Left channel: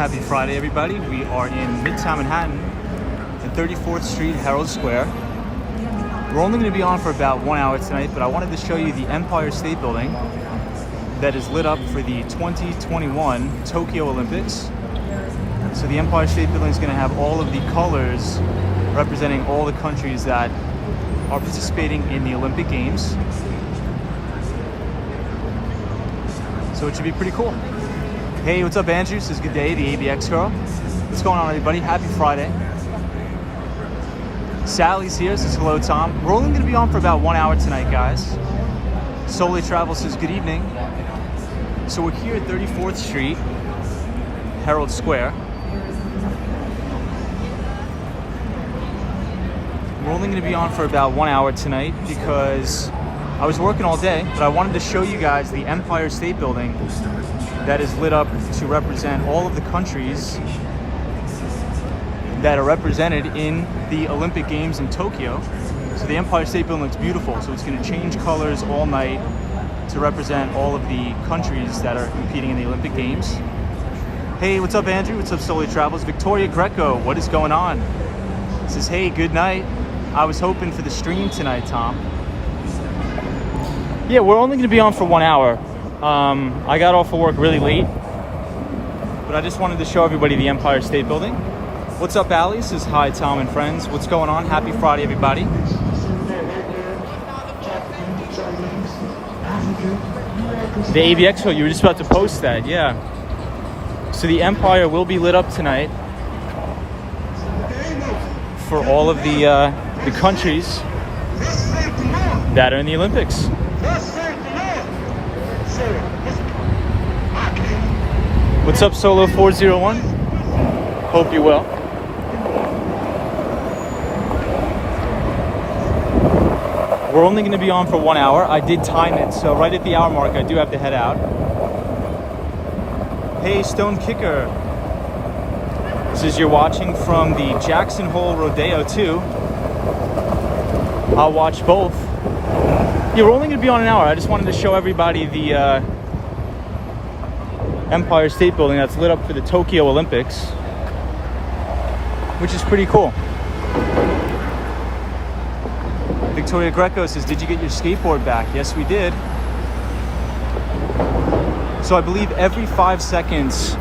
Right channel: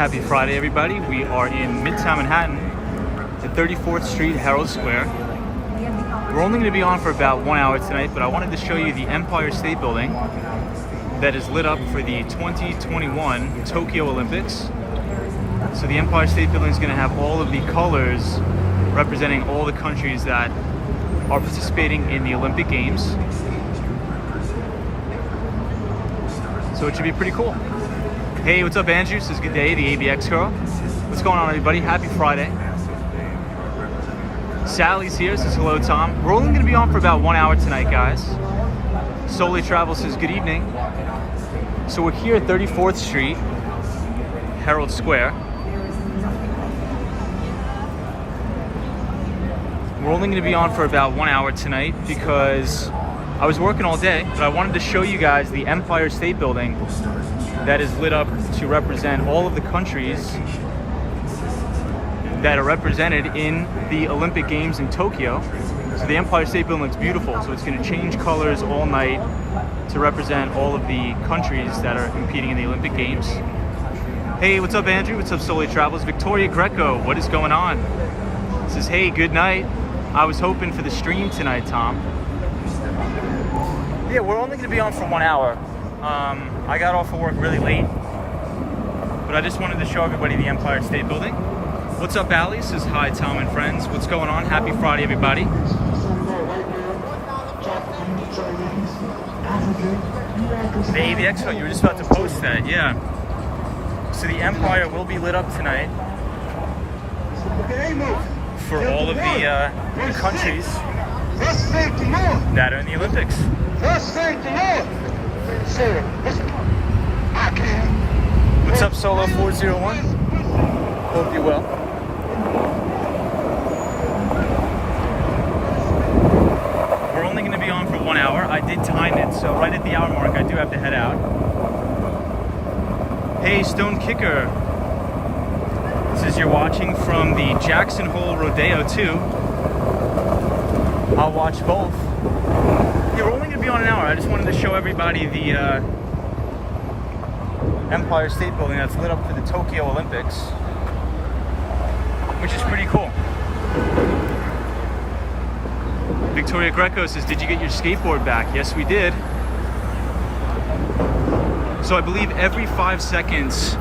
Happy Friday, everybody. We are in Midtown Manhattan at 34th Street, Herald Square. We're only going to be on for about 1 hour tonight, but I wanted to show you the Empire State Building that is lit up for the 2021 Tokyo Olympics. So the Empire State Building is going to have all of the colors representing all the countries that are participating in the Olympic Games. So it should be pretty cool. Hey, what's up, Andrew? Says good day, the ABX girl. What's going on, everybody? Happy Friday. Sally's here, says hello, Tom. We're only going to be on for about 1 hour tonight, guys. Solely Travel says good evening. So we're here at 34th Street, Herald Square. We're only going to be on for about 1 hour tonight because I was working all day, but I wanted to show you guys the Empire State Building that is lit up to represent all of the countries that are represented in the Olympic Games in Tokyo. So the Empire State Building looks beautiful, so it's going to change colors all night to represent all of the countries that are competing in the Olympic Games. Hey, what's up, Andrew? What's up, Solely Travels? Victoria Greco, what is going on? Says, hey, good night. I was hoping for the stream tonight, Tom. Yeah, we're only going to be on for 1 hour. I got off of work really late, but I just wanted to show everybody the Empire State Building. What's up, Allie? Says hi, Tom and friends. What's going on? Happy Friday, everybody. The AVX show, you were just about to post that, yeah. So the Empire will be lit up tonight for all of the countries that are in the Olympics. What's up, Solo 401? Hope you're well. We're only going to be on for 1 hour. I did time it, so right at the hour mark, I do have to head out. Hey, Stone Kicker. Says you're watching from the Jackson Hole Rodeo too. I'll watch both. Yeah, we're only going to be on an hour. I just wanted to show everybody the Empire State Building that's lit up for the Tokyo Olympics, which is pretty cool. Victoria Greco says, did you get your skateboard back? Yes, we did. So I believe every 5 seconds,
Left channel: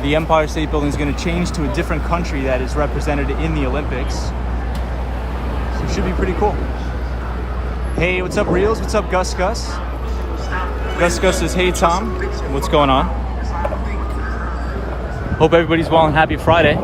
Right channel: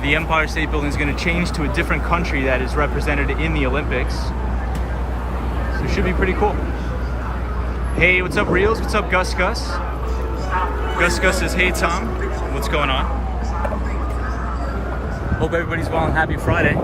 the Empire State Building is going to change to a different country that is represented in the Olympics. So it should be pretty cool. Hey, what's up, Reels? What's up, Gus Gus? Gus Gus says, hey, Tom. What's going on? Hope everybody's well and happy Friday.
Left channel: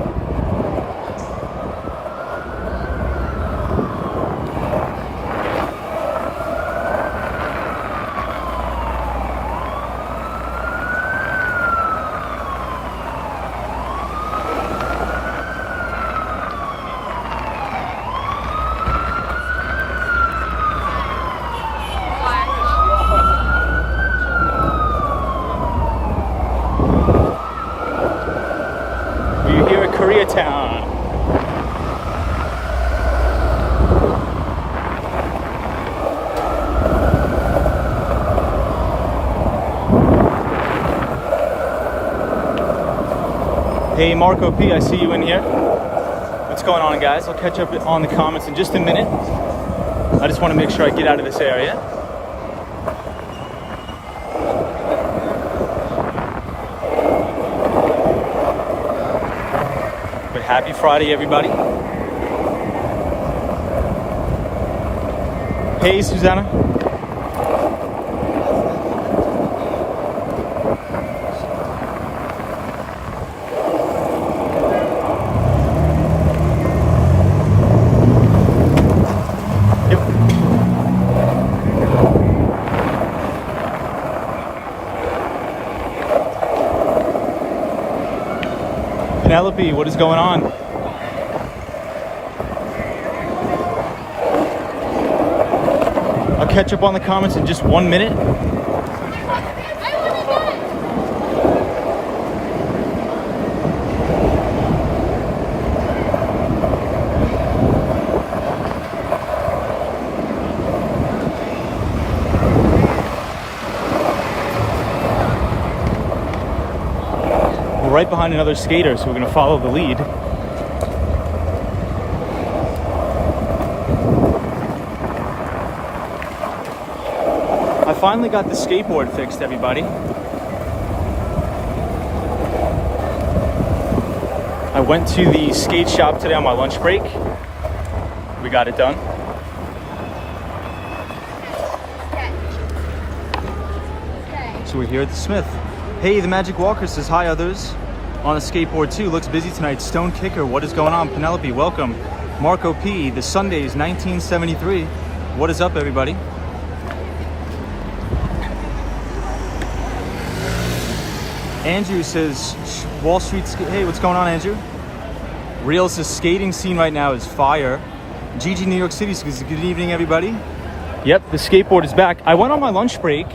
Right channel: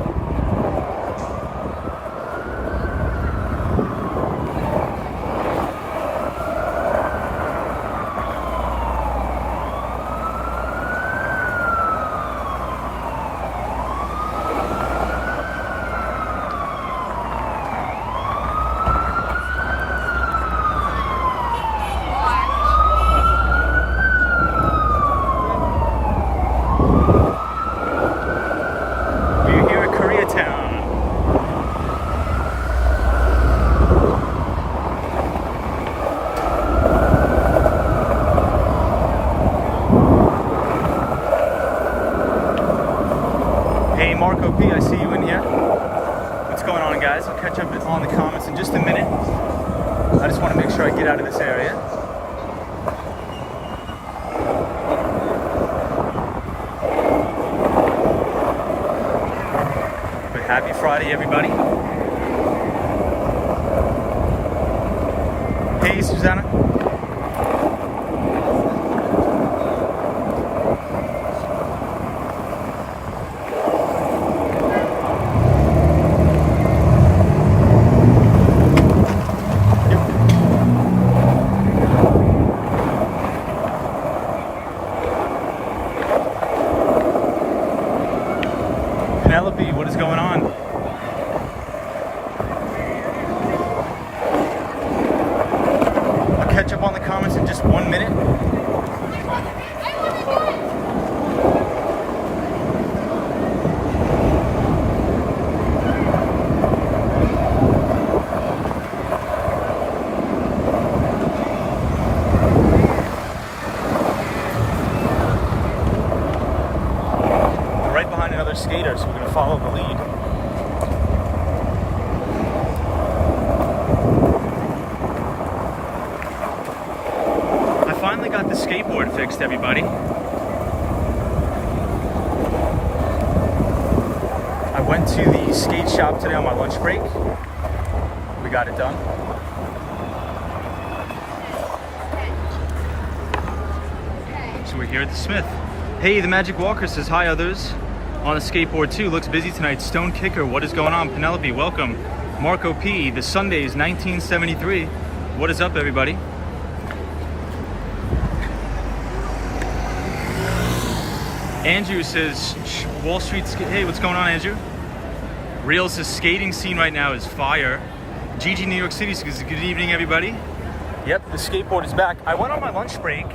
Hey, Marco P, I see you in here. What's going on, guys? I'll catch up on the comments in just a minute. I just want to make sure I get out of this area. But happy Friday, everybody. Hey, Susanna. What is going on? I'll catch right behind another skater, so we're gonna follow the lead. I finally got the skateboard fixed, everybody. I went to the skate shop today on my lunch break. We got it done. So we're here at the Smith. Hey, the Magic Walker says hi, others. On a skateboard too, looks busy tonight. Stone Kicker, what is going on? Penelope, welcome. Marco P, the Sundays 1973. What is up, everybody? Andrew says Wall Street. Hey, what's going on, Andrew? Real says skating scene right now is fire. Gigi, New York City says good evening, everybody. Yep, the skateboard is back. I went on my lunch break,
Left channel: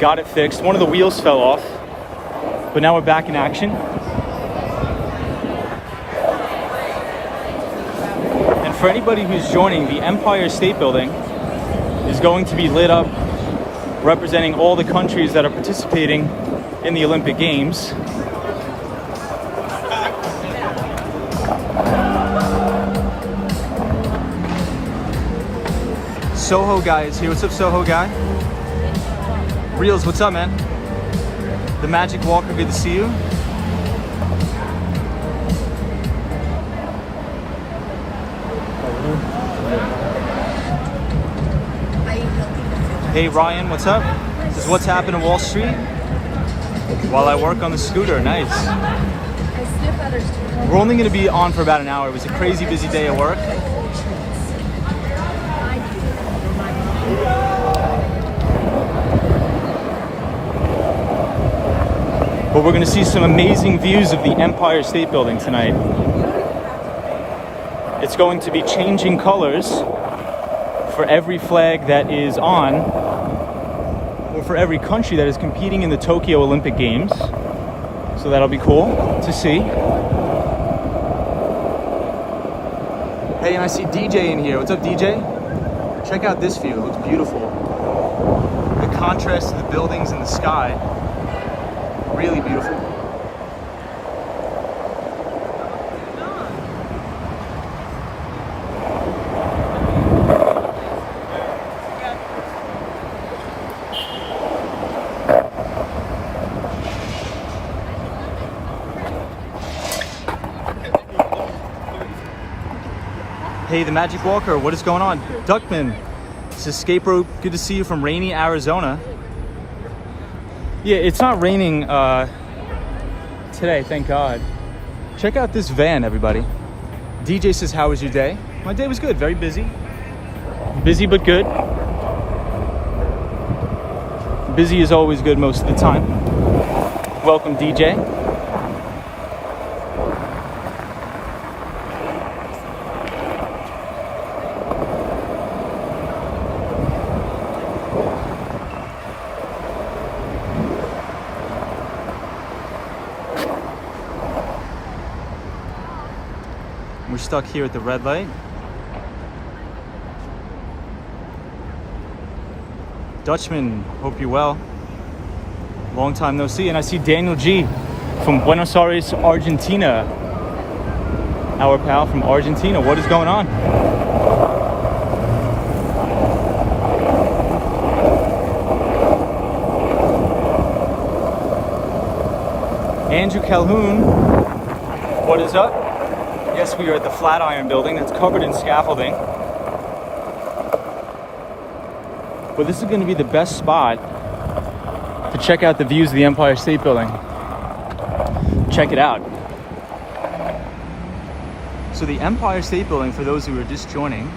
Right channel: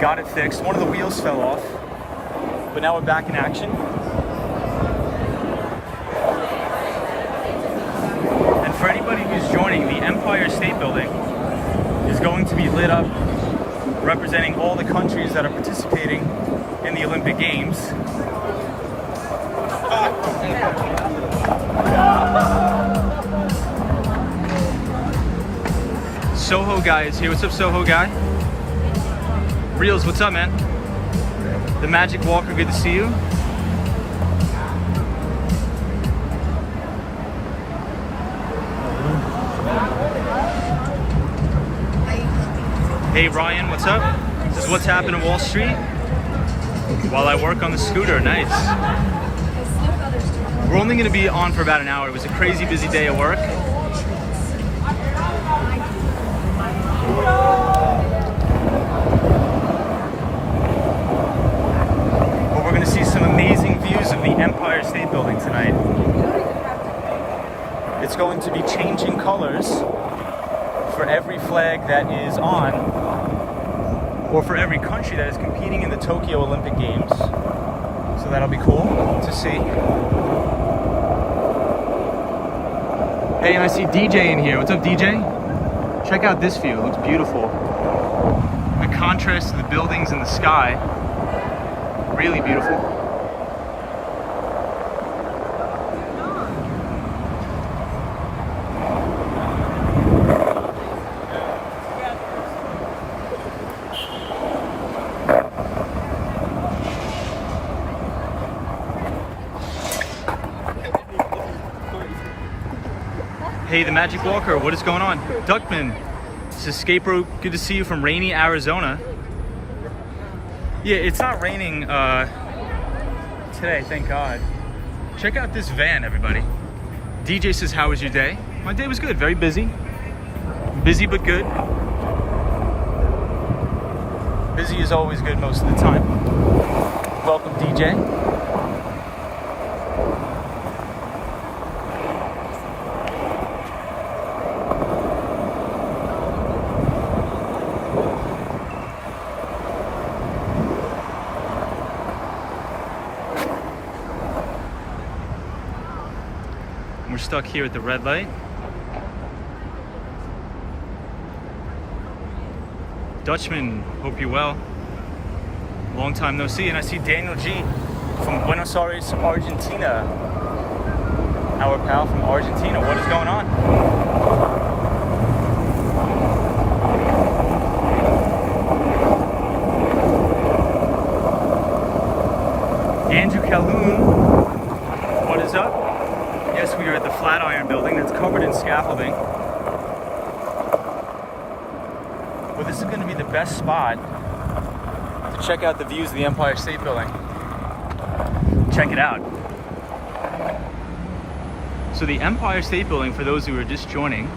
got it fixed. One of the wheels fell off, but now we're back in action. And for anybody who's joining, the Empire State Building is going to be lit up, representing all the countries that are participating in the Olympic Games. Soho Guy is here. What's up, Soho Guy? Reels, what's up, man? The Magic Walker, good to see you. Hey, Ryan, what's up? This is what's happening in Wall Street while I work on the scooter. Nice. We're only going to be on for about an hour. It was a crazy busy day at work. But we're going to see some amazing views of the Empire State Building tonight. It's going to be changing colors for every flag that is on, or for every country that is competing in the Tokyo Olympic Games. So that'll be cool to see. Hey, and I see DJ in here. What's up, DJ? Check out this view. It looks beautiful. The contrast to the buildings and the sky. Really beautiful. Hey, the Magic Walker, what is going on? Duckman, this is Skateboard, good to see you from rainy Arizona. Yeah, it's not raining today, thank God. Check out this van, everybody. DJ says, how was your day? My day was good, very busy. Busy but good. Busy is always good most of the time. Welcome, DJ. We're stuck here at the red light. Dutchman, hope you're well. Long time no see. And I see Daniel G from Buenos Aires, Argentina. Our pal from Argentina. What is going on? Andrew Calhoun, what is up? Yes, we are at the Flatiron building that's covered in scaffolding. But this is going to be the best spot to check out the views of the Empire State Building. Check it out. So the Empire State Building, for those who are just joining,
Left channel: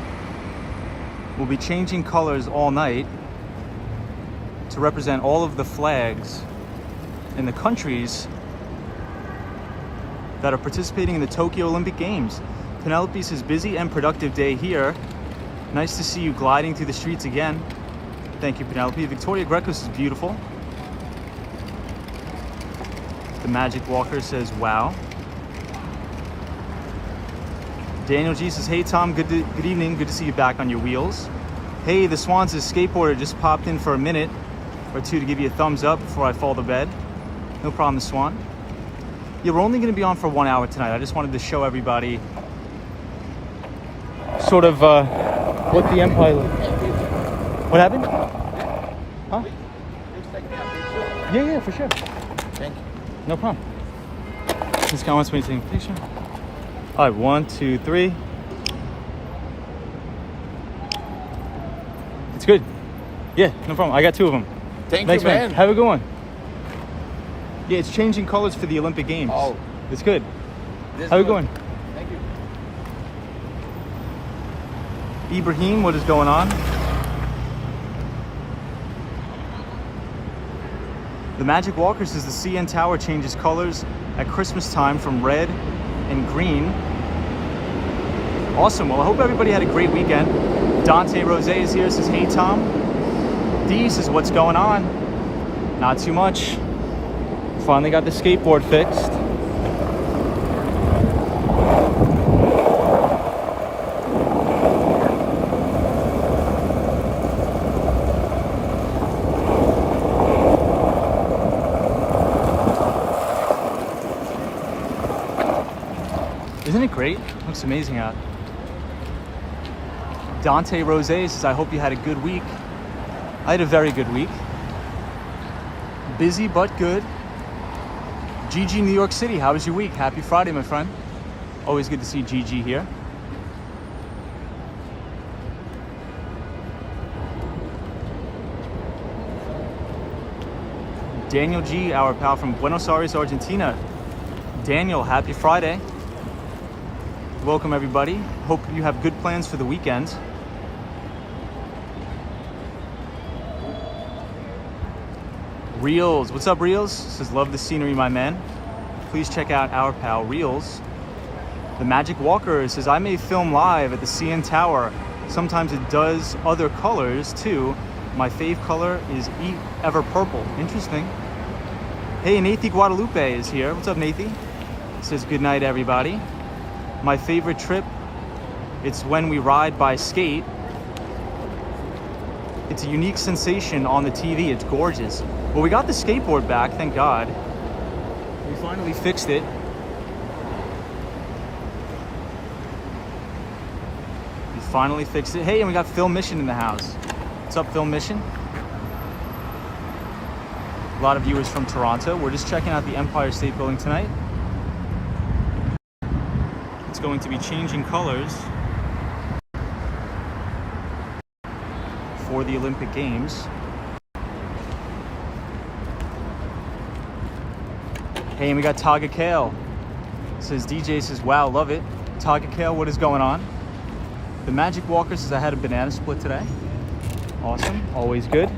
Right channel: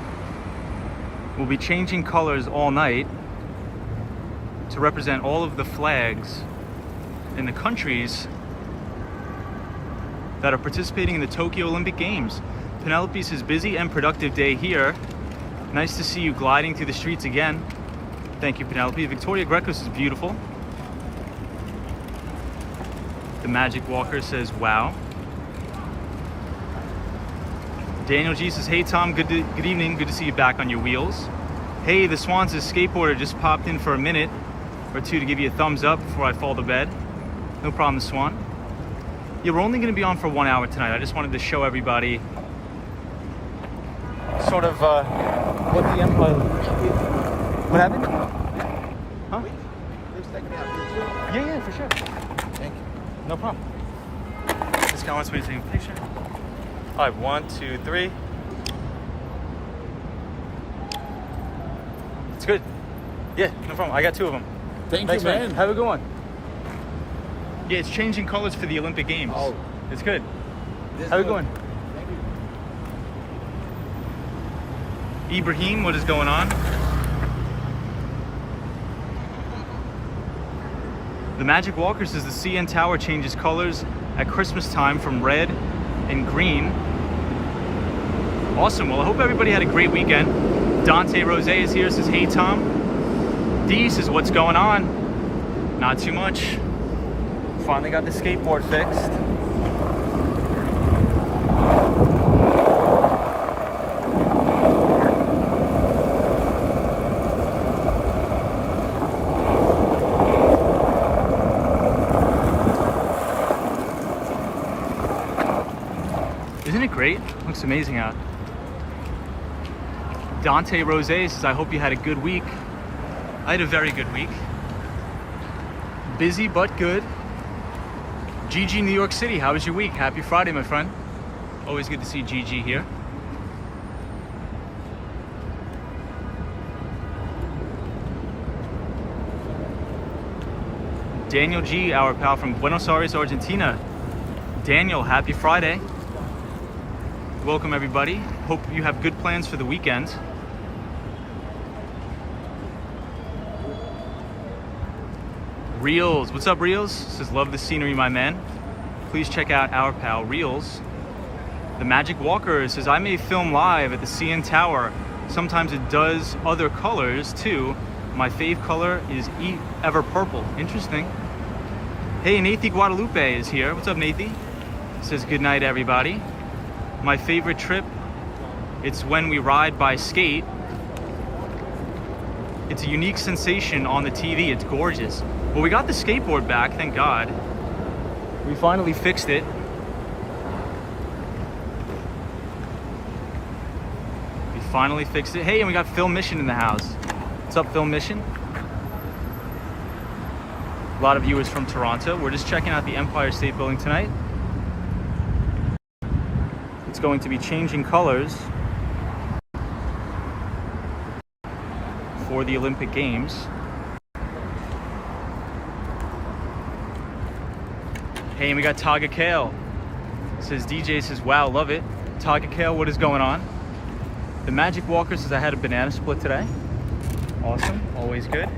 will be changing colors all night to represent all of the flags in the countries that are participating in the Tokyo Olympic Games. Penelope says, busy and productive day here. Nice to see you gliding through the streets again. Thank you, Penelope. Victoria Greco says, beautiful. The Magic Walker says, wow. Daniel G says, hey Tom, good evening. Good to see you back on your wheels. Hey, the Swan says, skateboarder just popped in for a minute or two to give you a thumbs up before I fall to bed. No problem, the Swan. Yeah, we're only going to be on for 1 hour tonight. I just wanted to show everybody sort of what the Empire... What happened? Huh? Yeah, for sure. Thank you. No problem. This guy wants me to take a picture. All right, 1, 2, 3. It's good. Yeah, no problem. I got 2 of them. Thank you, man. Have a good one. Yeah, it's changing colors for the Olympic Games. Oh. It's good. Have a good one. Thank you. Ibrahim, what is going on? The Magic Walker says the CN Tower changes colors at Christmas time from red and green. Awesome. Well, I hope everybody had a great weekend. Dante Rose is here, says, hey, Tom. D says, what's going on? Not too much. Finally got the skateboard fixed. Isn't it great? Looks amazing out. Dante Rose says, I hope you had a good week. I had a very good week. Busy but good. Gigi, New York City, how was your week? Happy Friday, my friend. Always good to see Gigi here. Daniel G, our pal from Buenos Aires, Argentina. Daniel, happy Friday. Welcome, everybody. Hope you have good plans for the weekend. Reels, what's up, Reels? Says, love the scenery, my man. Please check out our pal, Reels. The Magic Walker says, I may film live at the CN Tower. Sometimes it does other colors, too. My fave color is Ever Purple. Interesting. Hey, Nathi Guadalupe is here. What's up, Nathi? Says, good night, everybody. My favorite trip, it's when we ride by skate. It's a unique sensation on the TV. It's gorgeous. Well, we got the skateboard back, thank God. We finally fixed it. We finally fixed it. Hey, and we got Phil Mission in the house. What's up, Phil Mission? A lot of viewers from Toronto. We're just checking out the Empire State Building tonight. It's going to be changing colors for the Olympic Games. Hey, and we got Taga Kale. Says, DJ says, wow, love it. Taga Kale, what is going on? The Magic Walker says, I had a banana split today. Awesome, always good.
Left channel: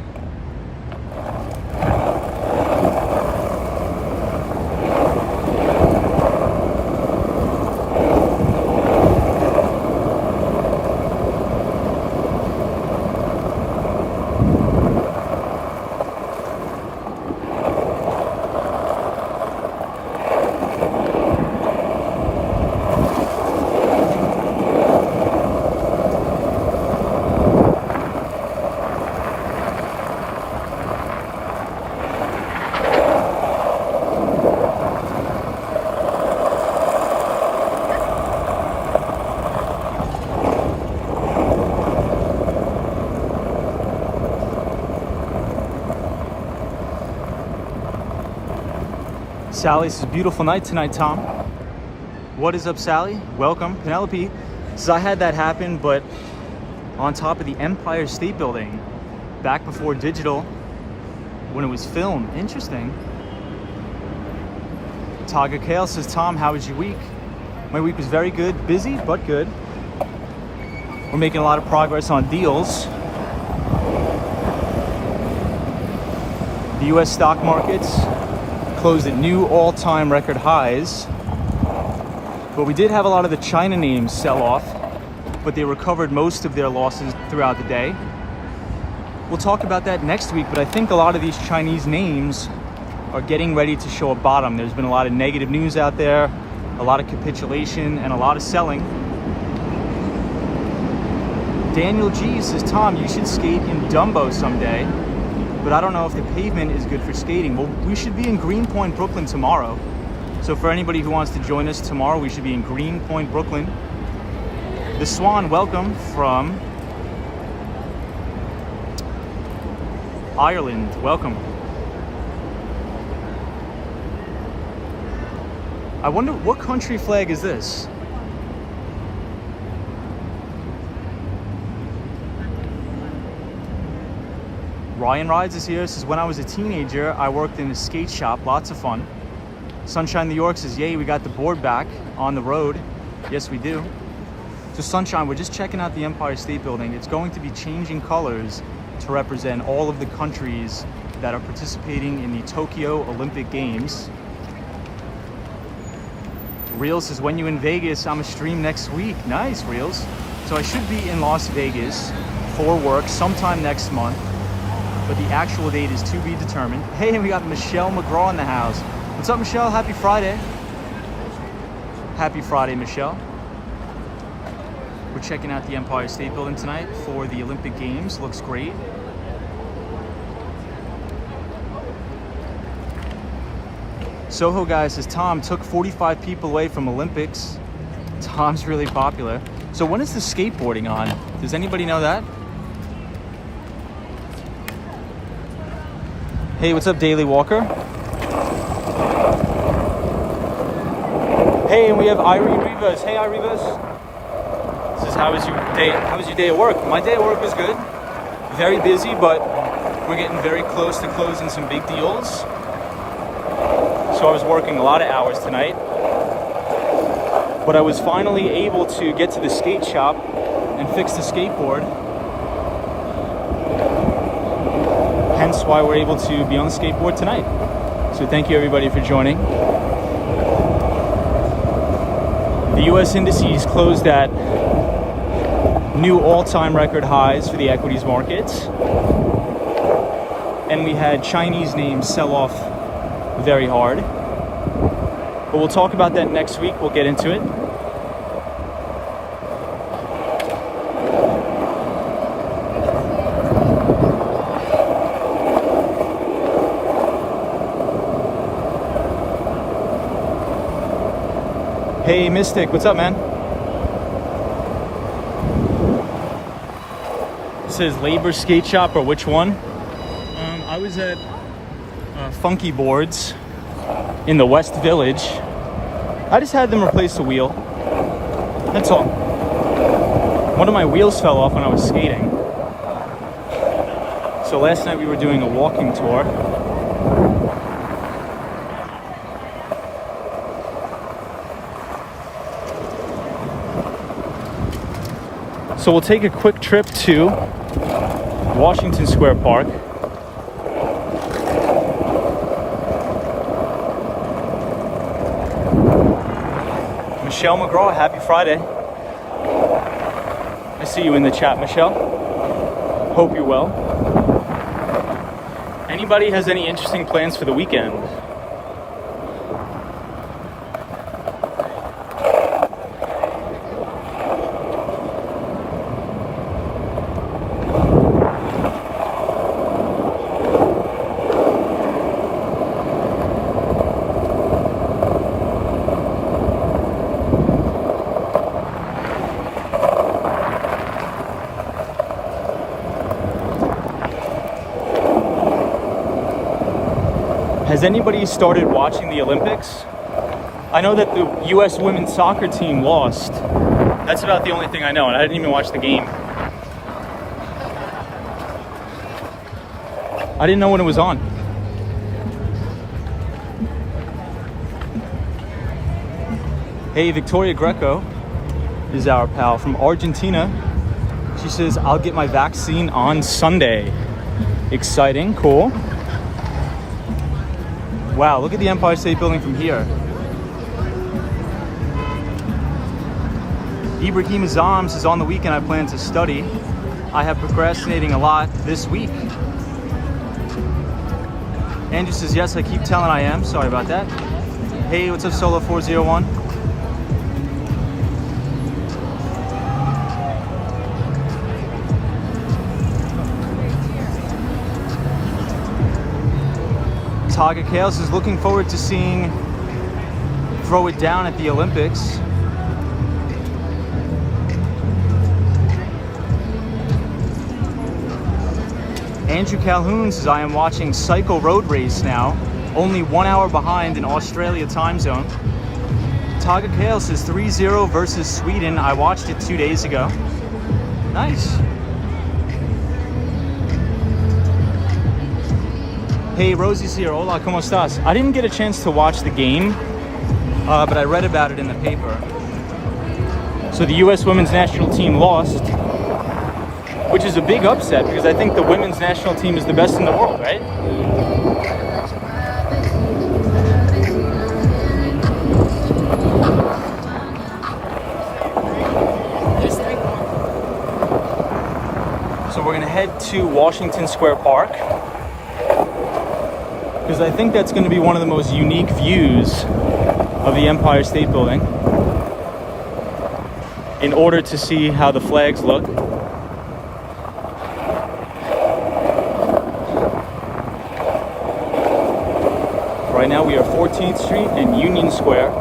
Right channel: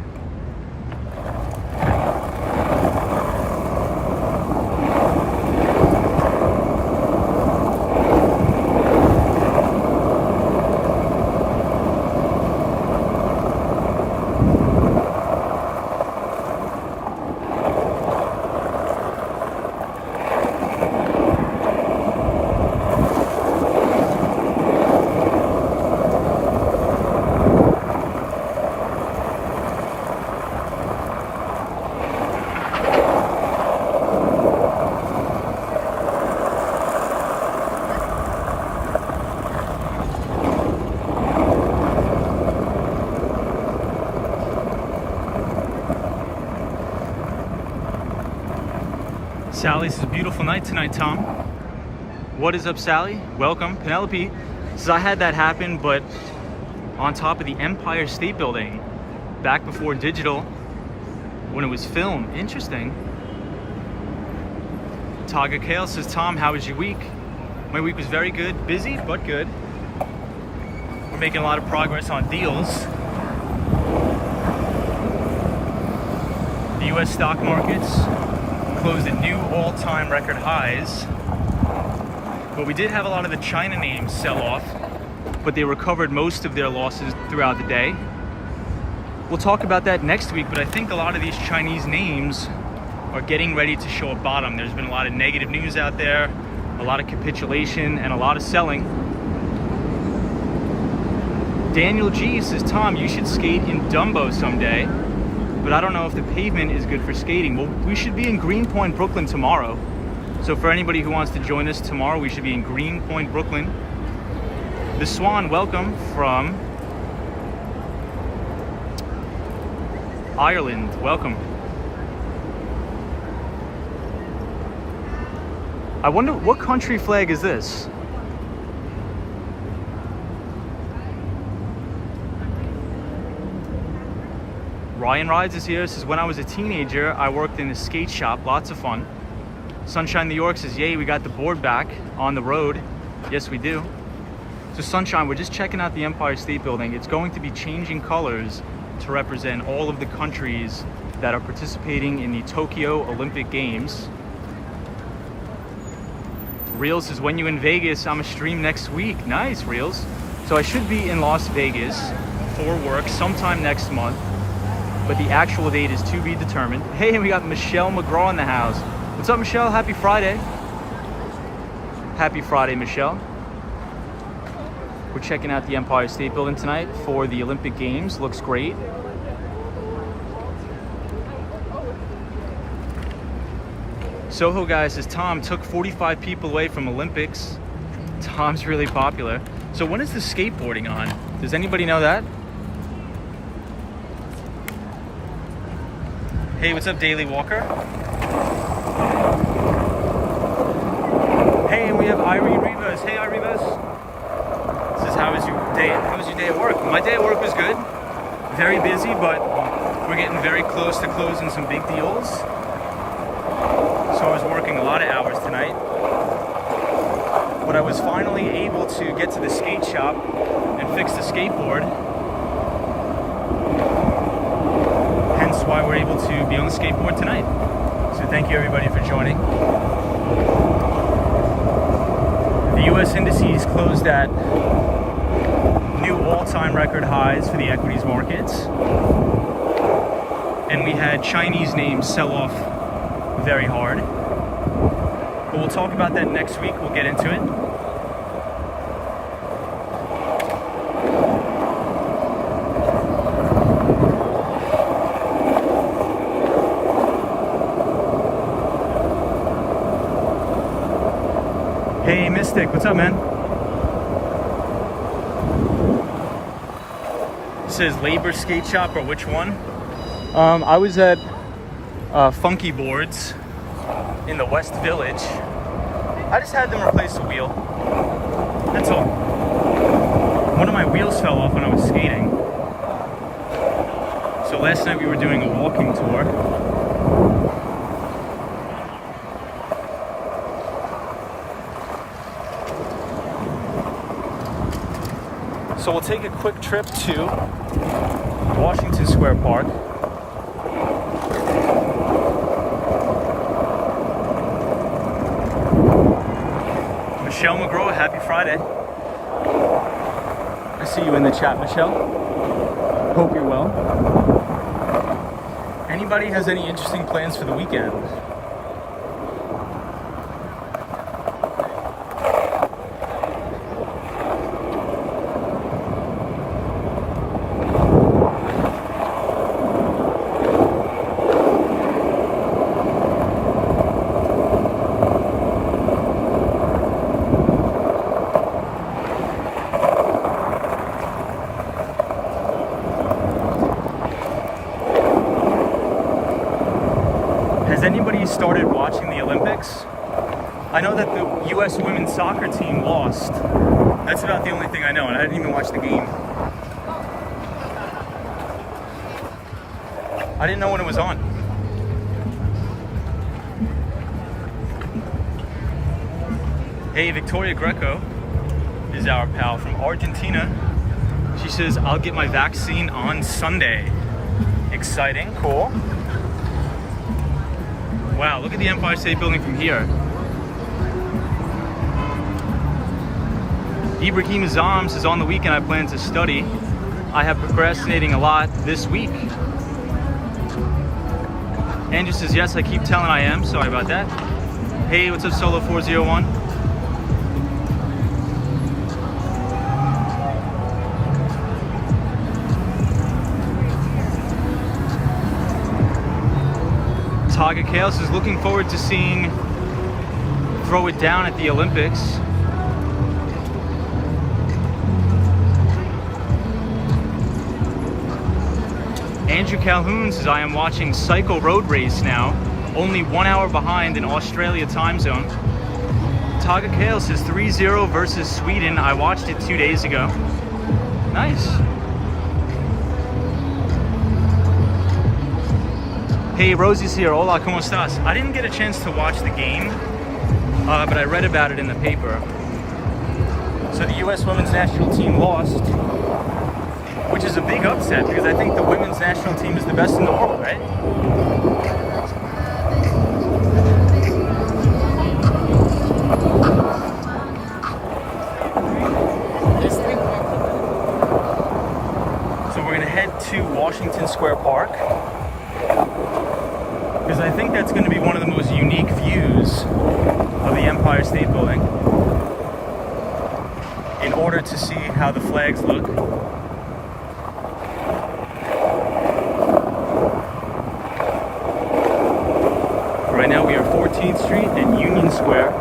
Sally says, beautiful night tonight, Tom. What is up, Sally? Welcome. Penelope says, I had that happen, but on top of the Empire State Building, back before digital, when it was filmed. Interesting. Taga Kale says, Tom, how was your week? My week was very good. Busy, but good. We're making a lot of progress on deals. The U.S. stock markets closed at new all-time record highs. But we did have a lot of the China names sell off, but they recovered most of their losses throughout the day. We'll talk about that next week, but I think a lot of these Chinese names are getting ready to show a bottom. There's been a lot of negative news out there, a lot of capitulation, and a lot of selling. Daniel G says, Tom, you should skate in Dumbo someday, but I don't know if the pavement is good for skating. Well, we should be in Greenpoint, Brooklyn tomorrow. So for anybody who wants to join us tomorrow, we should be in Greenpoint, Brooklyn. The Swan, welcome from Ireland, welcome. I wonder what country flag is this? Ryan Rides is here. Says, when I was a teenager, I worked in a skate shop. Lots of fun. Sunshine New York says, yay, we got the board back on the road. Yes, we do. So Sunshine, we're just checking out the Empire State Building. It's going to be changing colors to represent all of the countries that are participating in the Tokyo Olympic Games. Reels says, when you in Vegas, I'm a stream next week. Nice, Reels. So I should be in Las Vegas for work sometime next month, but the actual date is to be determined. Hey, we got Michelle McGraw in the house. What's up, Michelle? Happy Friday. Happy Friday, Michelle. We're checking out the Empire State Building tonight for the Olympic Games. Looks great. Soho guy says, Tom took 45 people away from Olympics. Tom's really popular. So when is the skateboarding on? Does anybody know that? Hey, what's up, Daily Walker? Hey, we have Irie Rivas. Hey, Irie Rivas. Says, how was your day? How was your day at work? My day at work was good. Very busy, but we're getting very close to closing some big deals. So I was working a lot of hours tonight. But I was finally able to get to the skate shop and fix the skateboard. Hence why we're able to be on the skateboard tonight. So thank you everybody for joining. The US indices closed at new all-time record highs for the equities markets. And we had Chinese names sell off very hard. But we'll talk about that next week. We'll get into it. Hey, Mystic, what's up, man? It says Labor Skate Shop, or which one? I was at Funky Boards in the West Village. I just had them replace the wheel. That's all. One of my wheels fell off when I was skating. So last night we were doing a walking tour. So we'll take a quick trip to Washington Square Park. Michelle McGraw, happy Friday. I see you in the chat, Michelle. Hope you're well. Anybody has any interesting plans for the weekend? Has anybody started watching the Olympics? I know that the US women's soccer team lost. That's about the only thing I know, and I didn't even watch the game. I didn't know when it was on. Hey, Victoria Greco is our pal from Argentina. She says, I'll get my vaccine on Sunday. Exciting, cool. Wow, look at the Empire State Building from here. Ibrahim Azam says, on the weekend I plan to study. I have procrastinating a lot this week. Andrew says, yes, I keep telling I am. Sorry about that. Hey, what's up, Solo 401? Taga Kale says, looking forward to seeing throw it down at the Olympics. Andrew Calhoun says, I am watching Cycle Road Race now, only 1 hour behind in Australia time zone. Taga Kale says 3-0 versus Sweden. I watched it 2 days ago. Nice. Hey, Rosie's here. Hola, ¿cómo estás? I didn't get a chance to watch the game, but I read about it in the paper. So the U.S. women's national team lost, which is a big upset because I think the women's national team is the best in the world, right? So we're gonna head to Washington Square Park because I think that's gonna be one of the most unique views of the Empire State Building in order to see how the flags look. Right now we are 14th Street and Union Square.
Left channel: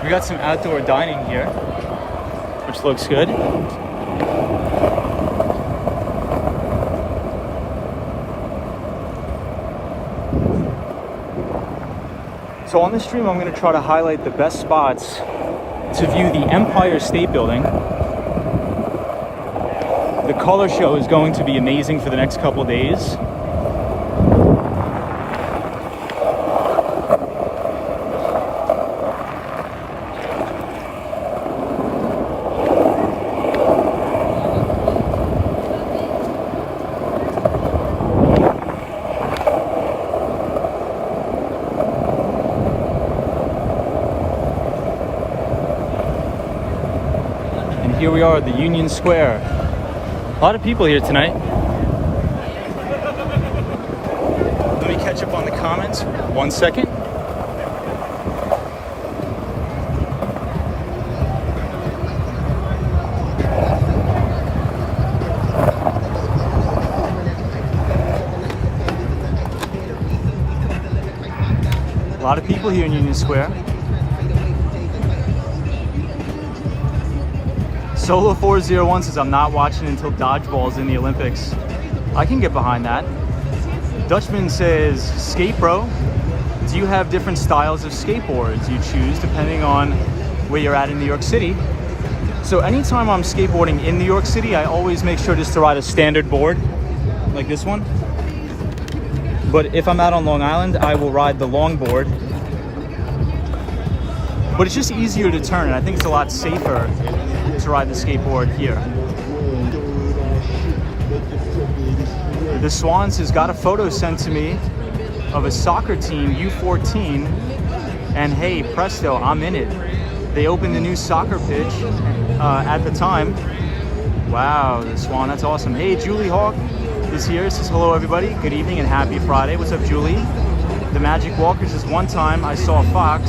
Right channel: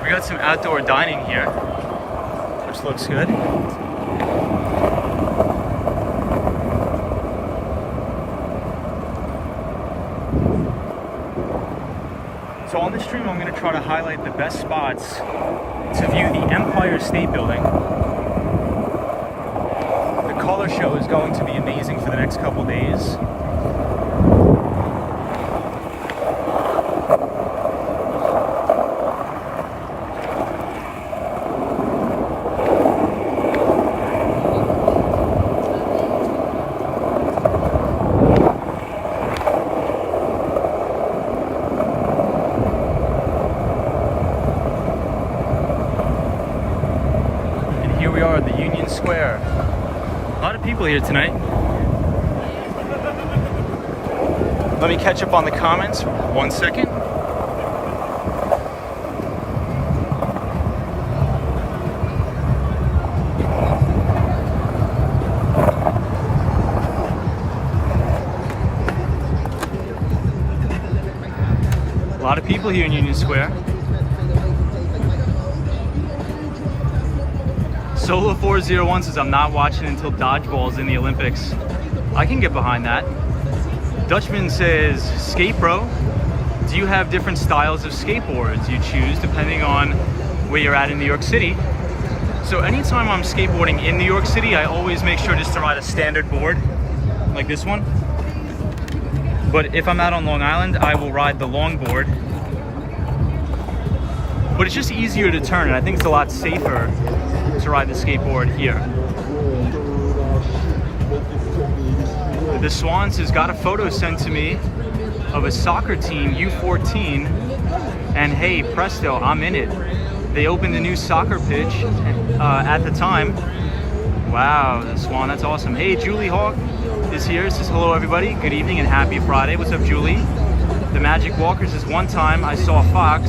We got some outdoor dining here, which looks good. So on this stream, I'm going to try to highlight the best spots to view the Empire State Building. The color show is going to be amazing for the next couple of days. Here we are at the Union Square. A lot of people here tonight. Let me catch up on the comments for 1 second. A lot of people here in Union Square. Solo 401 says, I'm not watching until dodgeball's in the Olympics. I can get behind that. Dutchman says, Skate Bro, do you have different styles of skateboards you choose depending on where you're at in New York City? So anytime I'm skateboarding in New York City, I always make sure just to ride a standard board like this one. But if I'm out on Long Island, I will ride the longboard. But it's just easier to turn, and I think it's a lot safer to ride the skateboard here. The Swans has got a photo sent to me of a soccer team, U14, and hey, presto, I'm in it. They opened a new soccer pitch at the time. Wow, the Swan, that's awesome. Hey, Julie Hawk is here, says hello everybody, good evening and happy Friday. What's up, Julie? The Magic Walker says, one time I saw a fox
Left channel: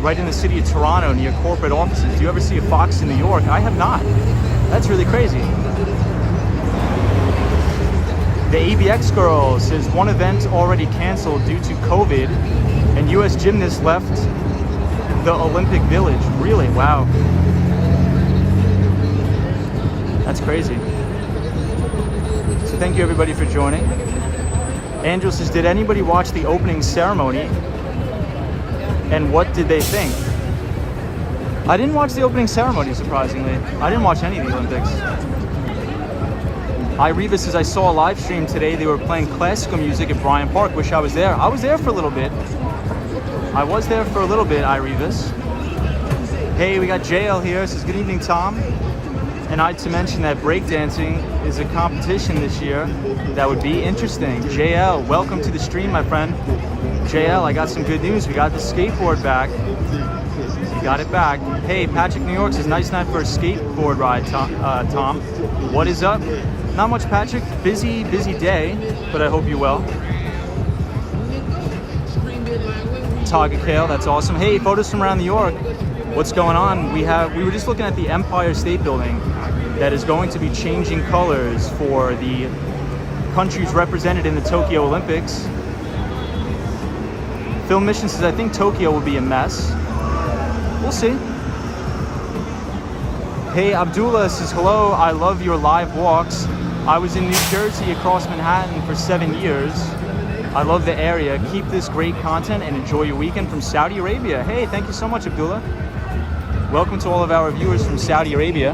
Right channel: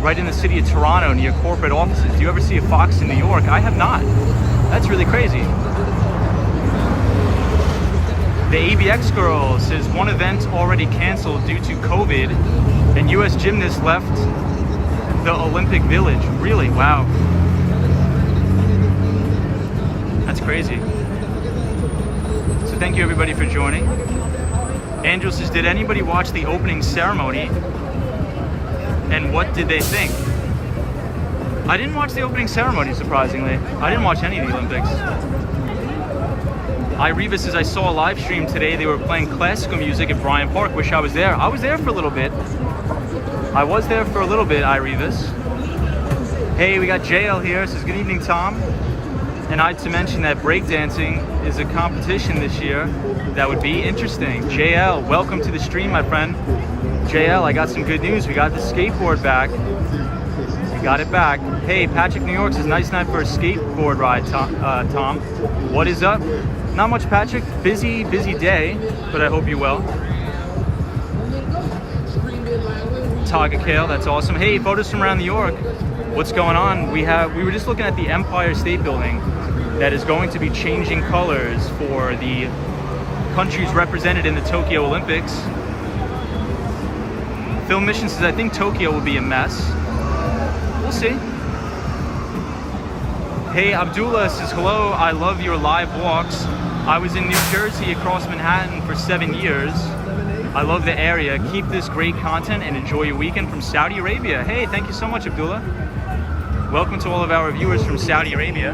right in the city of Toronto near corporate offices. Do you ever see a fox in New York? I have not. That's really crazy. The ABX girl says one event already canceled due to COVID and US gymnasts left the Olympic Village. Really? Wow. That's crazy. So thank you everybody for joining. Angel says, did anybody watch the opening ceremony? And what did they think? I didn't watch the opening ceremony, surprisingly. I didn't watch any of the Olympics. Ireva says, I saw a live stream today. They were playing classical music at Bryant Park. Wish I was there. I was there for a little bit. Irevas. Hey, we got JL here. Says, good evening, Tom. And I'd to mention that breakdancing is a competition this year. That would be interesting. JL, welcome to the stream, my friend. JL, I got some good news. We got the skateboard back. You got it back. Hey, Patrick, New York says, nice night for a skateboard ride, Tom. What is up? Not much, Patrick. Busy day, but I hope you're well. Taga Kale, that's awesome. Hey, photos from around New York. What's going on? We were just looking at the Empire State Building that is going to be changing colors for the countries represented in the Tokyo Olympics. Phil Mission says, I think Tokyo will be a mess. We'll see. Hey, Abdullah says, hello, I love your live walks. I was in New Jersey across Manhattan for 7 years. I love the area. Keep this great content and enjoy your weekend from Saudi Arabia. Hey, thank you so much, Abdullah. Welcome to all of our viewers from Saudi Arabia.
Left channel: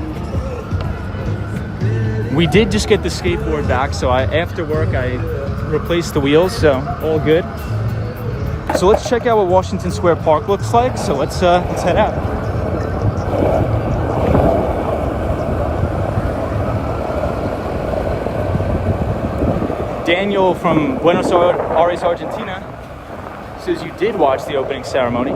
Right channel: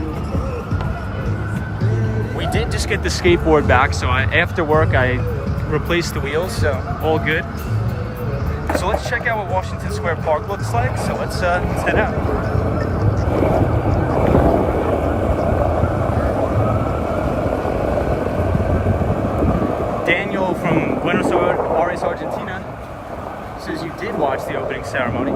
We did just get the skateboard back, so after work I replaced the wheels, so all good. So let's check out what Washington Square Park looks like. So let's head out. Daniel from Buenos Aires, Argentina says you did watch the opening ceremony.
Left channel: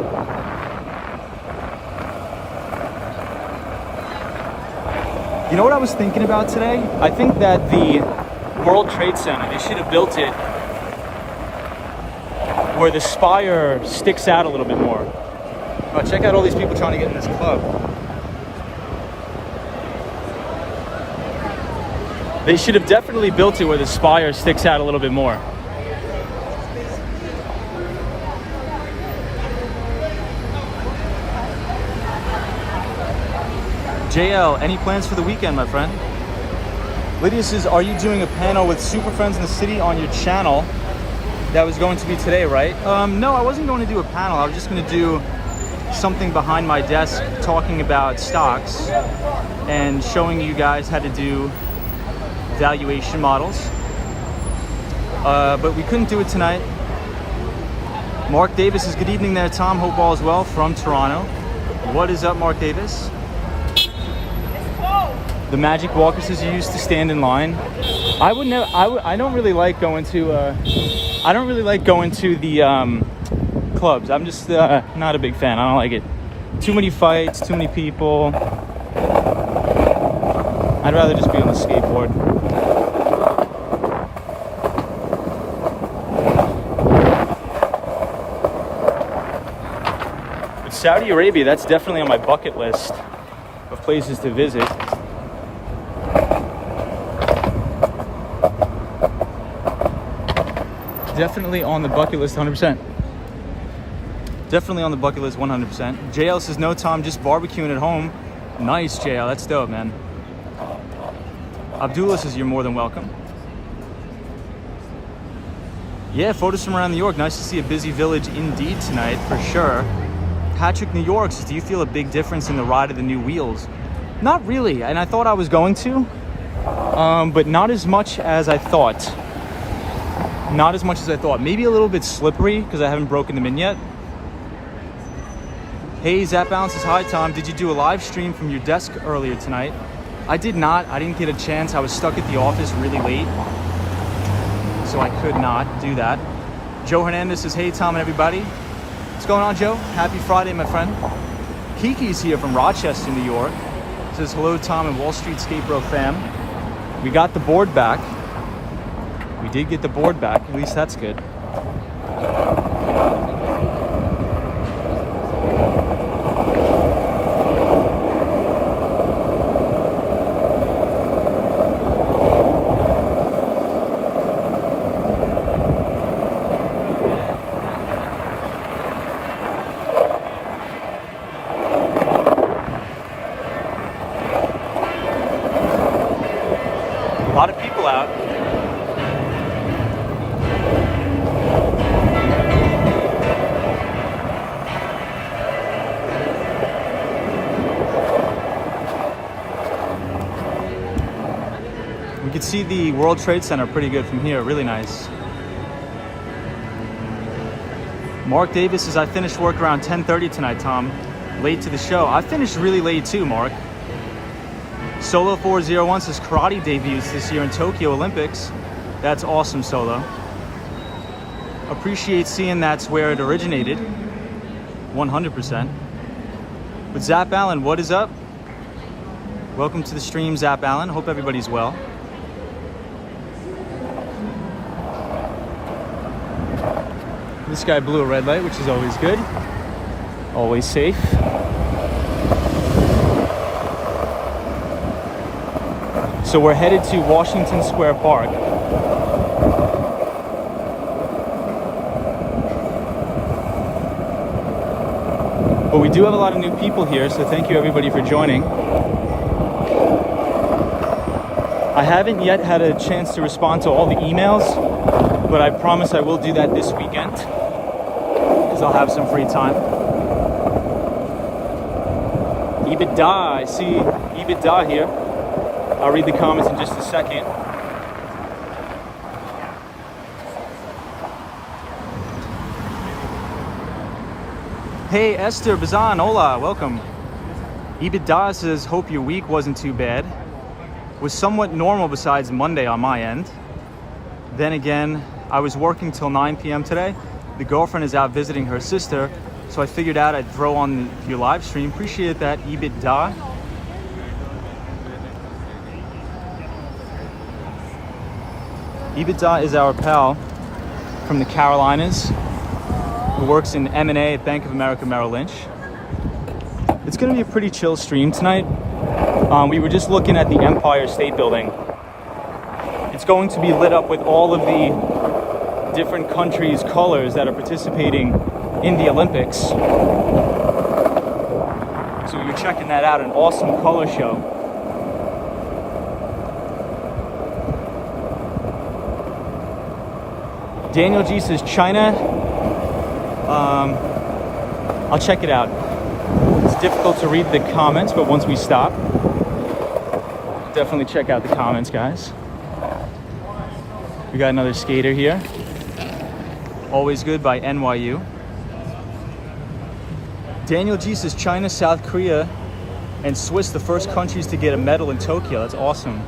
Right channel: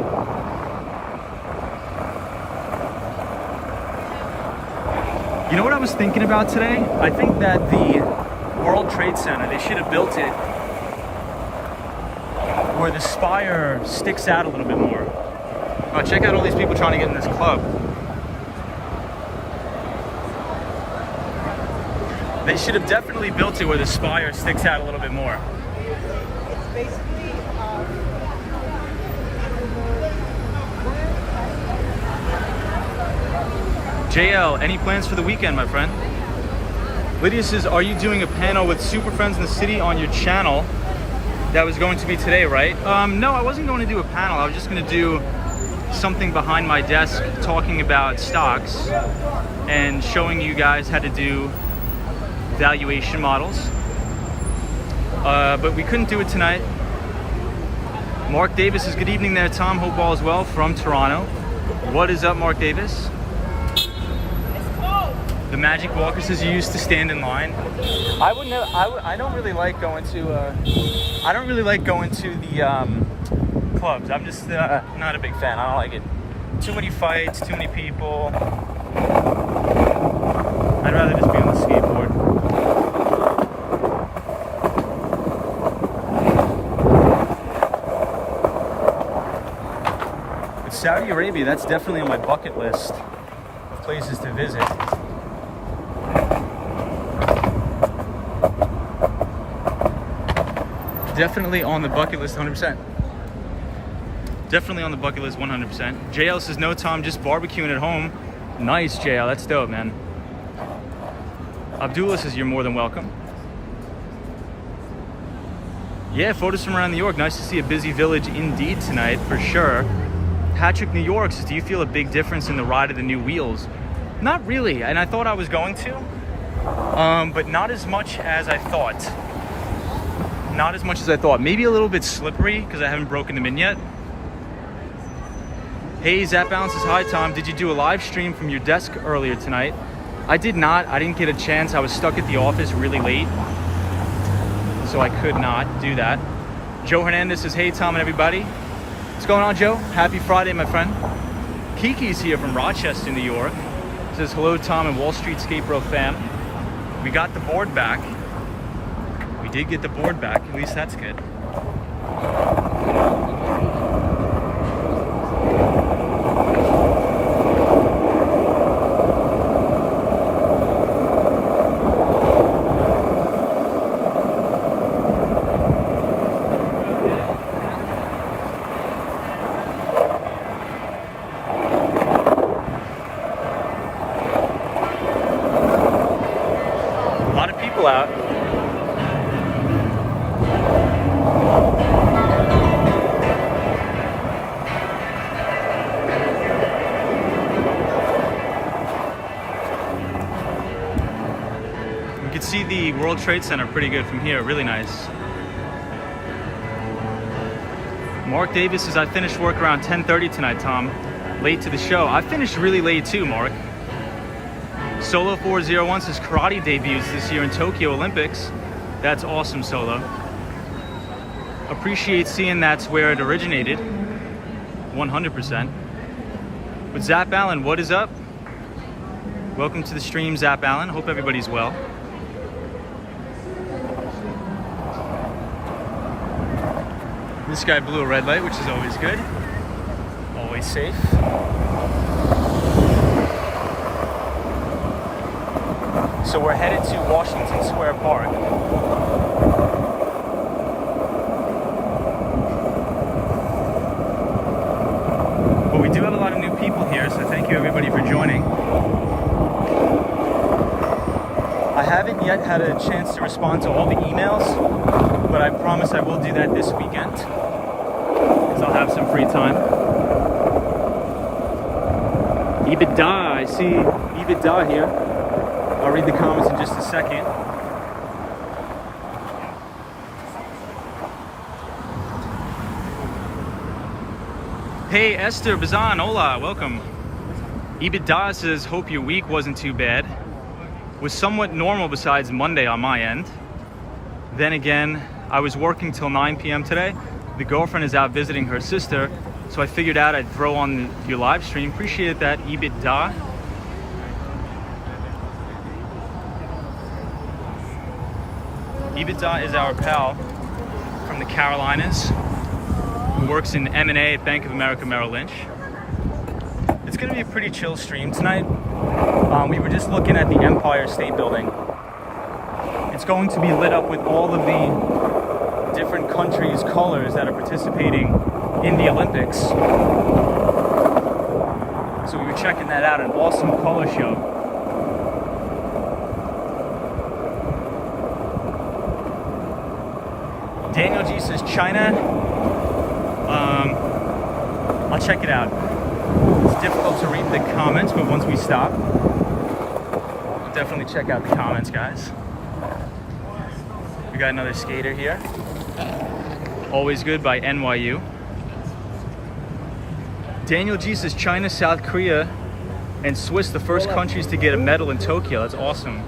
You know what I was thinking about today? I think that the World Trade Center, they should have built it where the spire sticks out a little bit more. Oh, check out all these people trying to get in this club. They should have definitely built it where the spire sticks out a little bit more. JL, any plans for the weekend, my friend? Lydia says, are you doing a panel with super friends in the city on your channel? That was going to be today, right? No, I wasn't going to do a panel. I was just going to do something behind my desk talking about stocks and showing you guys how to do valuation models. But we couldn't do it tonight. Mark Davis says, good evening there, Tom. Hope all is well from Toronto. What is up, Mark Davis? The Magic Walker says you used to stand in line. I don't really like going to. I don't really like going to the clubs. I'm just not a big fan. I don't like it. Too many fights, too many people. I'd rather just be on the skateboard. But Saudi Arabia, that's definitely on my bucket list of places to visit. Definitely on the bucket list, 100%. Definitely on the bucket list, 100%. JL says, no, Tom, just barbecuing at home. Nice, JL, that's dope, man. Abdullah says, you're more than welcome. Yeah, photos from around New York. Nice to see a busy village indeed tonight, for sure. Patrick, New York says, do you feel a big difference in the ride of the new wheels? Not really, and I thought I was going to, but not as much as I thought. Not as much as I thought. Maybe a little bit slippery because I haven't broken them in yet. Hey, Zap Balance says, hi, Tom. Did you do a live stream from your desk earlier tonight? I did not. I didn't get a chance. I was stuck at the office really late, so I could not do that. Joe Hernandez says, hey, Tom and everybody. What's going on, Joe? Happy Friday, my friend. Kiki's here from Rochester, New York. Says, hello, Tom and Wall Street Skate Bro fam. We got the board back. We did get the board back, at least that's good. A lot of people out. We can see the World Trade Center pretty good from here, really nice. Mark Davis says, I finished work around 10:30 tonight, Tom. Late to the show. I finished really late too, Mark. Solo 401 says, karate debuts this year in Tokyo Olympics. That's awesome, Solo. Appreciate seeing that's where it originated, 100%. But Zap Allen, what is up? Welcome to the stream, Zap Allen. Hope everybody's well. This guy blew a red light, which is always good. Always safe. So we're headed to Washington Square Park. But we do have a lot of new people here, so thank you everybody for joining. I haven't yet had a chance to respond to all the emails, but I promise I will do that this weekend, because I'll have some free time. EBITDA, I see EBITDA here. I'll read the comments in just a second. Hey Esther Bazan, hola, welcome. EBITDA says, hope your week wasn't too bad. Was somewhat normal besides Monday on my end. Then again, I was working till 9 p.m. today. The girlfriend is out visiting her sister, so I figured out I'd throw on your live stream. Appreciate that, EBITDA. EBITDA is our pal from the Carolinas who works in M&A at Bank of America Merrill Lynch. It's going to be a pretty chill stream tonight. We were just looking at the Empire State Building. It's going to be lit up with all of the different countries' colors that are participating in the Olympics. So you're checking that out, an awesome color show. Daniel G says China. I'll check it out. It's difficult to read the comments, but once we stop, definitely check out the comments, guys. We got another skater here. Always Good by NYU. Daniel G says China, South Korea, and Swiss, the first countries to get a medal in Tokyo. That's awesome.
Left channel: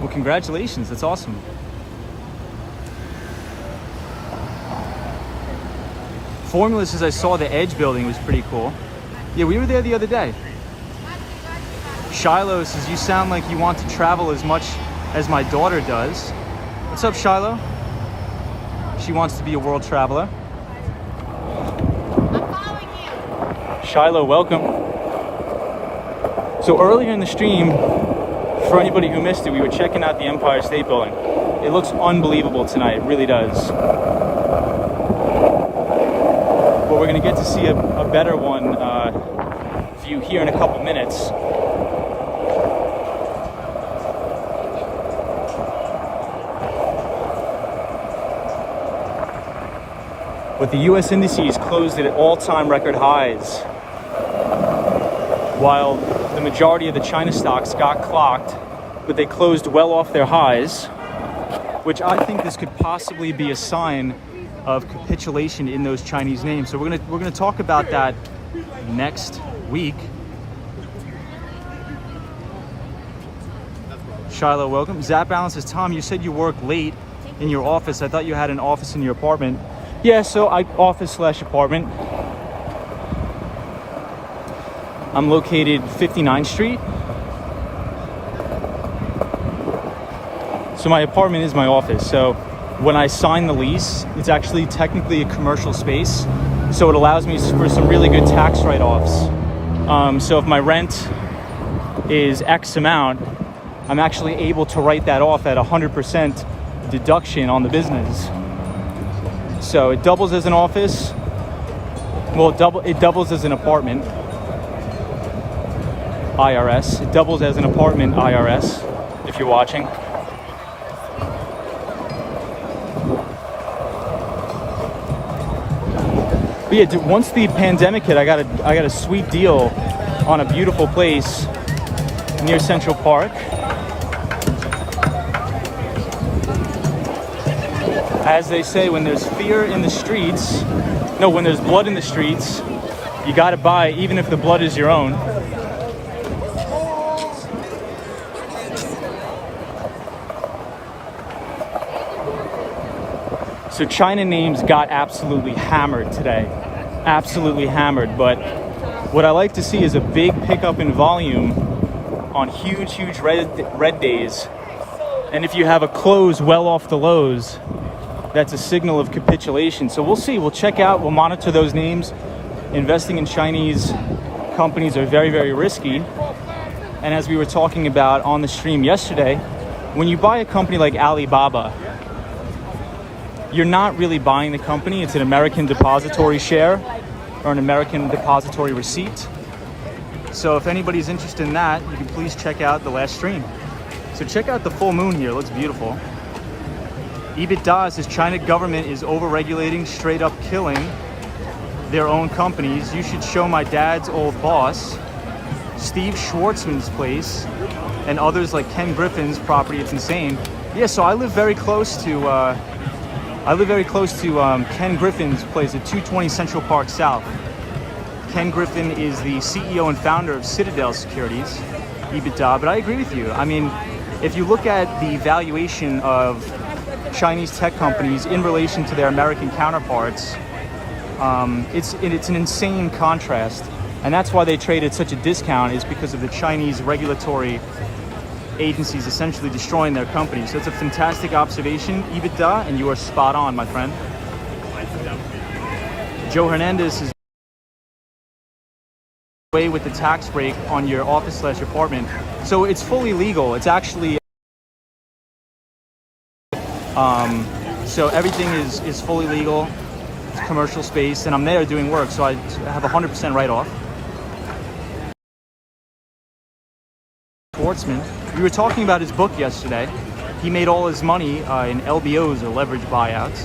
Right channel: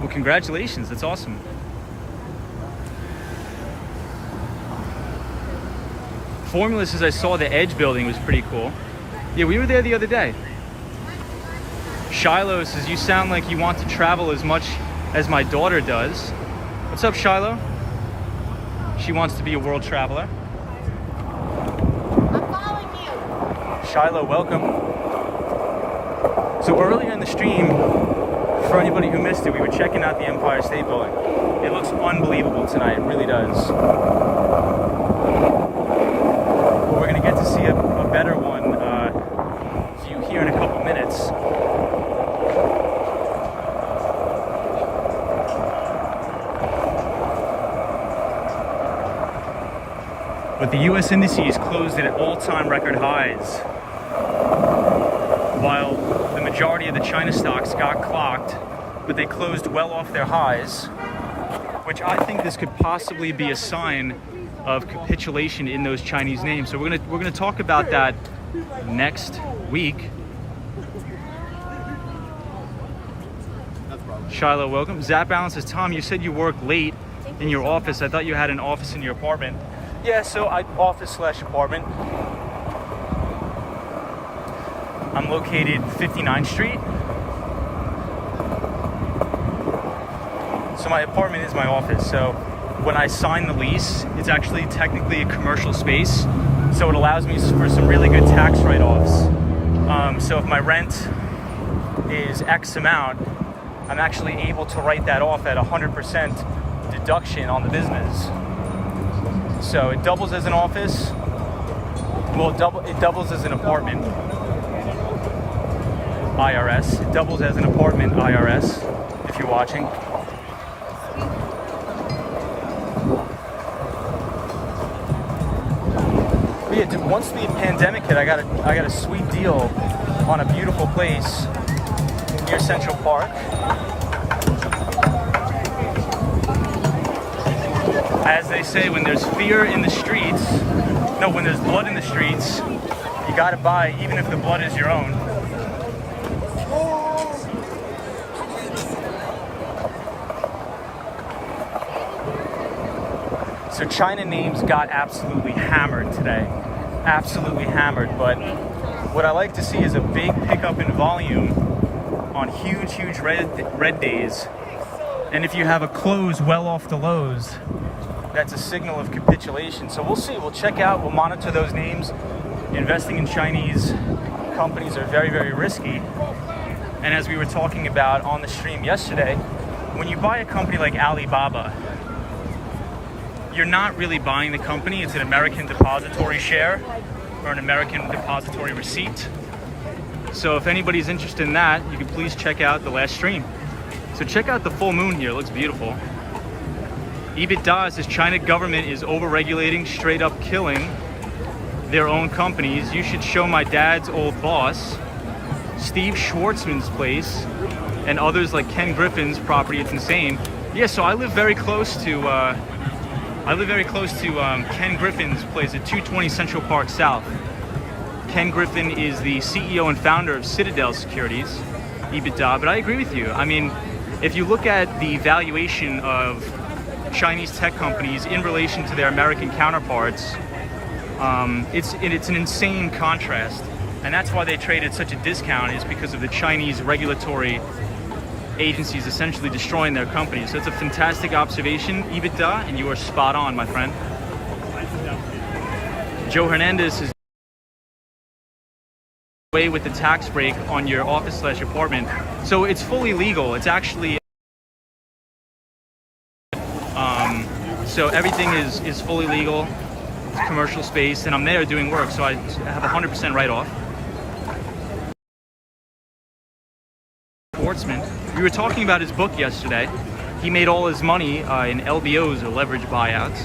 Well, congratulations. That's awesome. Formula says I saw the Edge building, was pretty cool. Yeah, we were there the other day. Shiloh says you sound like you want to travel as much as my daughter does. What's up, Shiloh? She wants to be a world traveler. I'm following you. Shiloh, welcome. So earlier in the stream, for anybody who missed it, we were checking out the Empire State Building. It looks unbelievable tonight, it really does. We're going to get to see a better one view here in a couple minutes. But the US indices closed at all-time record highs, while the majority of the China stocks got clocked, but they closed well off their highs, which I think this could possibly be a sign of capitulation in those Chinese names. So we're gonna talk about that next week. Shiloh, welcome. Zap Allen says, Tom, you said you work late in your office. I thought you had an office in your apartment. Yeah, so office/apartment. I'm located 59th Street. So my apartment is my office. So when I sign the lease, it's actually technically a commercial space. So it allows me for some really good tax write-offs. So if my rent is X amount, I'm actually able to write that off at 100% deduction on the business. So it doubles as an office. Well, it doubles as an apartment. IRS. It doubles as an apartment IRS, if you're watching. But yeah, dude, once the pandemic hit, I got a sweet deal on a beautiful place near Central Park. As they say, when there's fear in the streets, no, when there's blood in the streets, you gotta buy, even if the blood is your own. So China names got absolutely hammered today. Absolutely hammered. But what I like to see is a big pickup in volume on huge red days. And if you have a close well off the lows, that's a signal of capitulation. So we'll see. We'll check out. We'll monitor those names. Investing in Chinese companies are very, very risky. And as we were talking about on the stream yesterday, when you buy a company like Alibaba, you're not really buying the company. It's an American depository share or an American depository receipt. So if anybody's interested in that, you can please check out the last stream. So check out the full moon here. It looks beautiful. EBITDA says China government is over-regulating, straight up killing their own companies. You should show my dad's old boss, Steve Schwartzman's place, and others like Ken Griffin's property. It's insane. Yeah, so I live very close to Ken Griffin's place at 220 Central Park South. Ken Griffin is the CEO and founder of Citadel Securities, EBITDA. But I agree with you. I mean, if you look at the valuation of Chinese tech companies in relation to their American counterparts, it's an insane contrast. And that's why they trade at such a discount, is because of the Chinese regulatory agencies essentially destroying their companies. So it's a fantastic observation, EBITDA, and you are spot on, my friend. Joe Hernandez is away with the tax break on your office/apartment. So it's fully legal. It's actually so everything is fully legal, commercial space, and I'm there doing work, so I have 100% write-off. Schwartzman, we were talking about his book yesterday. He made all his money in LBOs, or leverage buyouts.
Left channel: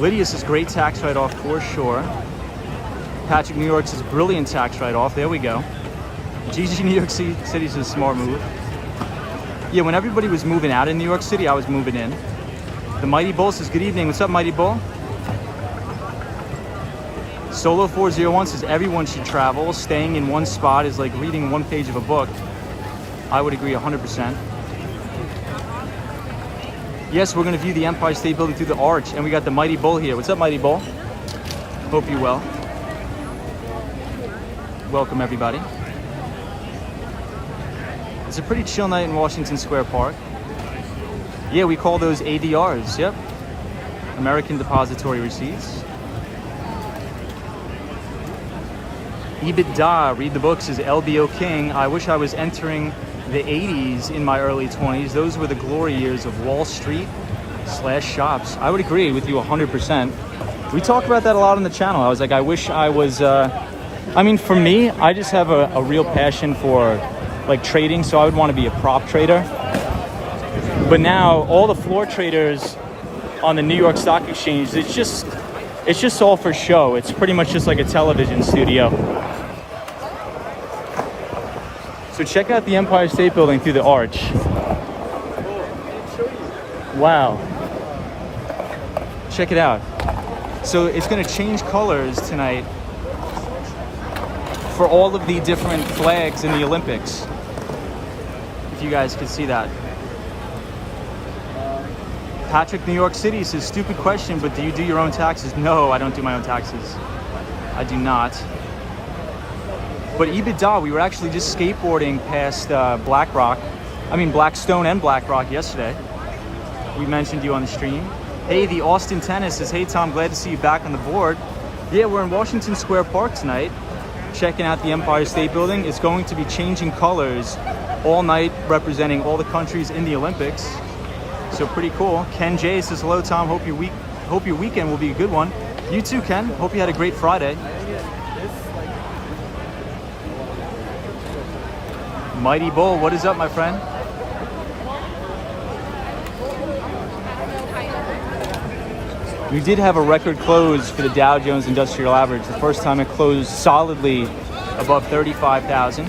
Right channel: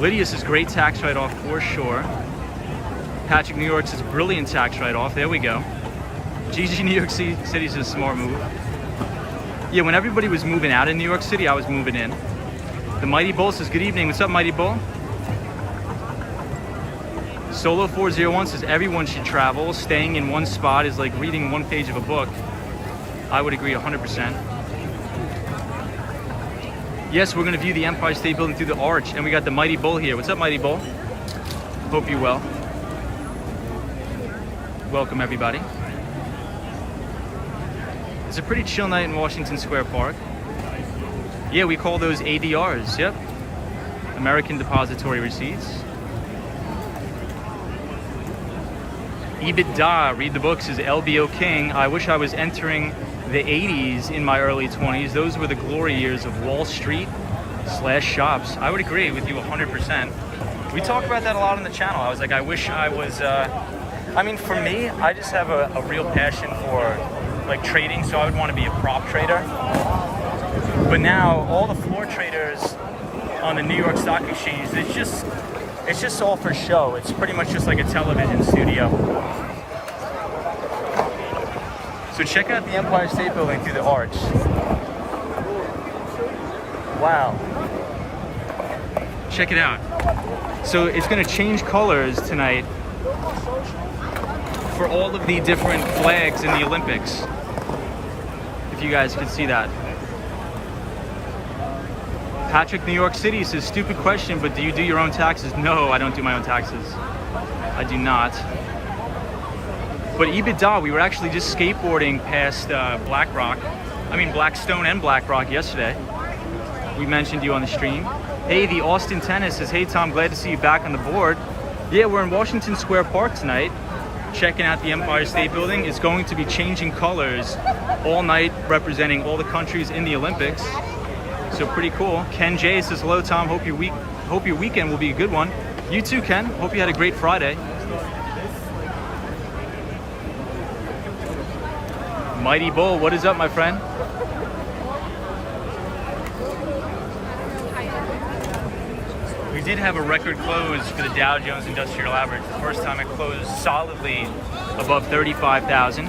Lydia says great tax write-off for sure. Patrick New York says brilliant tax write-off. There we go. GG New York City says smart move. Yeah, when everybody was moving out in New York City, I was moving in. The Mighty Bull says good evening. What's up, Mighty Bull? Solo 401 says everyone should travel. Staying in one spot is like reading one page of a book. I would agree 100%. Yes, we're going to view the Empire State Building through the arch, and we got the Mighty Bull here. What's up, Mighty Bull? Hope you're well. Welcome, everybody. It's a pretty chill night in Washington Square Park. Yeah, we call those ADRs. Yep. American Depository Receipts. EBITDA, read the book, says LBO King. I wish I was entering the 80s in my early 20s. Those were the glory years of Wall Street / shops. I would agree with you 100%. We talk about that a lot on the channel. I was like, I wish I was, I mean, for me, I just have a real passion for like trading, so I would want to be a prop trader. But now all the floor traders on the New York Stock Exchange, it's just all for show. It's pretty much just like a television studio. So check out the Empire State Building through the arch. Wow. Check it out. So it's going to change colors tonight for all of the different flags in the Olympics. If you guys could see that. Patrick, New York City says, stupid question, but do you do your own taxes? No, I don't do my own taxes. I do not. But EBITDA, we were actually just skateboarding past Blackstone and BlackRock yesterday. We mentioned you on the stream. Hey, the Austin Tennis says, hey Tom, glad to see you back on the board. Yeah, we're in Washington Square Park tonight, checking out the Empire State Building. It's going to be changing colors all night, representing all the countries in the Olympics. So pretty cool. Ken J says, hello Tom, hope your weekend will be a good one. You too, Ken. Hope you had a great Friday. Mighty Bull, what is up, my friend? We did have a record close for the Dow Jones Industrial Average. The first time it closed solidly above 35,000.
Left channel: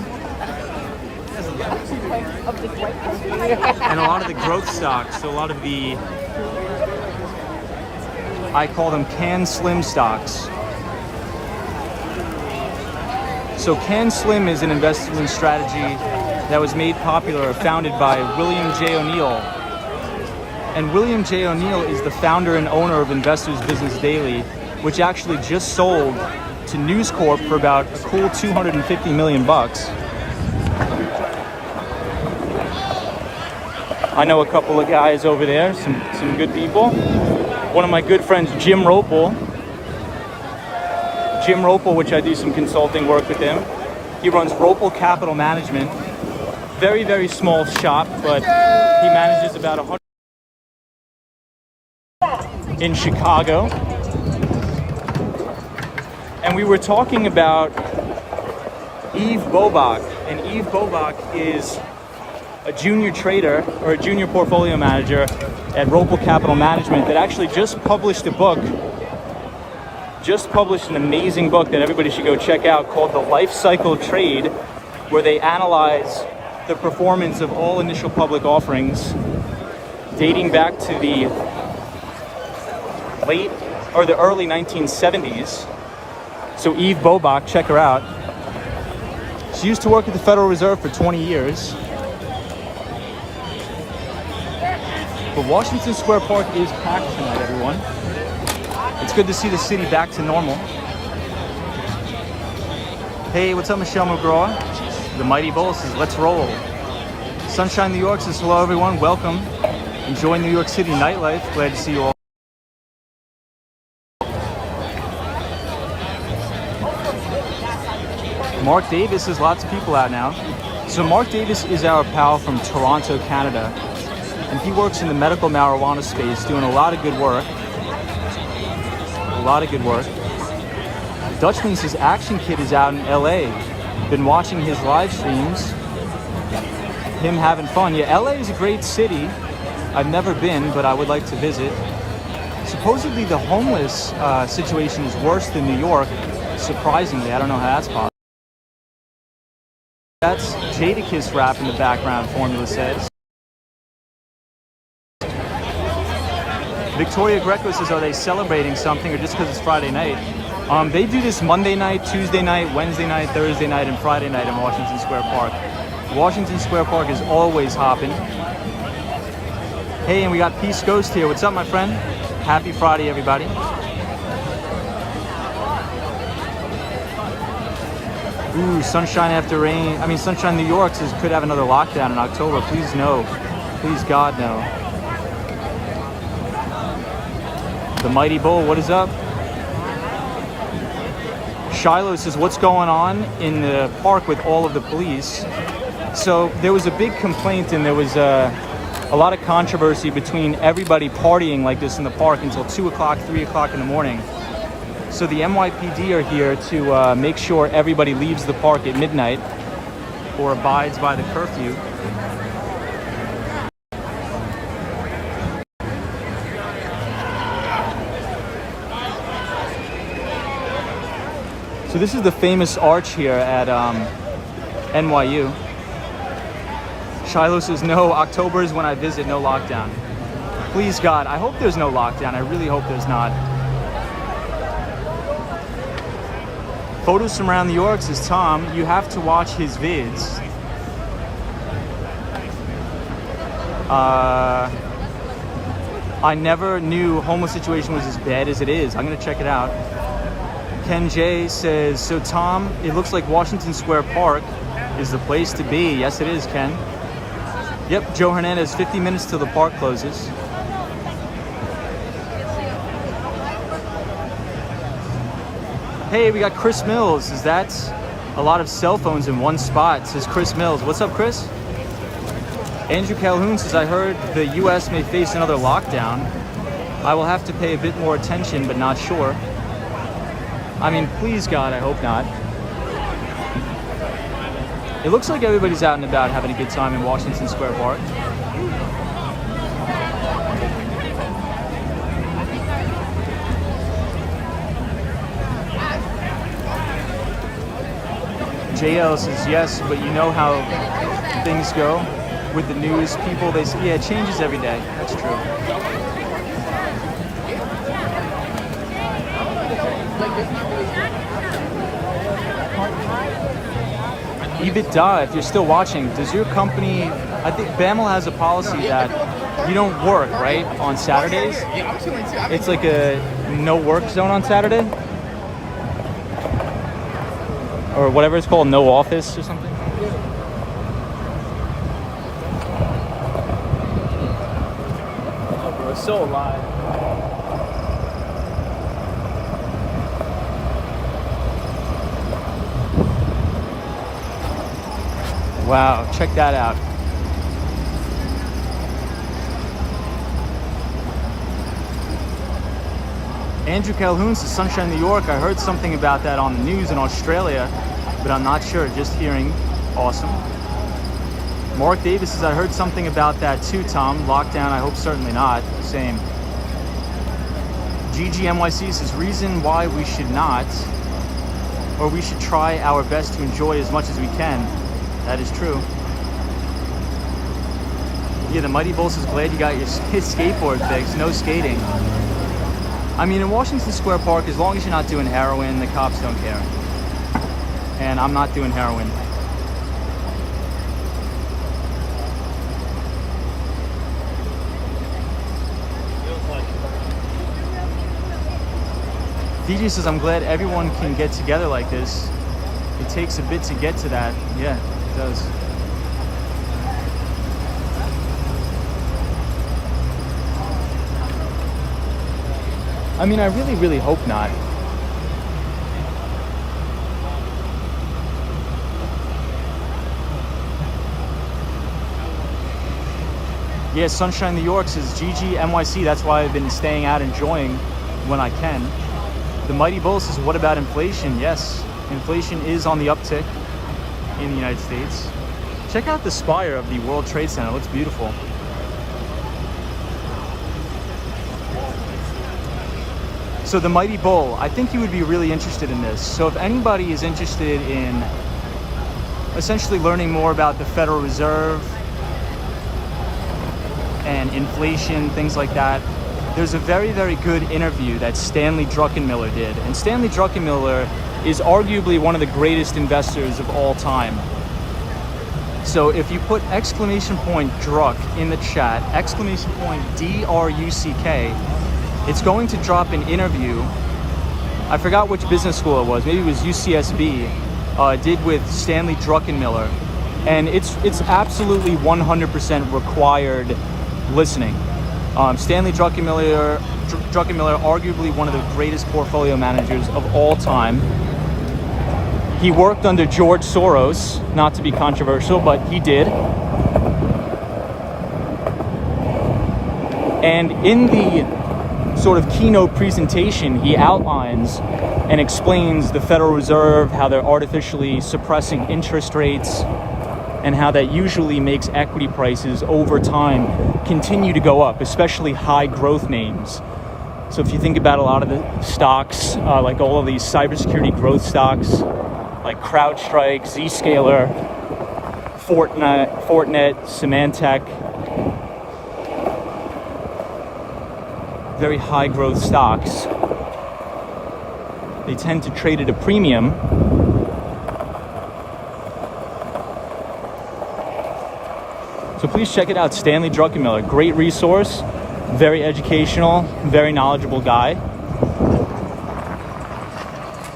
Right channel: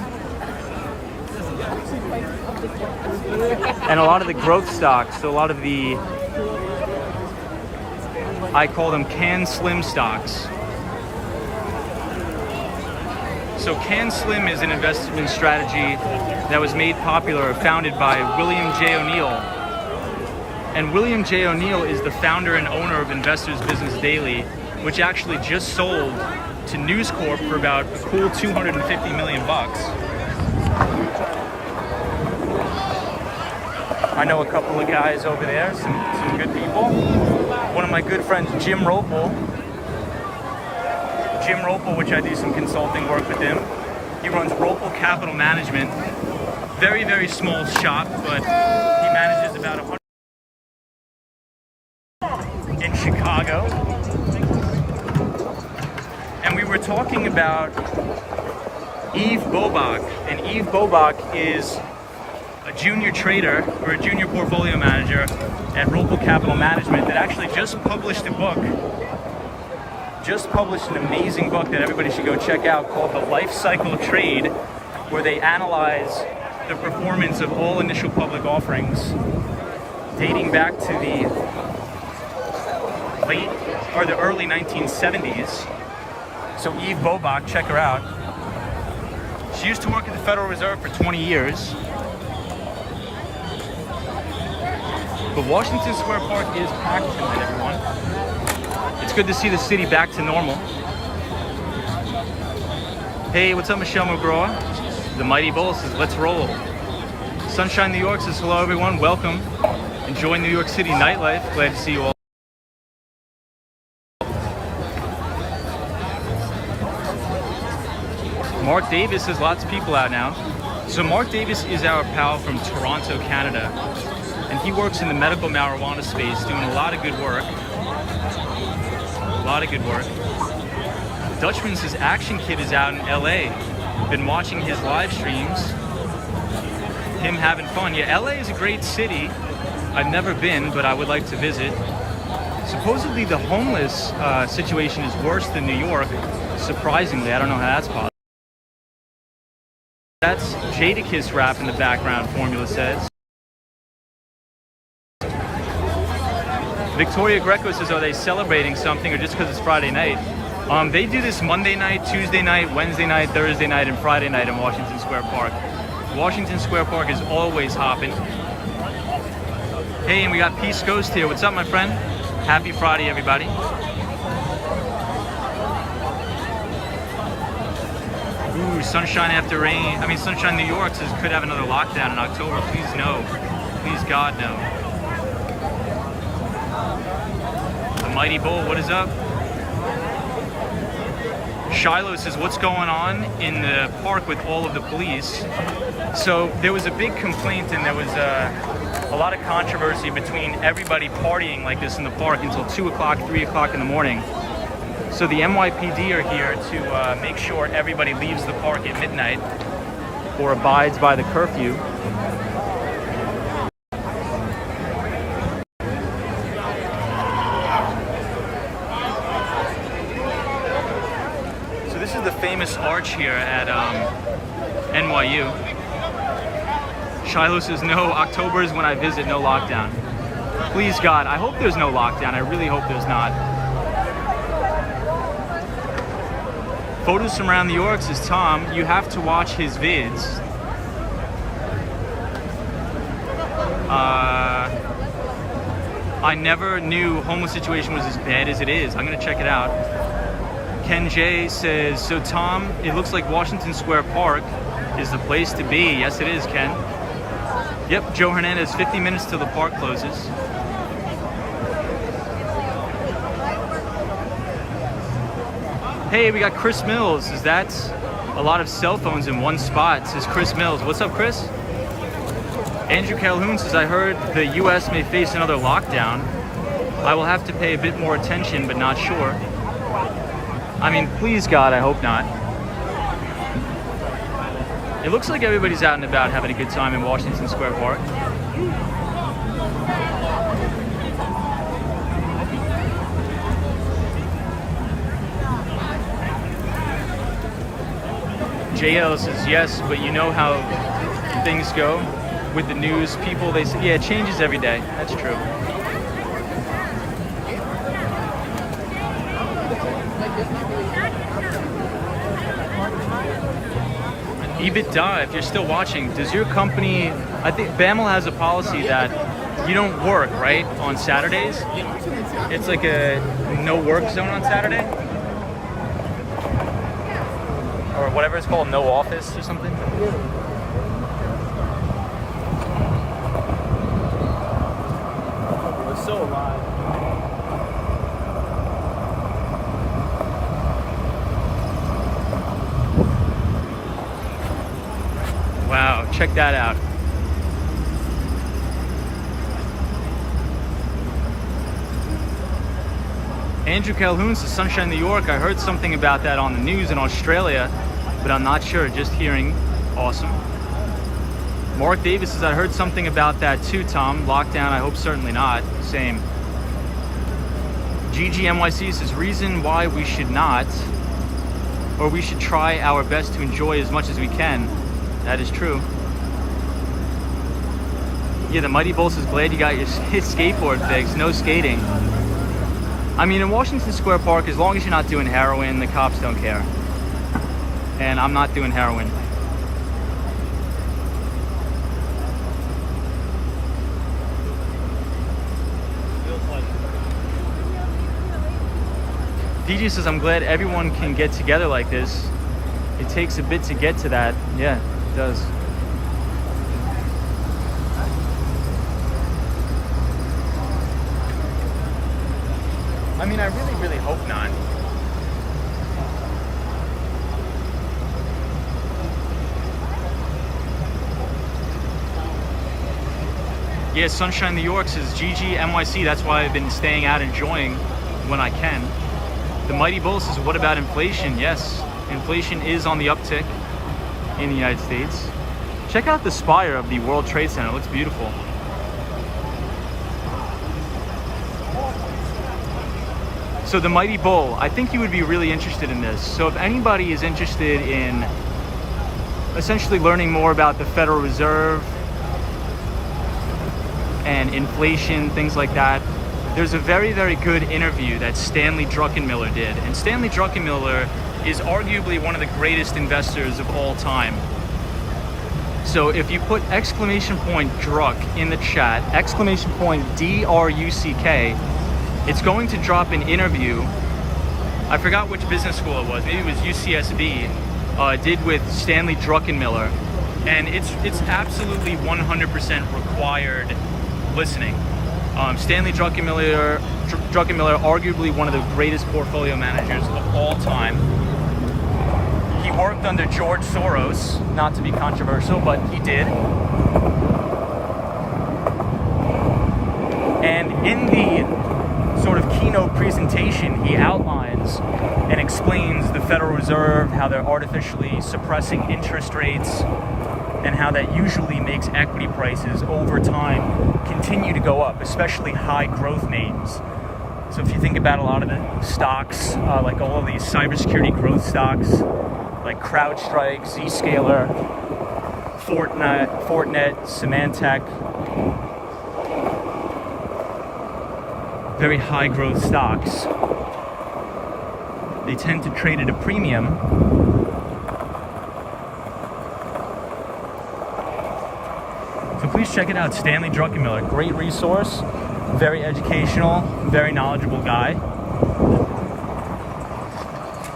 And a lot of the growth stocks, so a lot of the, I call them Can Slim stocks. So Can Slim is an investment strategy that was made popular, founded by William J. O'Neill And William J. O'Neill is the founder and owner of Investors Business Daily, which actually just sold to News Corp for about a cool $250 million bucks. I know a couple of guys over there, some good people. One of my good friends, Jim Ropel, which I do some consulting work with him. He runs Ropel Capital Management. Very, very small shop, but he manages about 100 in Chicago. And we were talking about Yves Bobach, and Yves Bobach is a junior trader or a junior portfolio manager at Ropel Capital Management that actually just published an amazing book that everybody should go check out called The Life Cycle of Trade, where they analyze the performance of all initial public offerings dating back to the late or the early 1970s. So Yves Bobach, check her out. She used to work at the Federal Reserve for 20 years. But Washington Square Park is packed tonight, everyone. It's good to see the city back to normal. Hey, what's up, Michelle McGraw? The Mighty Bull says, let's roll. Sunshine New York says, hello, everyone. Welcome. Enjoy New York City nightlife. Glad to see you all. Mark Davis, there's lots of people out now. So Mark Davis is our pal from Toronto, Canada. And he works in the medical marijuana space, doing a lot of good work. Dutchman says Action Kid is out in LA. Been watching his live streams. Him having fun. Yeah, LA is a great city. I've never been, but I would like to visit. Supposedly the homeless situation is worse than New York. Surprisingly, I don't know how that's possible. That's Jadakiss rap in the background, Formula says. Victoria Greco says, are they celebrating something or just because it's Friday night? They do this Monday night, Tuesday night, Wednesday night, Thursday night, and Friday night in Washington Square Park. Washington Square Park is always hopping. Hey, and we got Peace Ghost here. What's up, my friend? Happy Friday, everybody. Ooh, sunshine after rain. I mean, Sunshine New York says could have another lockdown in October. Please no. Please God no. The Mighty Bull, what is up? Shiloh says, what's going on in the park with all of the police? So there was a big complaint and there was a lot of controversy between everybody partying like this in the park until 2 o'clock, 3 o'clock in the morning. So the NYPD are here to make sure everybody leaves the park at midnight or abides by the curfew. So this is the famous arch here at NYU. Shiloh says, no, October is when I visit, no lockdown. Please God, I hope there's no lockdown. I really hope there's not. Photos from around New York says, Tom, you have to watch his vids. I never knew homeless situation was as bad as it is. I'm gonna check it out. Ken J says, so Tom, it looks like Washington Square Park is the place to be. Yes, it is, Ken. Yep, Joe Hernandez, 50 minutes till the park closes. Hey, we got Chris Mills. Says that's a lot of cell phones in one spot, says Chris Mills. What's up, Chris? Andrew Calhoun says, I heard the US may face another lockdown. I will have to pay a bit more attention, but not sure. I mean, please God, I hope not. It looks like everybody's out and about having a good time in Washington Square Park. JL says, yes, but you know how things go with the news. People, they say, yeah, it changes every day. That's true. EBITDA, if you're still watching, does your company, I think BAML has a policy that You don't work, right, on Saturdays? It's like a no work zone on Saturday? Or whatever it's called, no office or something? So wow, check that out. Andrew Calhoun says, Sunshine, New York. I heard something about that on the news in Australia, but I'm not sure, just hearing. Awesome. Mark Davis says, I heard something about that too, Tom. Lockdown, I hope certainly not. Same. GGNYC says, reason why we should not, or we should try our best to enjoy as much as we can. That is true. Yeah, the Mighty Bull says, glad you got your skateboard fixed. No skating. I mean, in Washington Square Park, as long as you're not doing heroin, the cops don't care. And I'm not doing heroin. DJ says, I'm glad everyone can get together like this. It takes a bit to get to that. Yeah, it does. I mean, I really hope not. Yeah, Sunshine New York says, GG NYC, that's why I've been staying out enjoying when I can. The Mighty Bull says, what about inflation? Yes, inflation is on the uptick in the United States. Check out the spire of the World Trade Center, it looks beautiful. So the Mighty Bull, I think you would be really interested in this. So if anybody is interested in essentially learning more about the Federal Reserve and inflation, things like that, there's a very good interview that Stanley Druckenmiller did. And Stanley Druckenmiller is arguably one of the greatest investors of all time. So if you put exclamation point Druck in the chat, exclamation point DRUCK, it's going to drop an interview. I forgot which business school it was. Maybe it was UCSB. Did with Stanley Druckenmiller, and it's absolutely 100% required listening. Stanley Druckenmiller, arguably one of the greatest portfolio managers of all time. He worked under George Soros, not to be controversial, but he did. And in the sort of keynote presentation, he outlines and explains the Federal Reserve, how they're artificially suppressing interest rates, and how that usually makes equity prices over time continue to go up, especially high growth names. So if you think about a lot of the stocks, like all of these cybersecurity growth stocks, like CrowdStrike, Zscaler, Fortinet, Symantec, very high growth stocks, they tend to trade at a premium. So please check it out, Stanley Druckenmiller, great resource, very educational, very knowledgeable guy.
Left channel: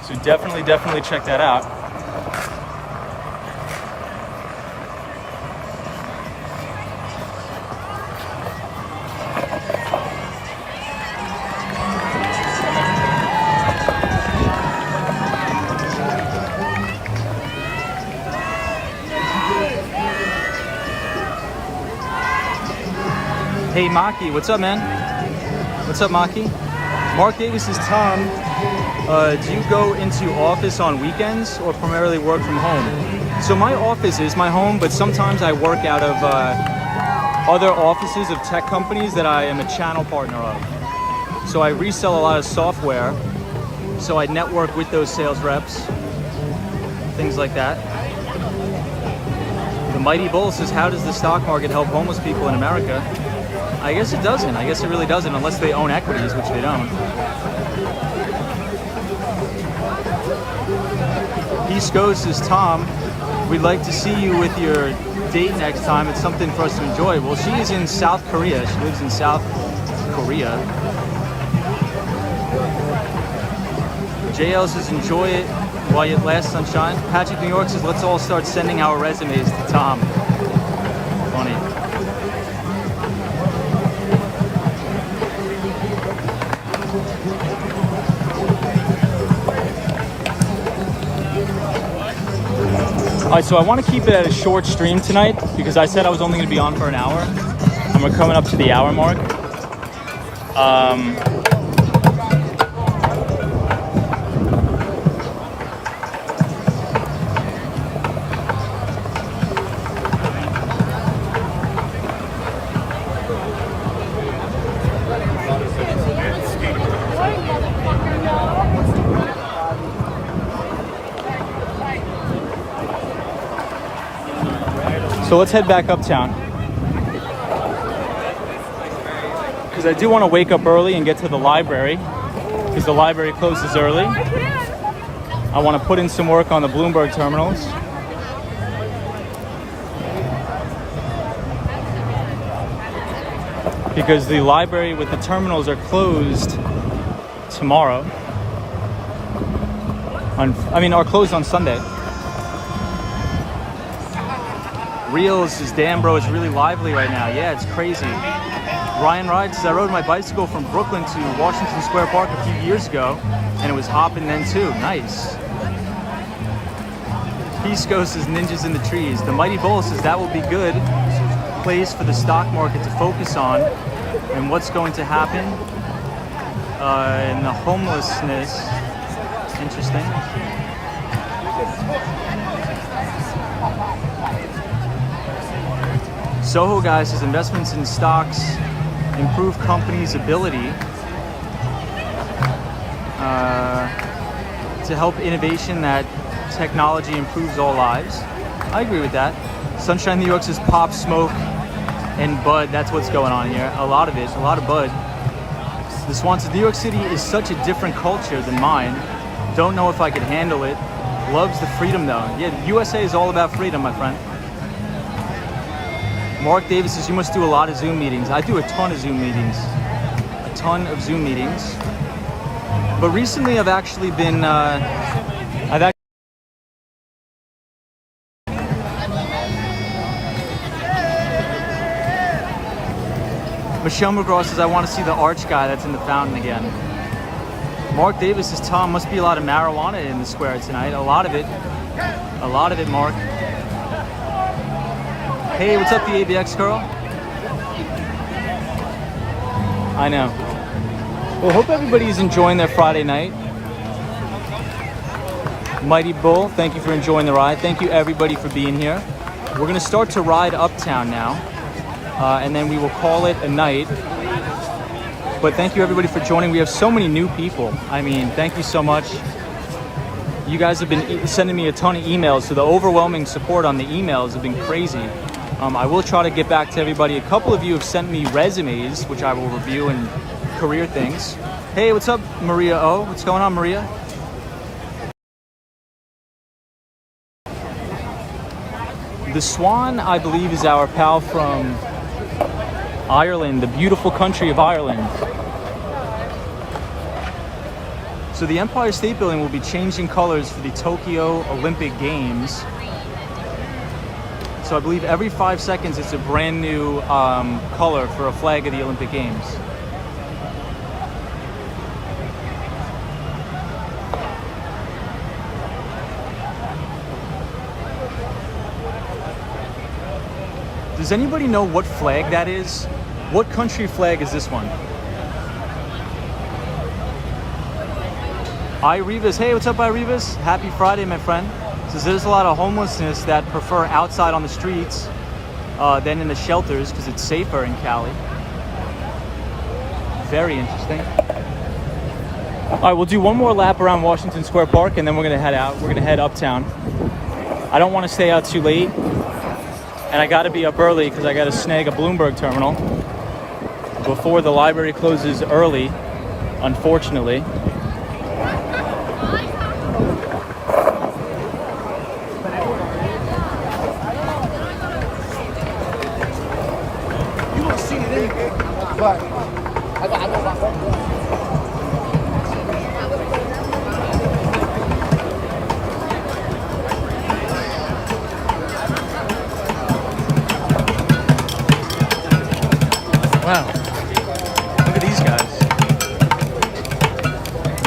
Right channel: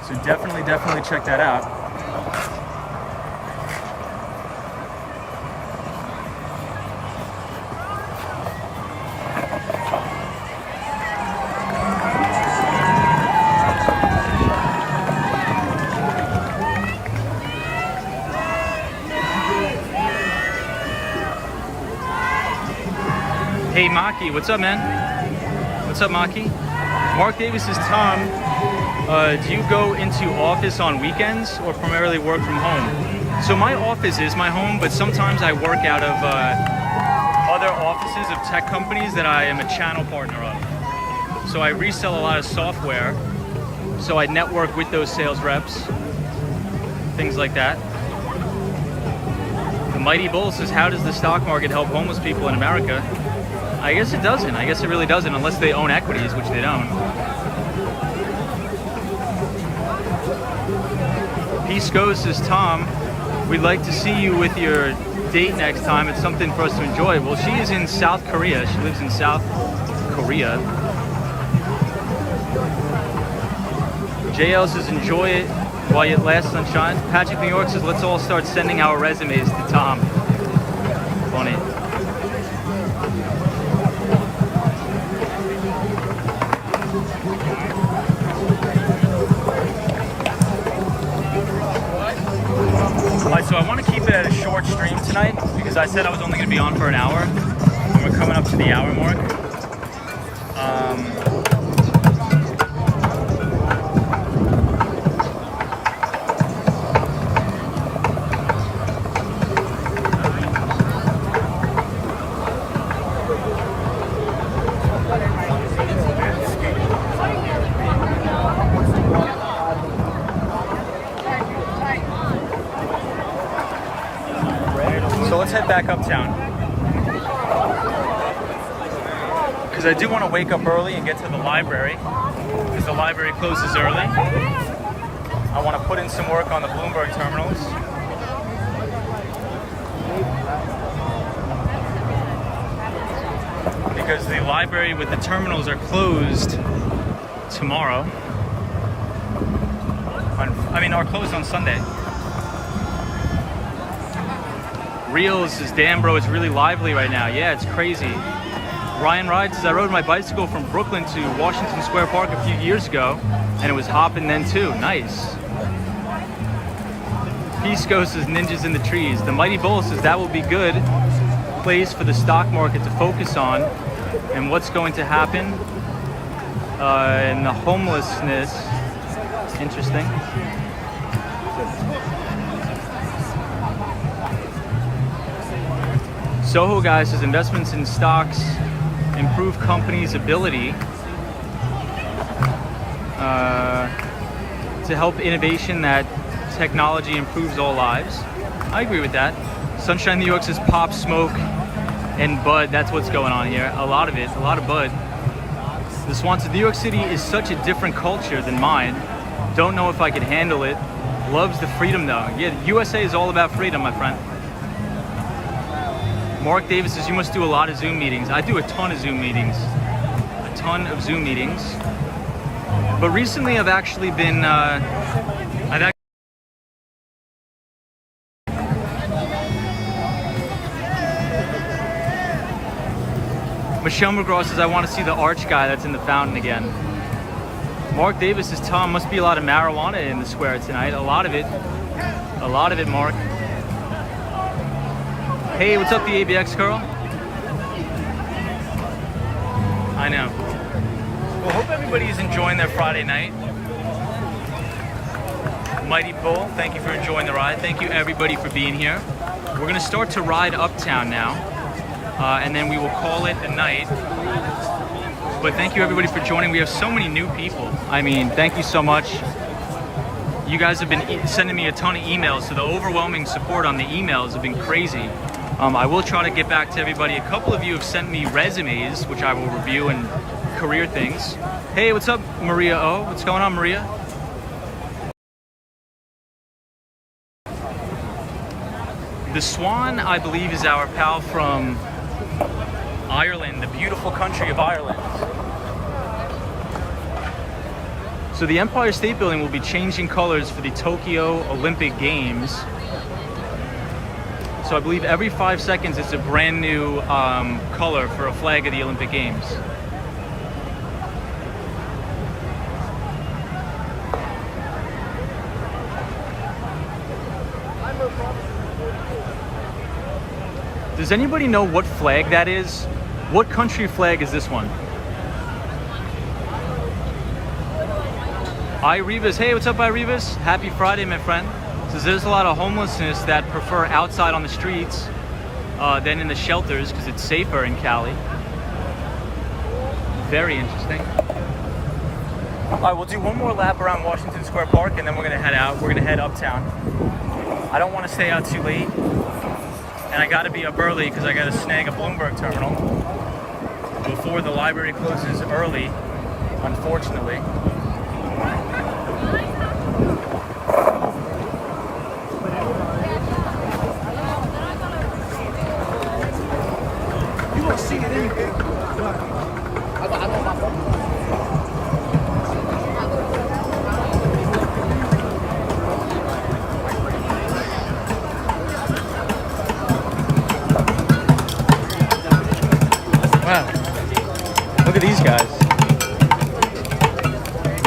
So definitely check that out. Hey Maki, what's up, man? What's up, Maki? Mark Davis says, Tom, do you go into office on weekends or primarily work from home? So my office is my home, but sometimes I work out of other offices of tech companies that I am a channel partner of. So I resell a lot of software, so I network with those sales reps, things like that. The Mighty Bull says, how does the stock market help homeless people in America? I guess it doesn't. I guess it really doesn't, unless they own equities, which they don't. Peace Goes says, Tom, we'd like to see you with your date next time. It's something for us to enjoy. Well, she is in South Korea. She lives in South Korea. JL says, enjoy it while it lasts, sunshine. Patrick New York says, let's all start sending our resumes to Tom. Funny. Alright, so I want to keep it a short stream tonight because I said I was only going to be on for an hour. And we're coming up to the hour mark. So let's head back uptown. Because I do want to wake up early and get to the library. Because the library closes early. I want to put in some work on the Bloomberg terminals. Because the library with the terminals are closed tomorrow. Are closed on Sunday. Reels is, damn bro, it's really lively right now. Yeah, it's crazy. Ryan Ride says, I rode my bicycle from Brooklyn to Washington Square Park a few years ago, and it was hopping then too. Nice. Peace Ghost says, ninjas in the trees. The Mighty Bull says, that will be good place for the stock market to focus on and what's going to happen in the homelessness. Interesting. Soho guy says investments in stocks improve companies' ability to help innovation, that technology improves all lives. I agree with that. Sunshine New York says pop, smoke, and bud. That's what's going on here. A lot of it, a lot of bud. The Swan says New York City is such a different culture than mine. Don't know if I could handle it. Loves the freedom though. Yeah, USA is all about freedom, my friend. Mark Davis says, you must do a lot of Zoom meetings. I do a ton of Zoom meetings. A ton of Zoom meetings. But recently I've actually been, Michelle McGraw says, I want to see the arch guy that's in the fountain again. Mark Davis says, Tom, must be a lot of marijuana in the square tonight. A lot of it. A lot of it, Mark. Hey, what's up, the ABX girl? I know. Well, hope everybody's enjoying their Friday night. Mighty Bull, thank you for enjoying the ride. Thank you, everybody, for being here. We're going to start to ride uptown now, and then we will call it a night. But thank you, everybody, for joining. We have so many new people. I mean, thank you so much. You guys have been sending me a ton of emails, so the overwhelming support on the emails have been crazy. I will try to get back to everybody. A couple of you have sent me resumes, which I will review, and career things. Hey, what's up, Maria O? What's going on, Maria? The Swan, I believe, is our pal from Ireland, the beautiful country of Ireland. So the Empire State Building will be changing colors for the Tokyo Olympic Games. So I believe every 5 seconds it's a brand new color for a flag of the Olympic Games. Does anybody know what flag that is? What country flag is this one? Irivas, hey, what's up, Irivas? Happy Friday, my friend. Says there's a lot of homelessness that prefer outside on the streets than in the shelters because it's safer in Cali. Very interesting. All right, we'll do one more lap around Washington Square Park and then we're gonna head out. We're gonna head uptown. I don't want to stay out too late, and I got to be up early because I got to snag a Bloomberg terminal before the library closes early, unfortunately.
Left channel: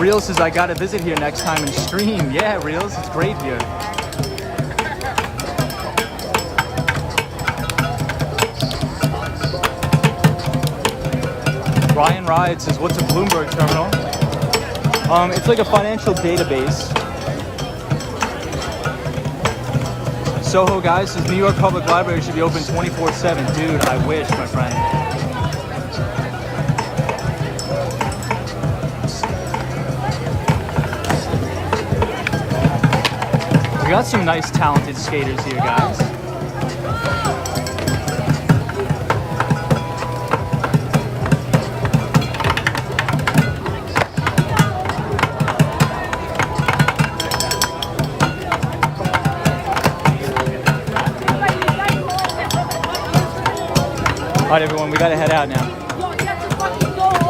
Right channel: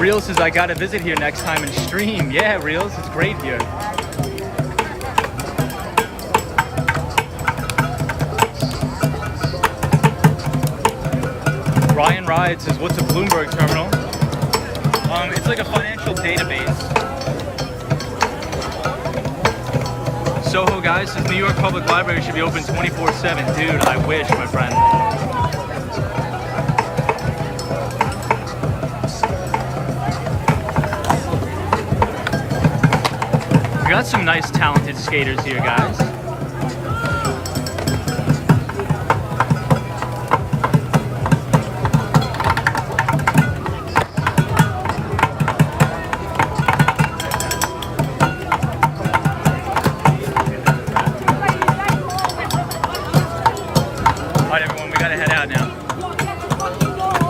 Reels says I gotta visit here next time and stream. Yeah, Reels, it's great here. Ryan Ride says, what's a Bloomberg terminal? It's like a financial database. Soho guys says New York Public Library should be open 24/7. Dude, I wish, my friend. We got some nice talented skaters here, guys. All right, everyone, we gotta head out now.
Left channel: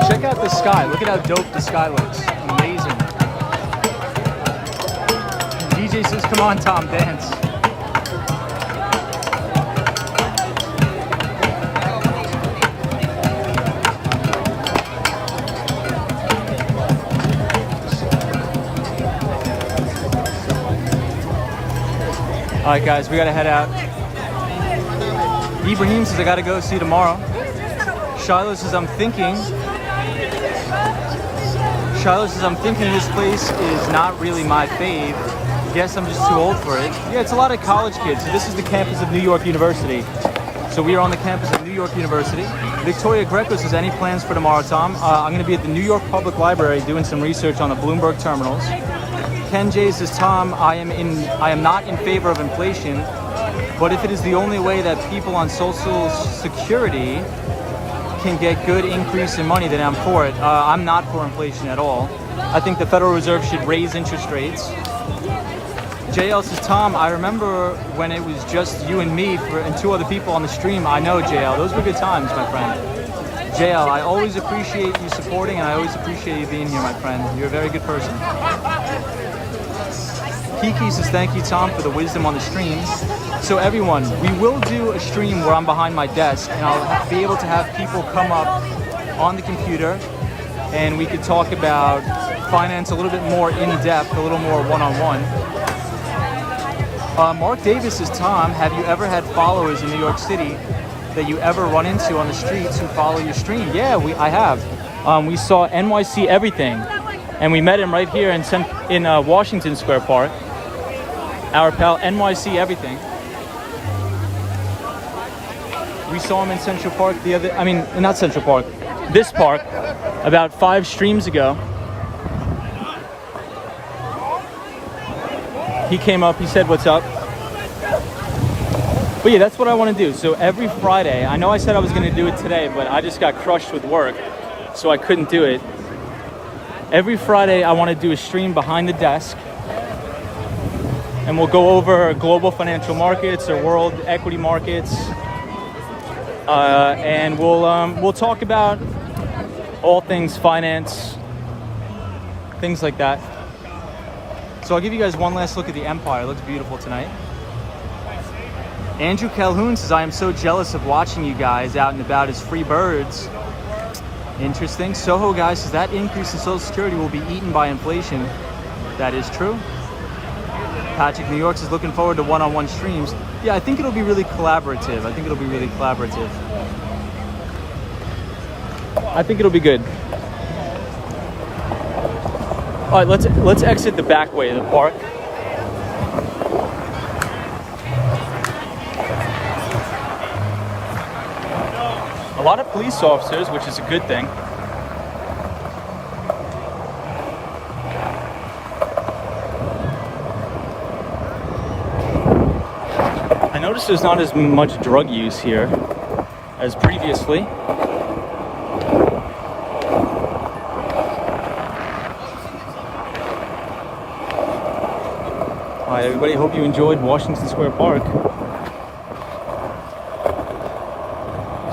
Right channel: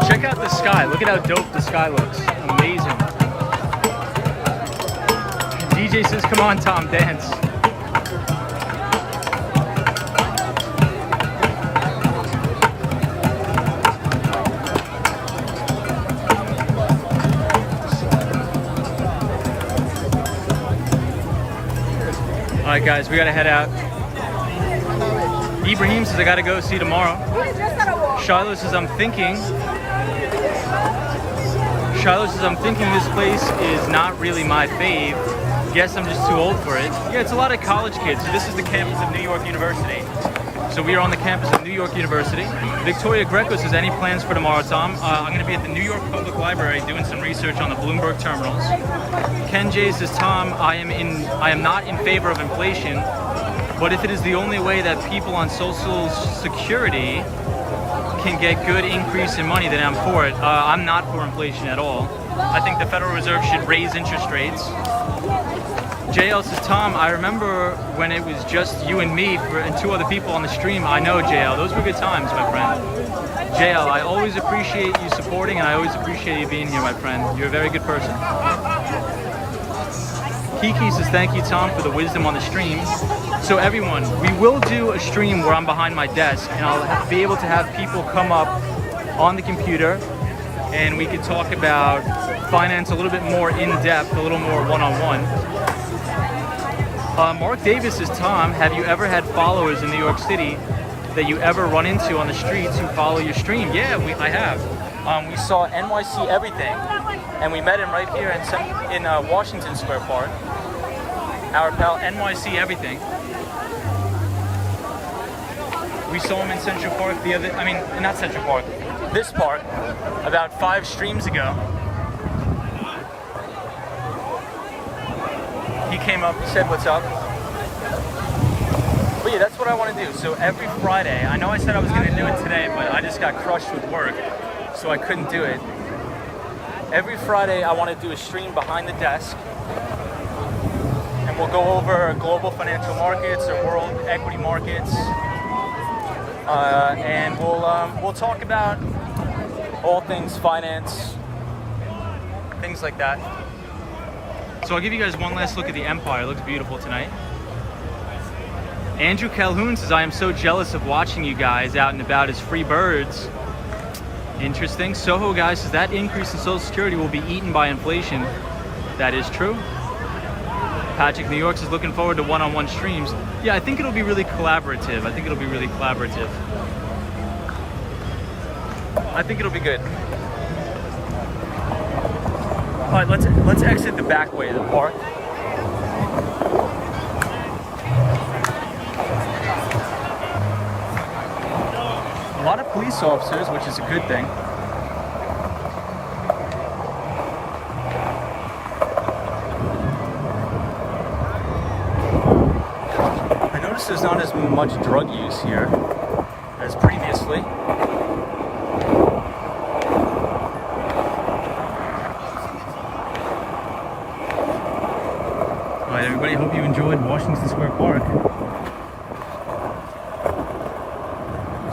Check out the sky. Look at how dope the sky looks. Amazing. DJ says, come on, Tom, dance. All right, guys, we gotta head out. Ibrahim says I gotta go, see you tomorrow. Shiloh says I'm thinking this place is not really my fave. Guess I'm just too old for it. Yeah, it's a lot of college kids. This is the campus of New York University. So we are on the campus of New York University. Victoria Greco says, any plans for tomorrow, Tom? I'm gonna be at the New York Public Library doing some research on the Bloomberg terminals. Ken J says, Tom, I am not in favor of inflation, but if it is the only way that people on Social Security can get good increase in money, then I'm for it. I'm not for inflation at all. I think the Federal Reserve should raise interest rates. JL says, Tom, I remember when it was just you and me and two other people on the stream. I know, JL, those were good times, my friend. JL, I always appreciate you supporting, and I always appreciate you being here, my friend. You're a very good person. Kiki says, thank you, Tom, for the wisdom on the stream. So everyone, we will do a stream where I'm behind my desk, and I'll be able to have people come up on the computer, and we could talk about finance a little bit more in depth, a little more one-on-one. Mark Davis says, Tom, have you ever had followers in New York City that you ever run into on the streets who follow your stream? Yeah, I have. We saw NYC Everything, and we met him right here in Washington Square Park. Our pal NYC Everything. We saw him in Central Park not Central Park, this park, about 5 streams ago. He came up, he said, what's up? But yeah, that's what I want to do. So every Friday, I know I said I was going to do it today, but I just got crushed with work, so I couldn't do it. Every Friday, I want to do a stream behind the desk, and we'll go over global financial markets or world equity markets, and we'll talk about all things finance, things like that. So I'll give you guys one last look at the Empire. It looks beautiful tonight. Andrew Calhoun says, I am so jealous of watching you guys out and about as free birds. Interesting. Soho guys says, that increase in Social Security will be eaten by inflation. That is true. Patrick New York says, looking forward to one-on-one streams. Yeah, I think it'll be really collaborative. I think it'll be good. All right, let's exit the back way of the park. A lot of police officers, which is a good thing. I noticed there's not as much drug use here as previously. All right, everybody, hope you enjoyed Washington Square Park.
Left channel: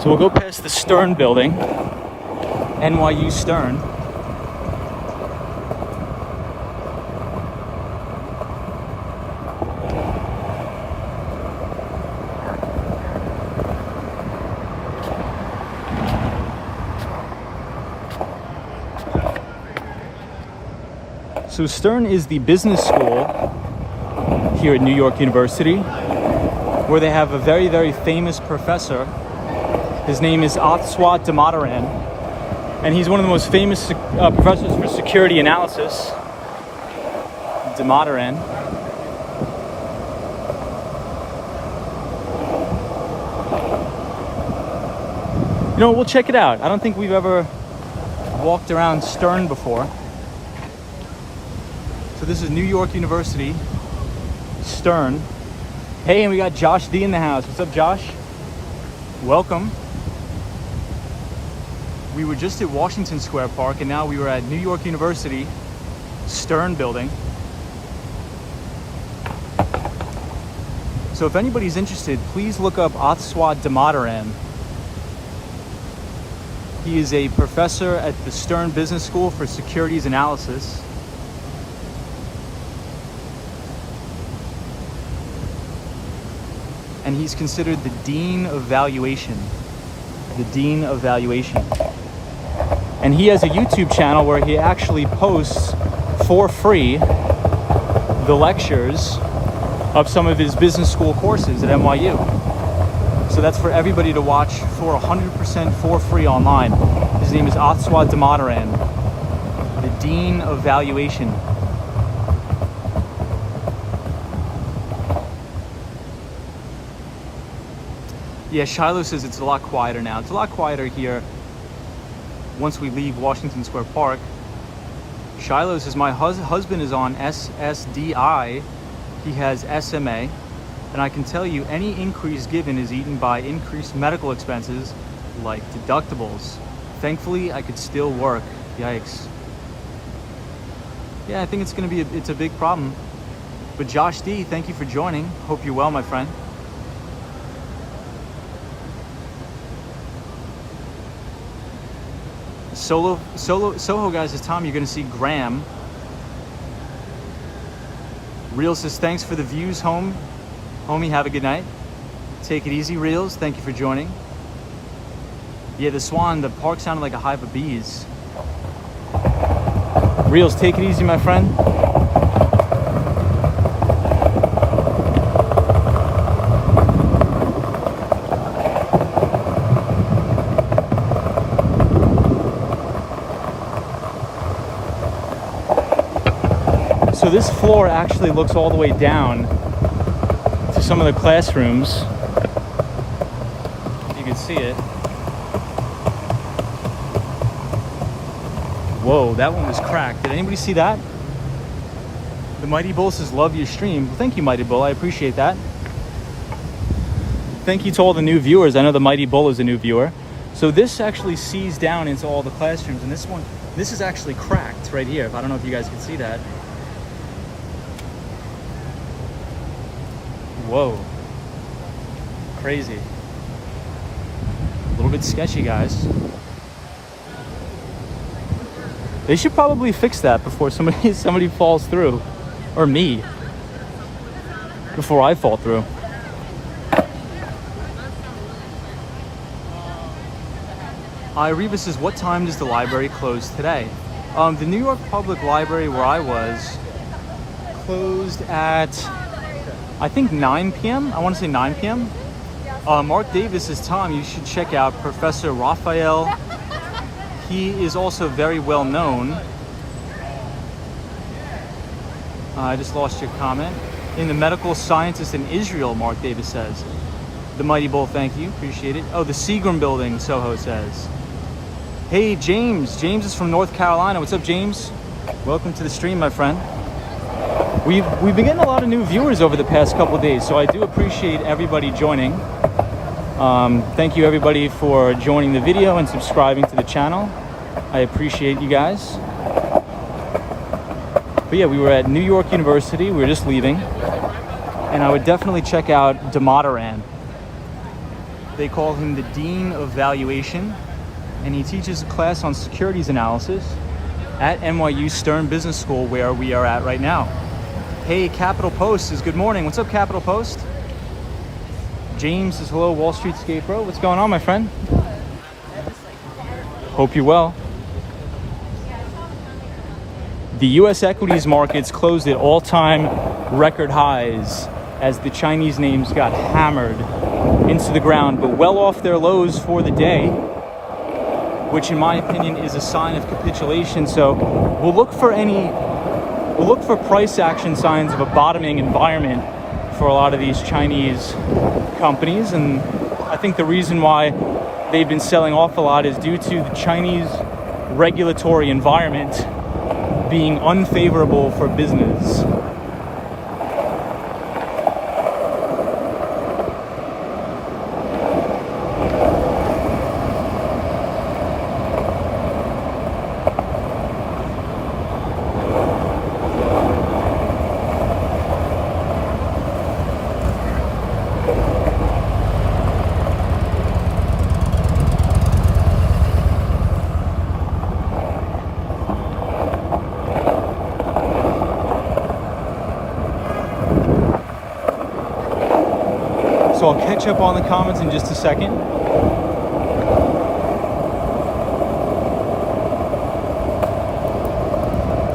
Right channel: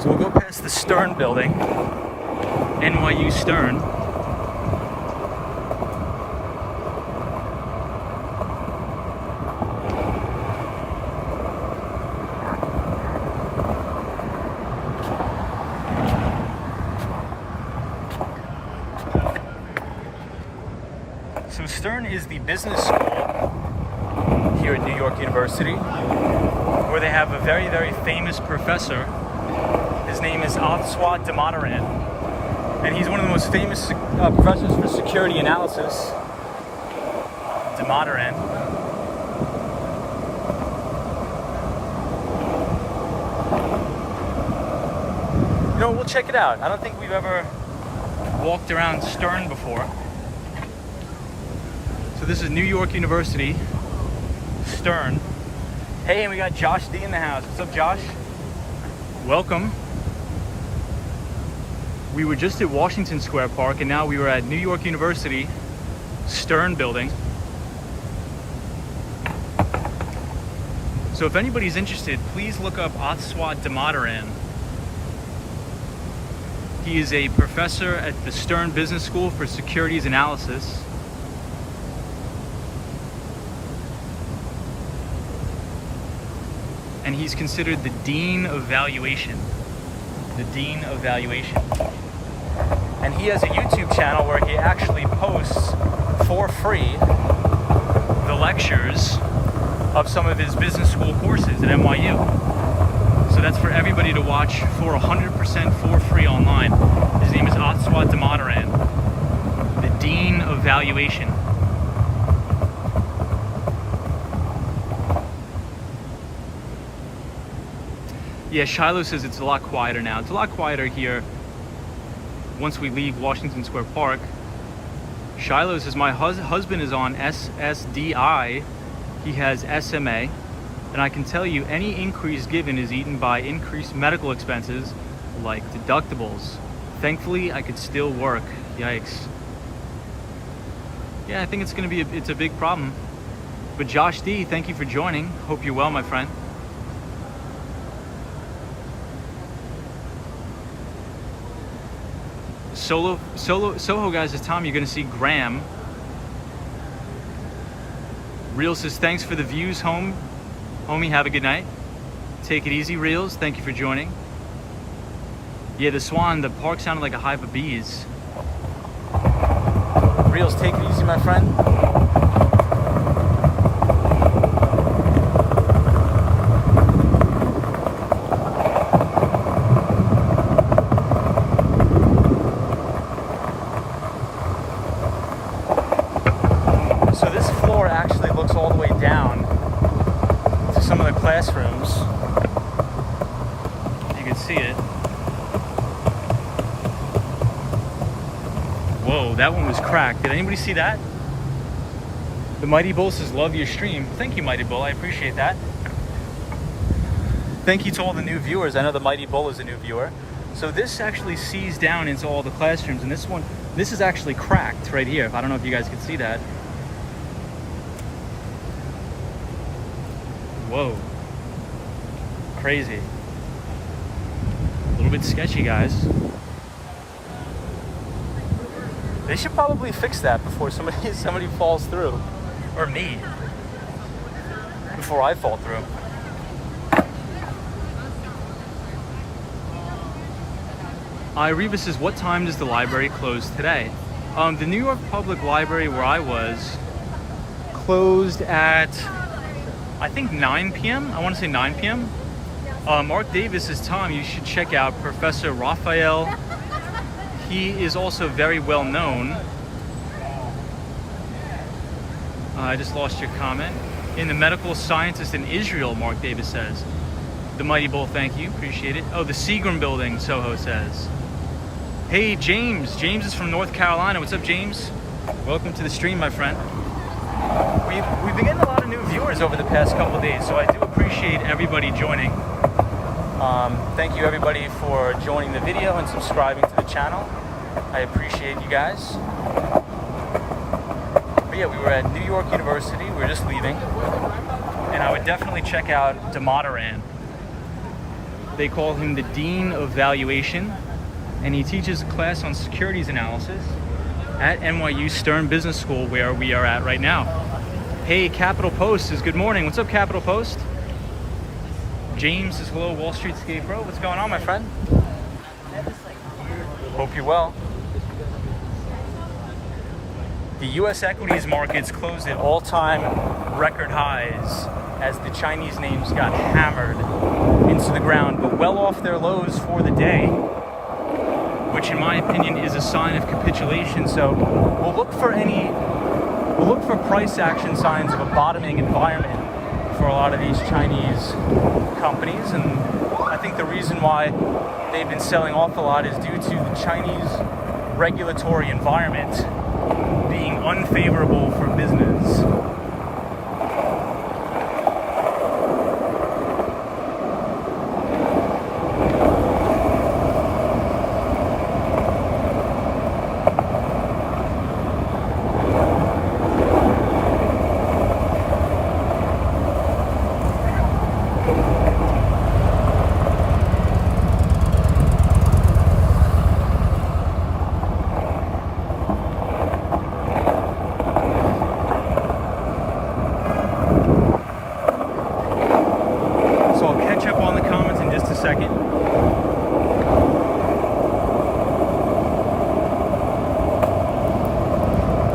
So we'll go past the Stern building, NYU Stern. So Stern is the business school here at New York University, where they have a very, very famous professor. His name is Otswat Damodaran, and he's one of the most famous professors for security analysis. Damodaran. You know, we'll check it out. I don't think we've ever walked around Stern before. So this is New York University, Stern. Hey, and we got Josh D in the house. What's up, Josh? Welcome. We were just at Washington Square Park, and now we were at New York University, Stern building. So if anybody's interested, please look up Otswat Damodaran. He is a professor at the Stern Business School for Securities Analysis. And he's considered the Dean of Valuation. The Dean of Valuation. And he has a YouTube channel where he actually posts for free the lectures of some of his business school courses at NYU. So that's for everybody to watch for 100% for free online. His name is Otswat Damodaran, the Dean of Valuation. Yeah, Shiloh says it's a lot quieter now. It's a lot quieter here once we leave Washington Square Park. Shiloh says my husband is on SSDI. He has SMA. And I can tell you any increase given is eaten by increased medical expenses like deductibles. Thankfully, I could still work. Yikes. Yeah, I think it's a big problem. But Josh D, thank you for joining. Hope you're well, my friend. Soho guys, this time you're gonna see Graham. Real says thanks for the views, homie, have a good night. Take it easy, Reels, thank you for joining. Yeah, the park sounded like a hive of bees. Reels, take it easy, my friend. So this floor actually looks all the way down to some of the classrooms. You can see it. Whoa, that one was cracked. Did anybody see that? The Mighty Bull says, love your stream. Thank you, Mighty Bull. I appreciate that. Thank you to all the new viewers. I know the Mighty Bull is a new viewer. So this actually sees down into all the classrooms, and this is actually cracked right here. I don't know if you guys can see that. Whoa. Crazy. A little bit sketchy, guys. They should probably fix that before somebody falls through. Or me. Before I fall through. Reva says, what time does the library close today? The New York Public Library where I was closed at, I think 9 p.m. I want to say 9 p.m. Mark Davis says, Tom, you should check out Professor Raphael. He is also very well known. I just lost your comment. In the medical scientist in Israel, Mark Davis says. The Mighty Bull, thank you, appreciate it. Oh, the Seagram building, Soho says. Hey, James. James is from North Carolina. What's up, James? Welcome to the stream, my friend. We've been getting a lot of new viewers over the past couple of days, so I do appreciate everybody joining. Thank you everybody for joining the video and subscribing to the channel. I appreciate you guys. But yeah, we were at New York University. We were just leaving. And I would definitely check out Damodaran. They call him the Dean of Valuation. And he teaches a class on securities analysis at NYU Stern Business School, where we are at right now. Hey, Capital Post says, good morning. What's up, Capital Post? James says, hello, Wall Street Skate Bro. What's going on, my friend? Hope you're well. The US equities markets closed at all-time record highs as the Chinese names got hammered into the ground, but well off their lows for the day, which in my opinion is a sign of capitulation. So we'll look for price action signs of a bottoming environment for a lot of these Chinese companies, and I think the reason why they've been selling off a lot is due to the Chinese regulatory environment being unfavorable for business.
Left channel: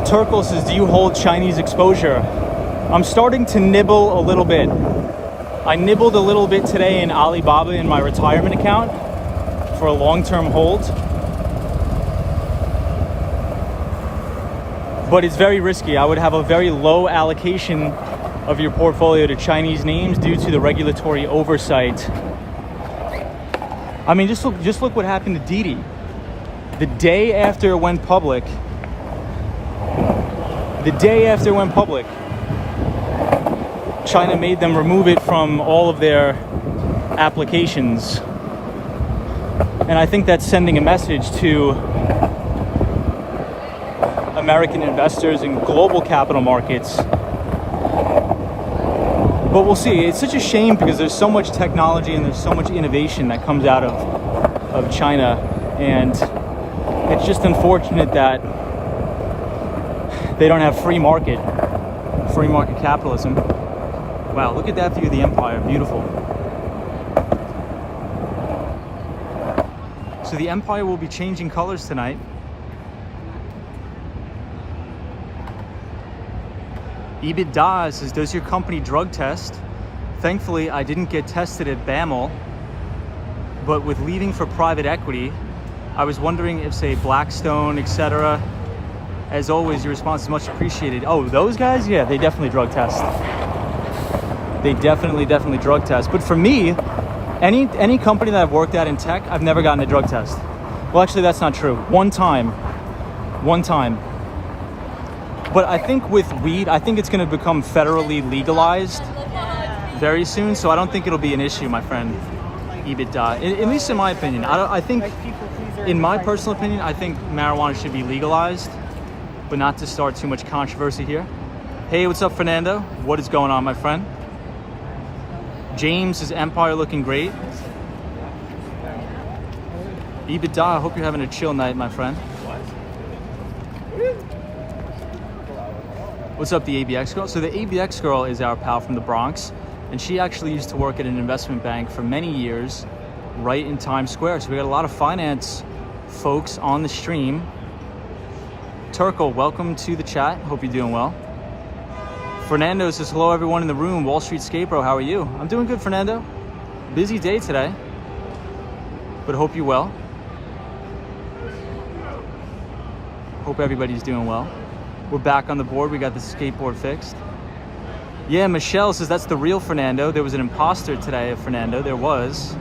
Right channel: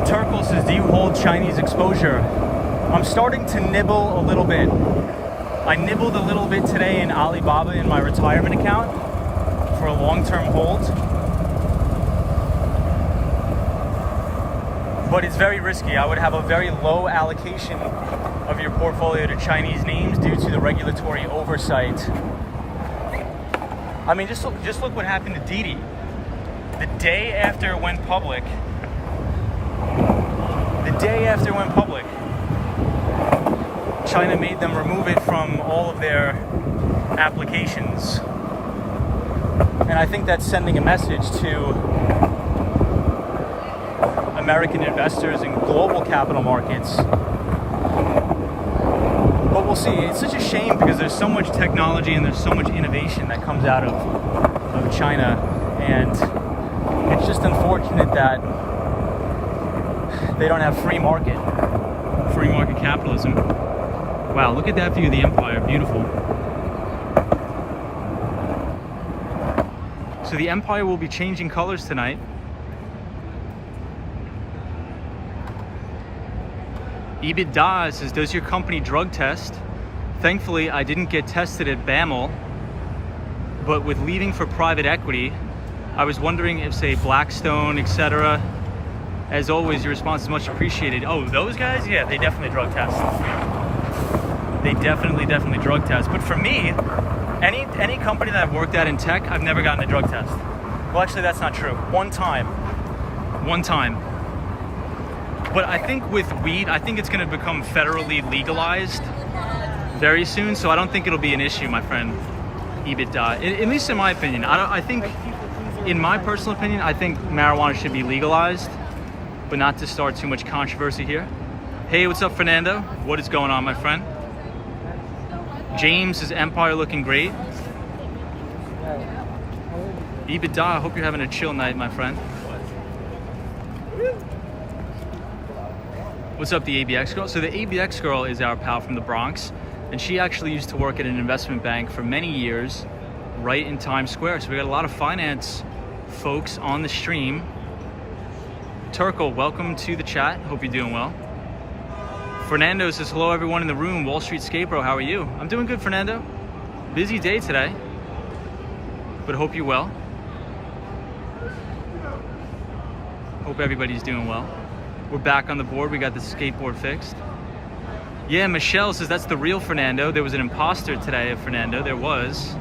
Turkle says, do you hold Chinese exposure? I'm starting to nibble a little bit. I nibbled a little bit today in Alibaba in my retirement account for a long-term hold. But it's very risky. I would have a very low allocation of your portfolio to Chinese names due to the regulatory oversight. I mean, just look what happened to Didi. The day after it went public, China made them remove it from all of their applications. And I think that's sending a message to American investors in global capital markets. But we'll see. It's such a shame because there's so much technology and there's so much innovation that comes out of China. And it's just unfortunate that they don't have free market capitalism. Wow, look at that view of the empire, beautiful. So the empire will be changing colors tonight. EBITDA says, does your company drug test? Thankfully, I didn't get tested at BAML, but with leaving for private equity, I was wondering if, say, Blackstone, etc. As always, your response is much appreciated. Oh, those guys? Yeah, they definitely drug test. They definitely drug test. But for me, any company that I've worked at in tech, I've never gotten a drug test. Well, actually, that's not true. One time. But I think with weed, I think it's going to become federally legalized very soon. So I don't think it'll be an issue, my friend. EBITDA, at least in my opinion. I think, in my personal opinion, I think marijuana should be legalized, but not to start too much controversy here. Hey, what's up, Fernando? What is going on, my friend? James is Empire looking great. EBITDA, I hope you're having a chill night, my friend. What's up, the ABX girl? So the ABX girl is our pal from the Bronx, and she actually used to work at an investment bank for many years right in Times Square. So we got a lot of finance folks on the stream. Turkle, welcome to the chat. Hope you're doing well. Fernando says, hello everyone in the room. Wall Street Skate Bro, how are you? I'm doing good, Fernando. Busy day today, but hope you're well. Hope everybody's doing well. We're back on the board. We got the skateboard fixed. Yeah, Michelle says that's the real Fernando. There was an imposter today of Fernando. There was.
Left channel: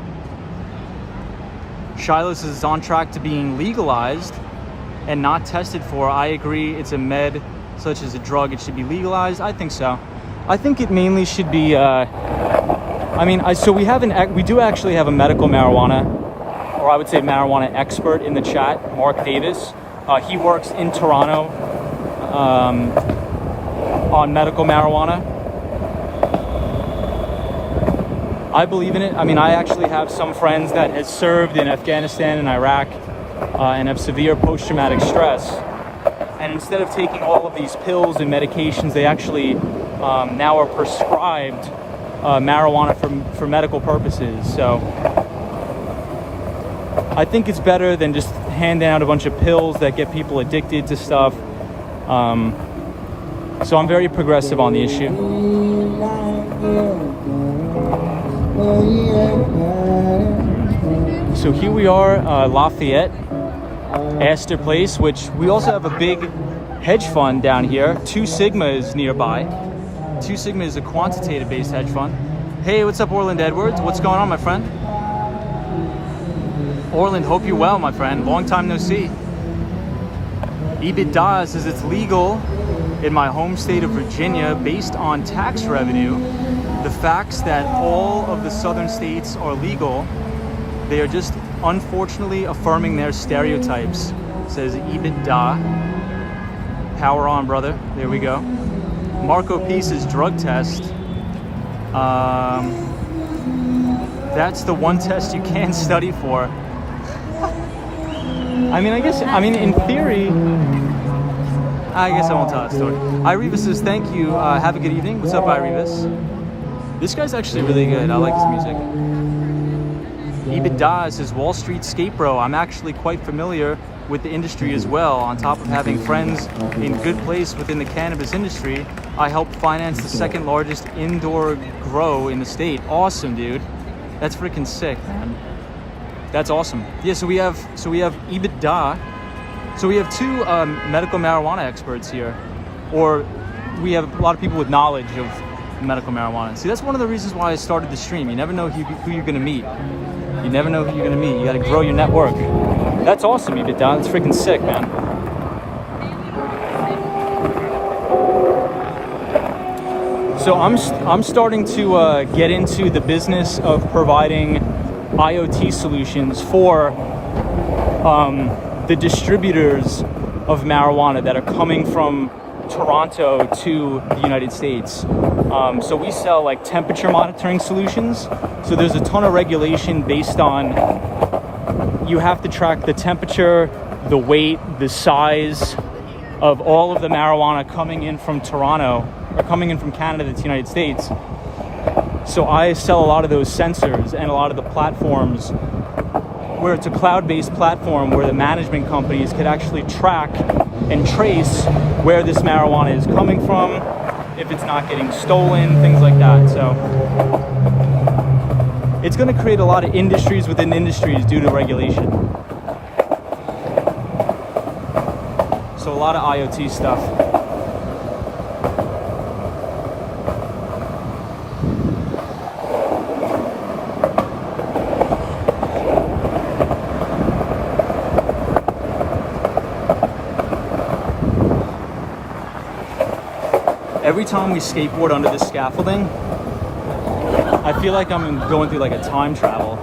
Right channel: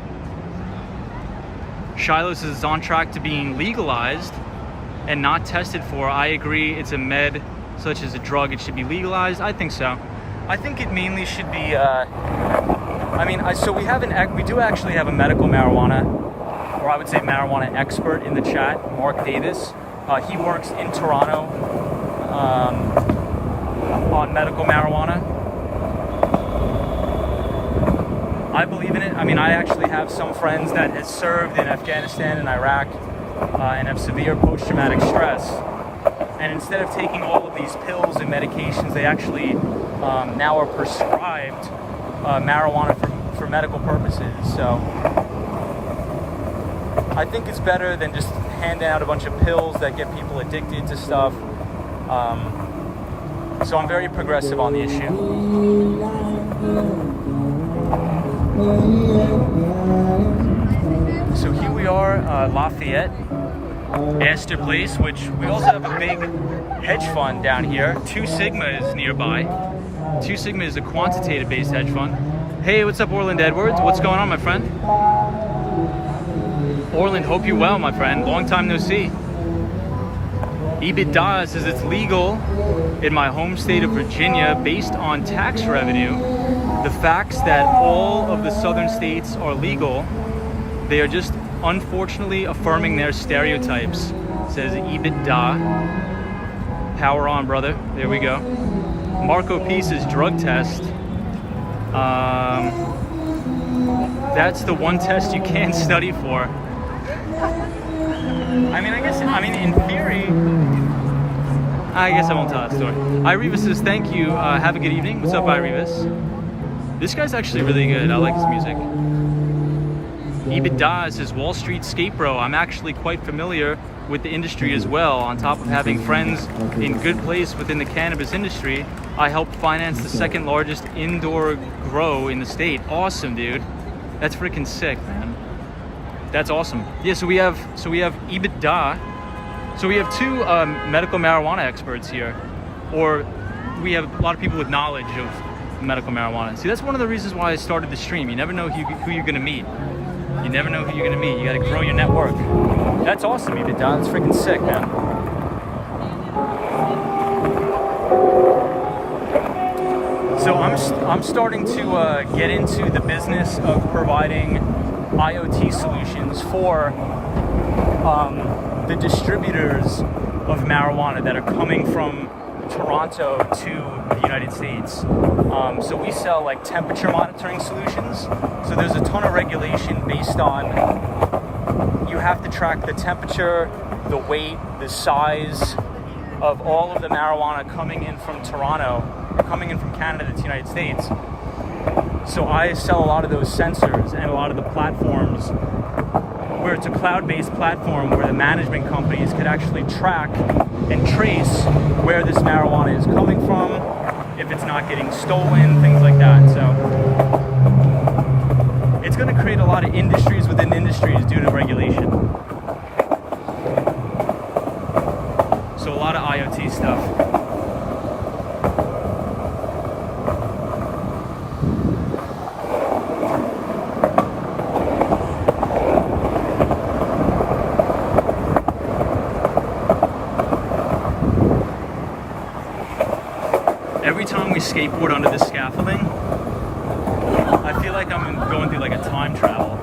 Shiloh says it's on track to being legalized and not tested for. I agree. It's a med such as a drug. It should be legalized. I think so. I think it mainly should be. So we do actually have a medical marijuana, or I would say marijuana expert in the chat, Mark Davis. He works in Toronto on medical marijuana. I believe in it. I mean, I actually have some friends that have served in Afghanistan and Iraq and have severe post-traumatic stress. And instead of taking all of these pills and medications, they actually now are prescribed marijuana for medical purposes. So I think it's better than just handing out a bunch of pills that get people addicted to stuff. So I'm very progressive on the issue. So here we are, Lafayette, Astor Place, which we also have a big hedge fund down here. Two Sigma is nearby. Two Sigma is a quantitative-based hedge fund. Hey, what's up, Orland Edwards? What's going on, my friend? Orland, hope you're well, my friend. Long time no see. EBITDA says it's legal in my home state of Virginia based on tax revenue. The facts that all of the southern states are legal, they are just unfortunately affirming their stereotypes. It says EBITDA. Power on, brother. There we go. Marco P says drug test. That's the one test you can study for. I mean, in theory, I guess I won't tell that story. Irivas says, thank you. Have a good evening. What's up, Irivas? This guy's actually really good. I like his music. EBITDA says, Wall Street skate bro. I'm actually quite familiar with the industry as well. On top of having friends in good place within the cannabis industry, I help finance the second largest indoor grow in the state. Awesome, dude. That's freaking sick, man. That's awesome. Yeah, so we have EBITDA. So we have two medical marijuana experts here, or we have a lot of people with knowledge of medical marijuana. See, that's one of the reasons why I started the stream. You never know who you're gonna meet. You never know who you're gonna meet. You gotta grow your network. That's awesome, EBITDA. That's freaking sick, man. So I'm starting to get into the business of providing IoT solutions for the distributors of marijuana that are coming from Toronto to the United States. So we sell like temperature monitoring solutions. So there's a ton of regulation based on, you have to track the temperature, the weight, the size of all of the marijuana coming in from Toronto, or coming in from Canada to the United States. So I sell a lot of those sensors and a lot of the platforms where it's a cloud-based platform where the management companies could actually track and trace where this marijuana is coming from, if it's not getting stolen, things like that. So it's going to create a lot of industries within industries due to regulation. So a lot of IoT stuff. Every time we skateboard under this scaffolding, I feel like I'm going through like a time travel.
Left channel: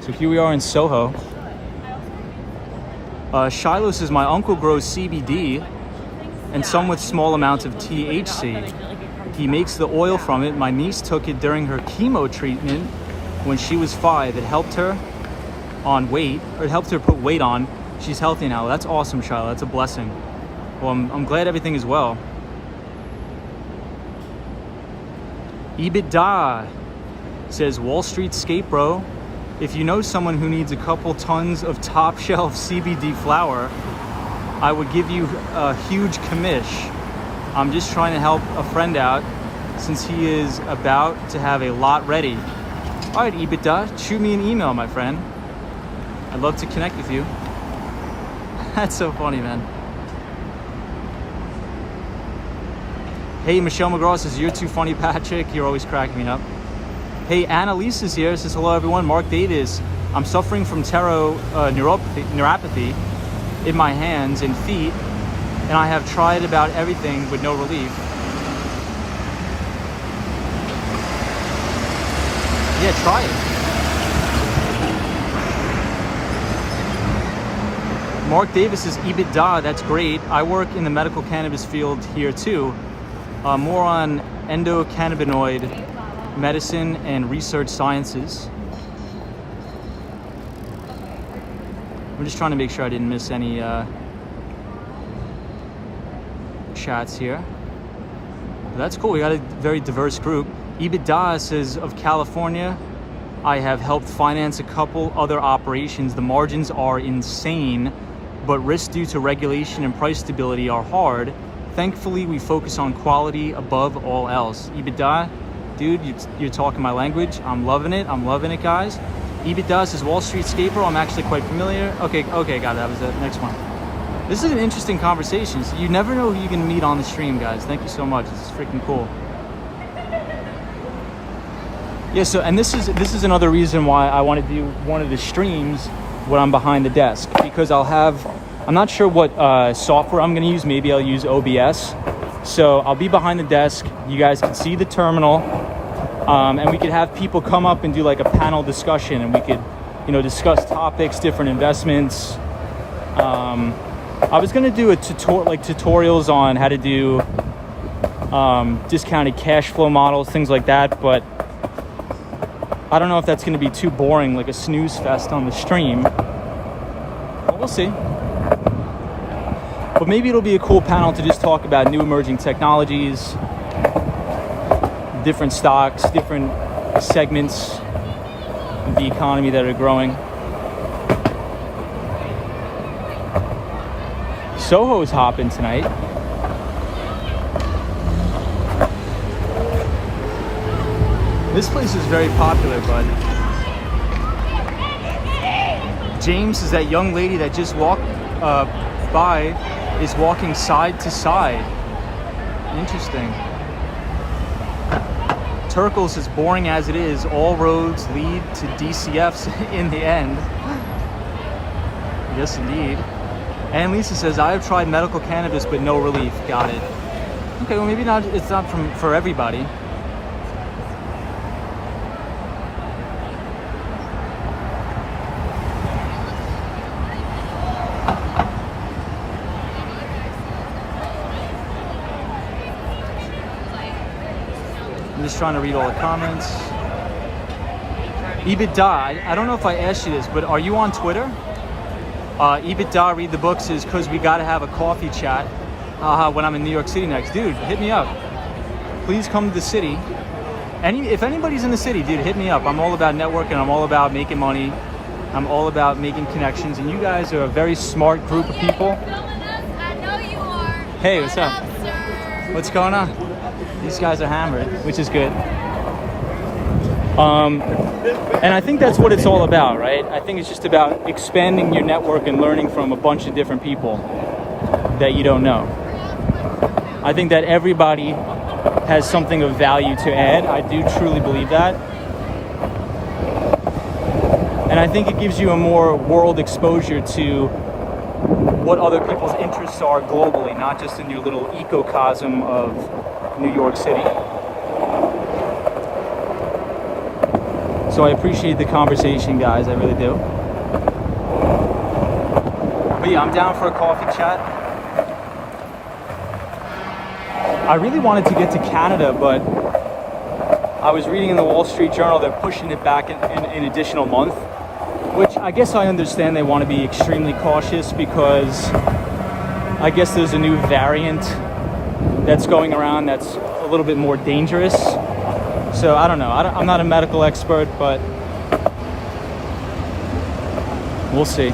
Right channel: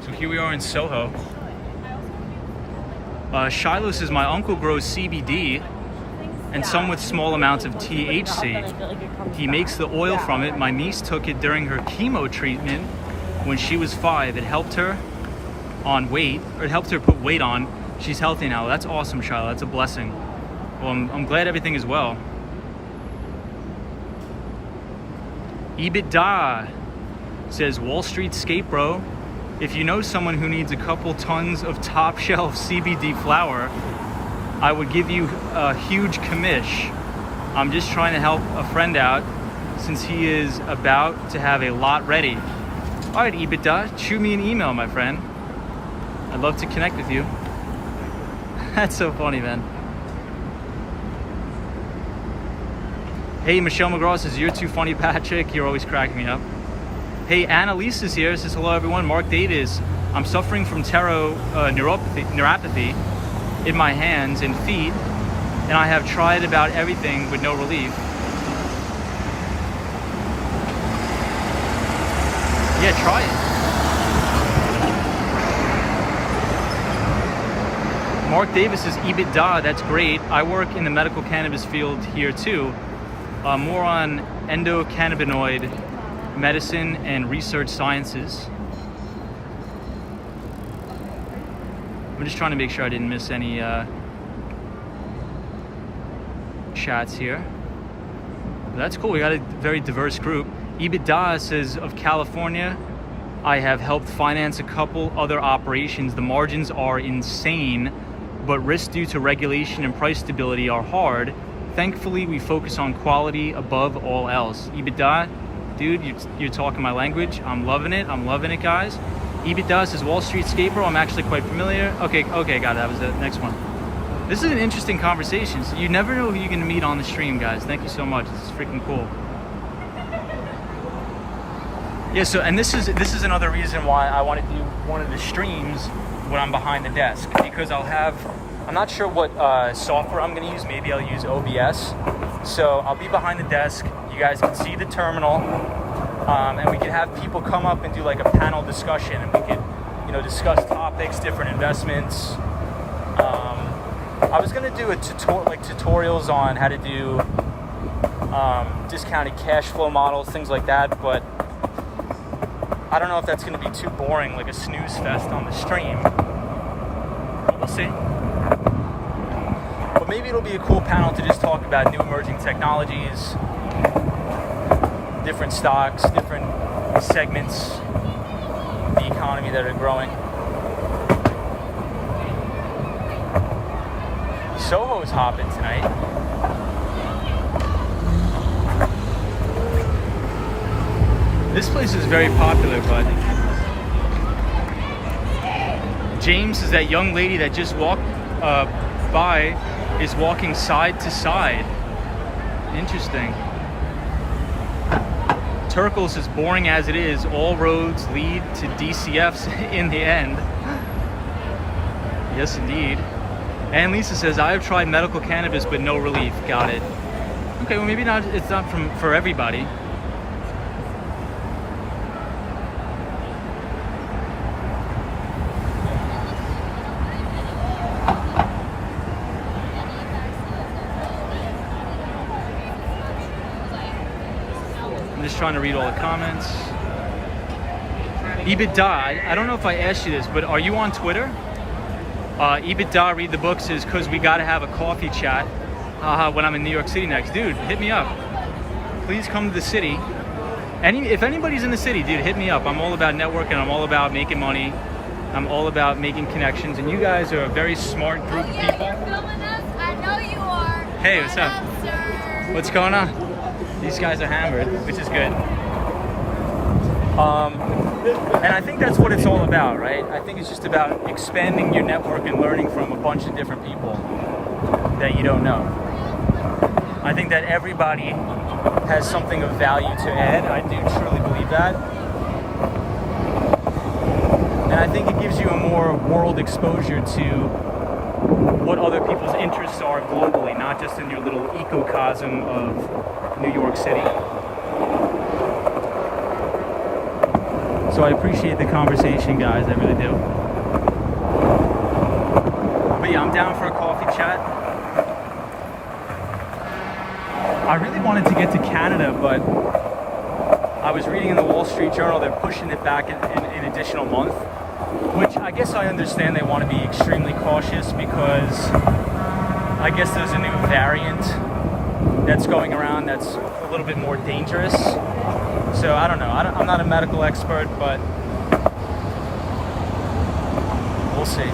So here we are in Soho. Shiloh says, my uncle grows CBD and some with small amounts of THC. He makes the oil from it. My niece took it during her chemo treatment when she was 5. It helped her on weight, or it helped her put weight on. She's healthy now. That's awesome, Shiloh. That's a blessing. Well, I'm glad everything is well. EBITDA says, Wall Street skate bro. If you know someone who needs a couple tons of top shelf CBD flower, I would give you a huge commish. I'm just trying to help a friend out since he is about to have a lot ready. All right, EBITDA, shoot me an email, my friend. I'd love to connect with you. That's so funny, man. Hey, Michelle McGraw says, you're too funny, Patrick. You're always cracking me up. Hey, Annalise is here. Says, hello, everyone. Mark Davis. I'm suffering from neuropathy in my hands and feet, and I have tried about everything with no relief. Yeah, try it. Mark Davis says, EBITDA, that's great. I work in the medical cannabis field here too. More on endocannabinoid medicine and research sciences. I'm just trying to make sure I didn't miss any chats here. That's cool. We got a very diverse group. EBITDA says, of California, I have helped finance a couple other operations. The margins are insane, but risks due to regulation and price stability are hard. Thankfully, we focus on quality above all else. EBITDA, dude, you're talking my language. I'm loving it. I'm loving it, guys. EBITDA says Wall Street Skateboard. I'm actually quite familiar. Okay, got it. That was the next one. This is an interesting conversation. So you never know who you're going to meet on the stream, guys. Thank you so much. This is freaking cool. Yeah, so, and this is another reason why I want to do one of the streams when I'm behind the desk, because I'm not sure what software I'm going to use. Maybe I'll use OBS. So I'll be behind the desk. You guys can see the terminal, and we could have people come up and do like a panel discussion, and we could, discuss topics, different investments. I was going to do a tutorials on how to do discounted cash flow models, things like that, but I don't know if that's going to be too boring, like a snooze fest on the stream. But we'll see. But maybe it'll be a cool panel to just talk about new emerging technologies, different stocks, different segments of the economy that are growing. Soho's hopping tonight. This place is very popular, bud. James is that young lady that just walked by, is walking side to side. Interesting. Turkles is boring as it is. All roads lead to DCFs in the end. Yes, indeed. And Lisa says, I have tried medical cannabis, but no relief. Got it. Okay, well maybe not. It's not for everybody. I'm just trying to read all the comments. EBITDA, I don't know if I asked you this, but are you on Twitter? EBITDA, read the books is because we got to have a coffee chat when I'm in New York City next. Dude, hit me up. Please come to the city. If anybody's in the city, dude, hit me up. I'm all about networking. I'm all about making money. I'm all about making connections. And you guys are a very smart group of people. I know you are. Hey, what's up? Sir. What's going on? These guys are hammered, which is good. And I think that's what it's all about, right? I think it's just about expanding your network and learning from a bunch of different people that you don't know. I think that everybody has something of value to add. I do truly believe that. And I think it gives you a more world exposure to what other people's interests are globally, not just in your little ecocosm of New York City. So I appreciate the conversation, guys. I really do. But yeah, I'm down for a coffee chat. I really wanted to get to Canada, but I was reading in the Wall Street Journal they're pushing it back an additional month, which I guess I understand they want to be extremely cautious because I guess there's a new variant that's going around that's a little bit more dangerous. So I don't know. I'm not a medical expert, but we'll see.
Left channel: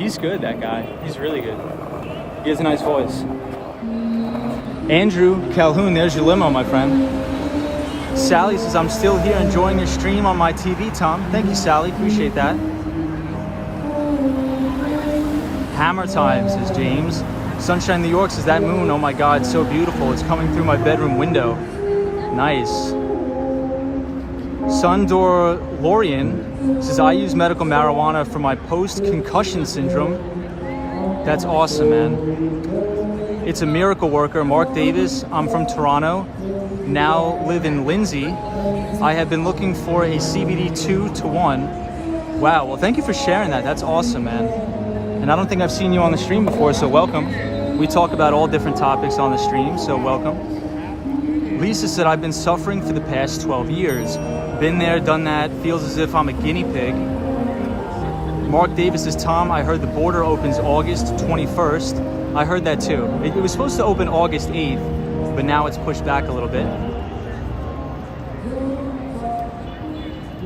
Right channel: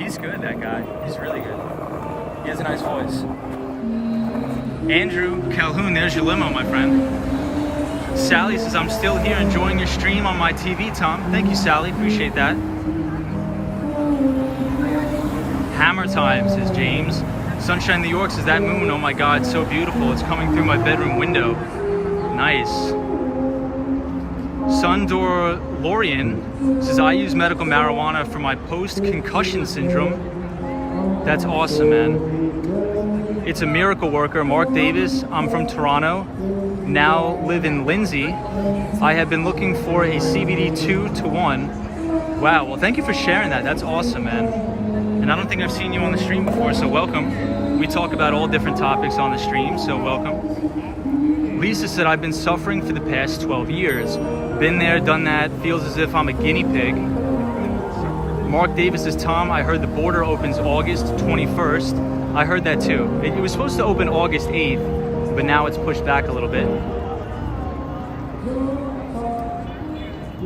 He's good, that guy. He's really good. He has a nice voice. Andrew Calhoun, there's your limo, my friend. Sally says, I'm still here enjoying your stream on my TV, Tom. Thank you, Sally. Appreciate that. Hammer time, says James. Sunshine New York says, that moon, oh my God, so beautiful. It's coming through my bedroom window. Nice. Sundor Lorian says, I use medical marijuana for my post-concussion syndrome. That's awesome, man. It's a miracle worker. Mark Davis, I'm from Toronto, now live in Lindsay. I have been looking for a CBD 2-to-1 Wow, well thank you for sharing that. That's awesome, man. And I don't think I've seen you on the stream before, so welcome. We talk about all different topics on the stream, so welcome. Lisa said, I've been suffering for the past 12 years. Been there, done that, feels as if I'm a guinea pig. Mark Davis says, Tom, I heard the border opens August 21st. I heard that too. It was supposed to open August 8th, but now it's pushed back a little bit.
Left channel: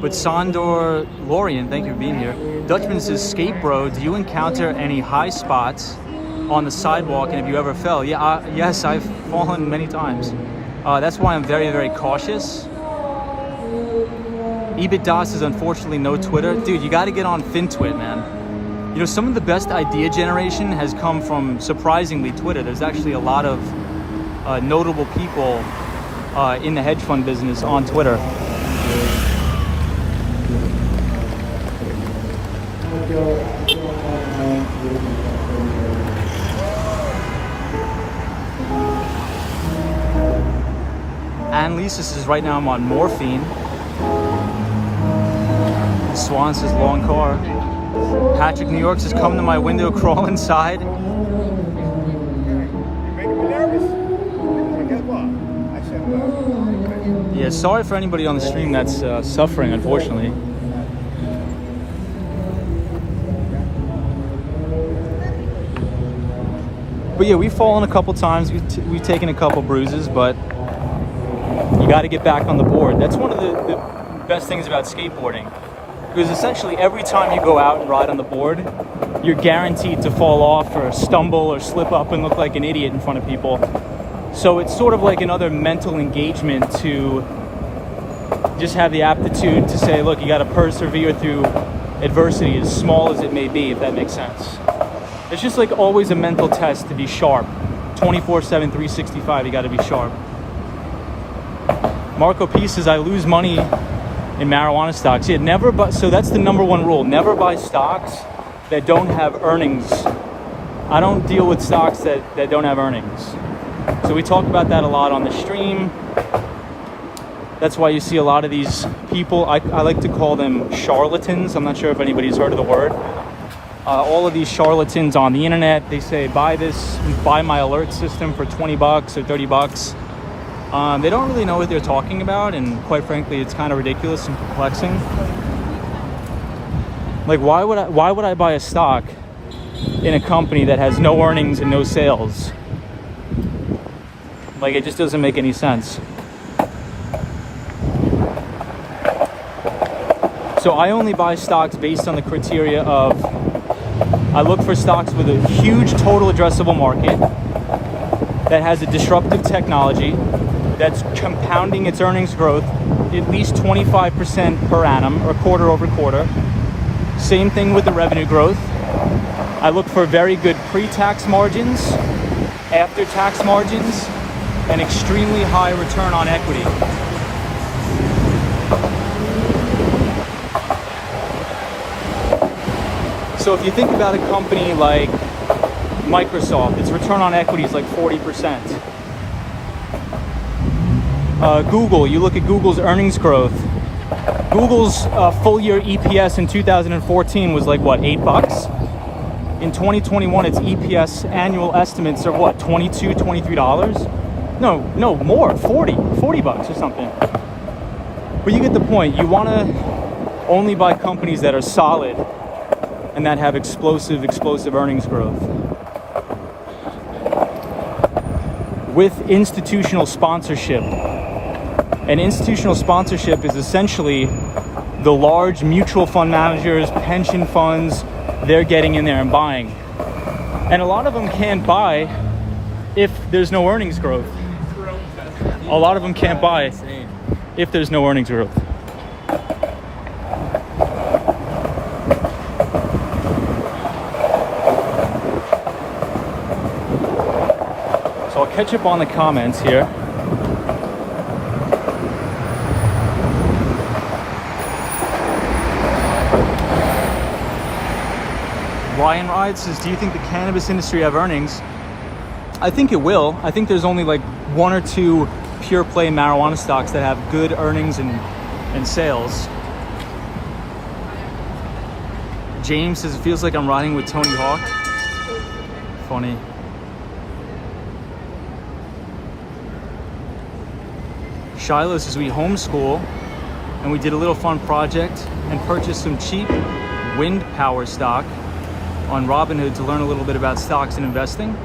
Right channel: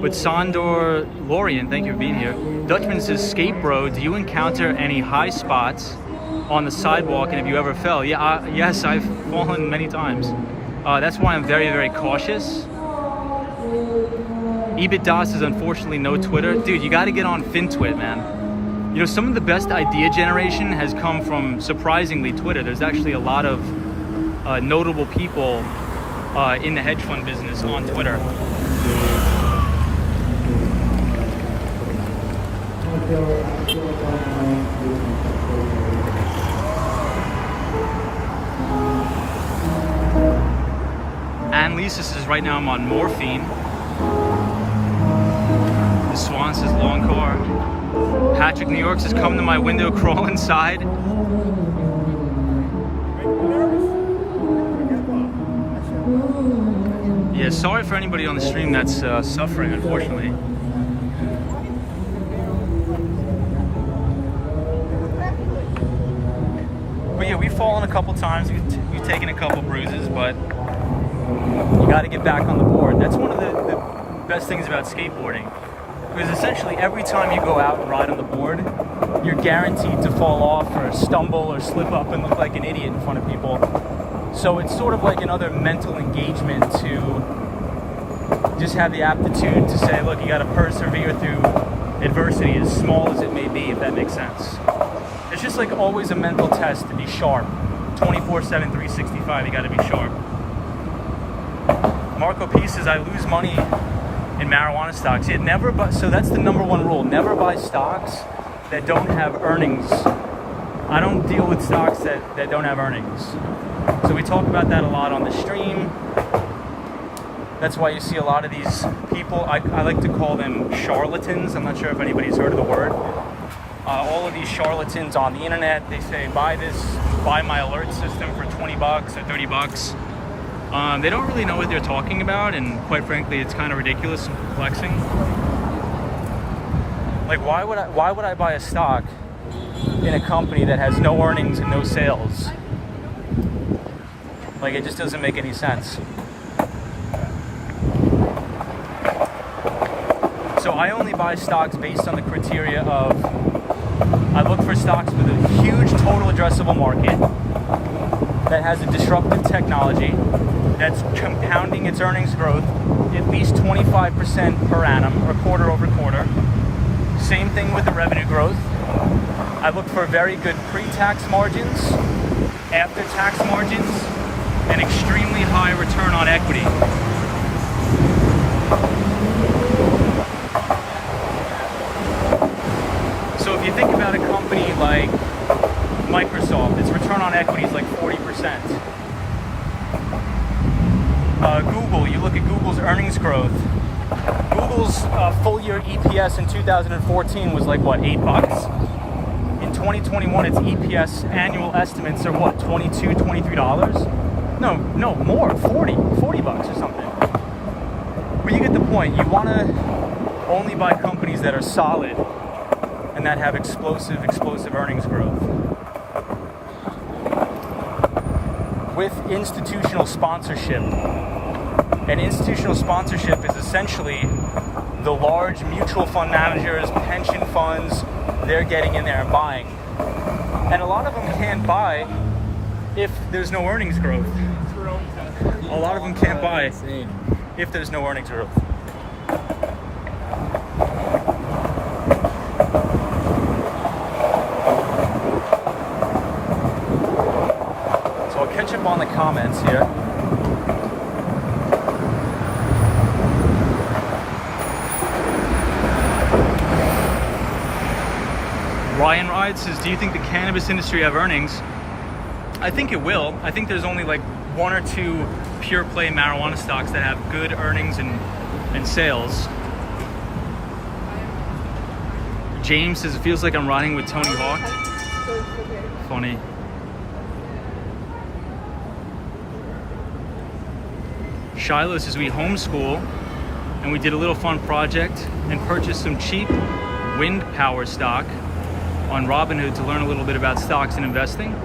But Sandor Lorian, thank you for being here. Dutchman says, Skate Bro, do you encounter any high spots on the sidewalk, and have you ever fell? Yeah, yes, I've fallen many times. That's why I'm very, very cautious. Ebit Das is unfortunately no Twitter. Dude, you gotta get on FinTwit, man. You know, some of the best idea generation has come from, surprisingly, Twitter. There's actually a lot of notable people in the hedge fund business on Twitter. And Lisa says, right now I'm on morphine. Swan says, long car. Patrick New York says, come to my window, crawl inside. Yeah, sorry for anybody on the stream that's suffering, unfortunately. But yeah, we've fallen a couple times, we've taken a couple bruises, but you got to get back on the board. That's one of the best things about skateboarding. Because essentially every time you go out and ride on the board, you're guaranteed to fall off or stumble or slip up and look like an idiot in front of people. So it's sort of like another mental engagement to just have the aptitude to say, look, you got to persevere through adversity, as small as it may be, if that makes sense. It's just like always a mental test to be sharp. 24/7, 365, you got to be sharp. Marco P says, I lose money in marijuana stocks. Yeah, never buy, so that's the number one rule. Never buy stocks that don't have earnings. I don't deal with stocks that don't have earnings. So we talk about that a lot on the stream. That's why you see a lot of these people, I like to call them charlatans. I'm not sure if anybody's heard of the word. All of these charlatans on the internet, they say, buy this, buy my alert system for 20 bucks or 30 bucks. They don't really know what they're talking about, and quite frankly, it's kind of ridiculous and perplexing. Like, why would I buy a stock in a company that has no earnings and no sales? Like, it just doesn't make any sense. So I only buy stocks based on the criteria of, I look for stocks with a huge total addressable market, that has a disruptive technology, that's compounding its earnings growth at least 25% per annum, or quarter over quarter. Same thing with the revenue growth. I look for very good pre-tax margins, after-tax margins, and extremely high return on equity. So if you think about a company like Microsoft, its return on equity is like 40%. Google, you look at Google's earnings growth. Google's full year EPS in 2014 was like what, $8? In 2021, its EPS annual estimates are what, $22, $23? No, more, 40 bucks or something. But you get the point. You want to only buy companies that are solid and that have explosive earnings growth. With institutional sponsorship. And institutional sponsorship is essentially the large mutual fund managers, pension funds, they're getting in there and buying. And a lot of them can't buy if there's no earnings growth. A lot of them can't buy if there's no earnings growth. So I'll catch up on the comments here. Ryan Ride says, do you think the cannabis industry have earnings? I think it will. I think there's only like one or two pure play marijuana stocks that have good earnings and sales. James says it feels like I'm riding with Tony Hawk. Funny. Shiloh says we homeschool and we did a little fun project and purchased some cheap wind power stock on Robinhood to learn a little bit about stocks and investing.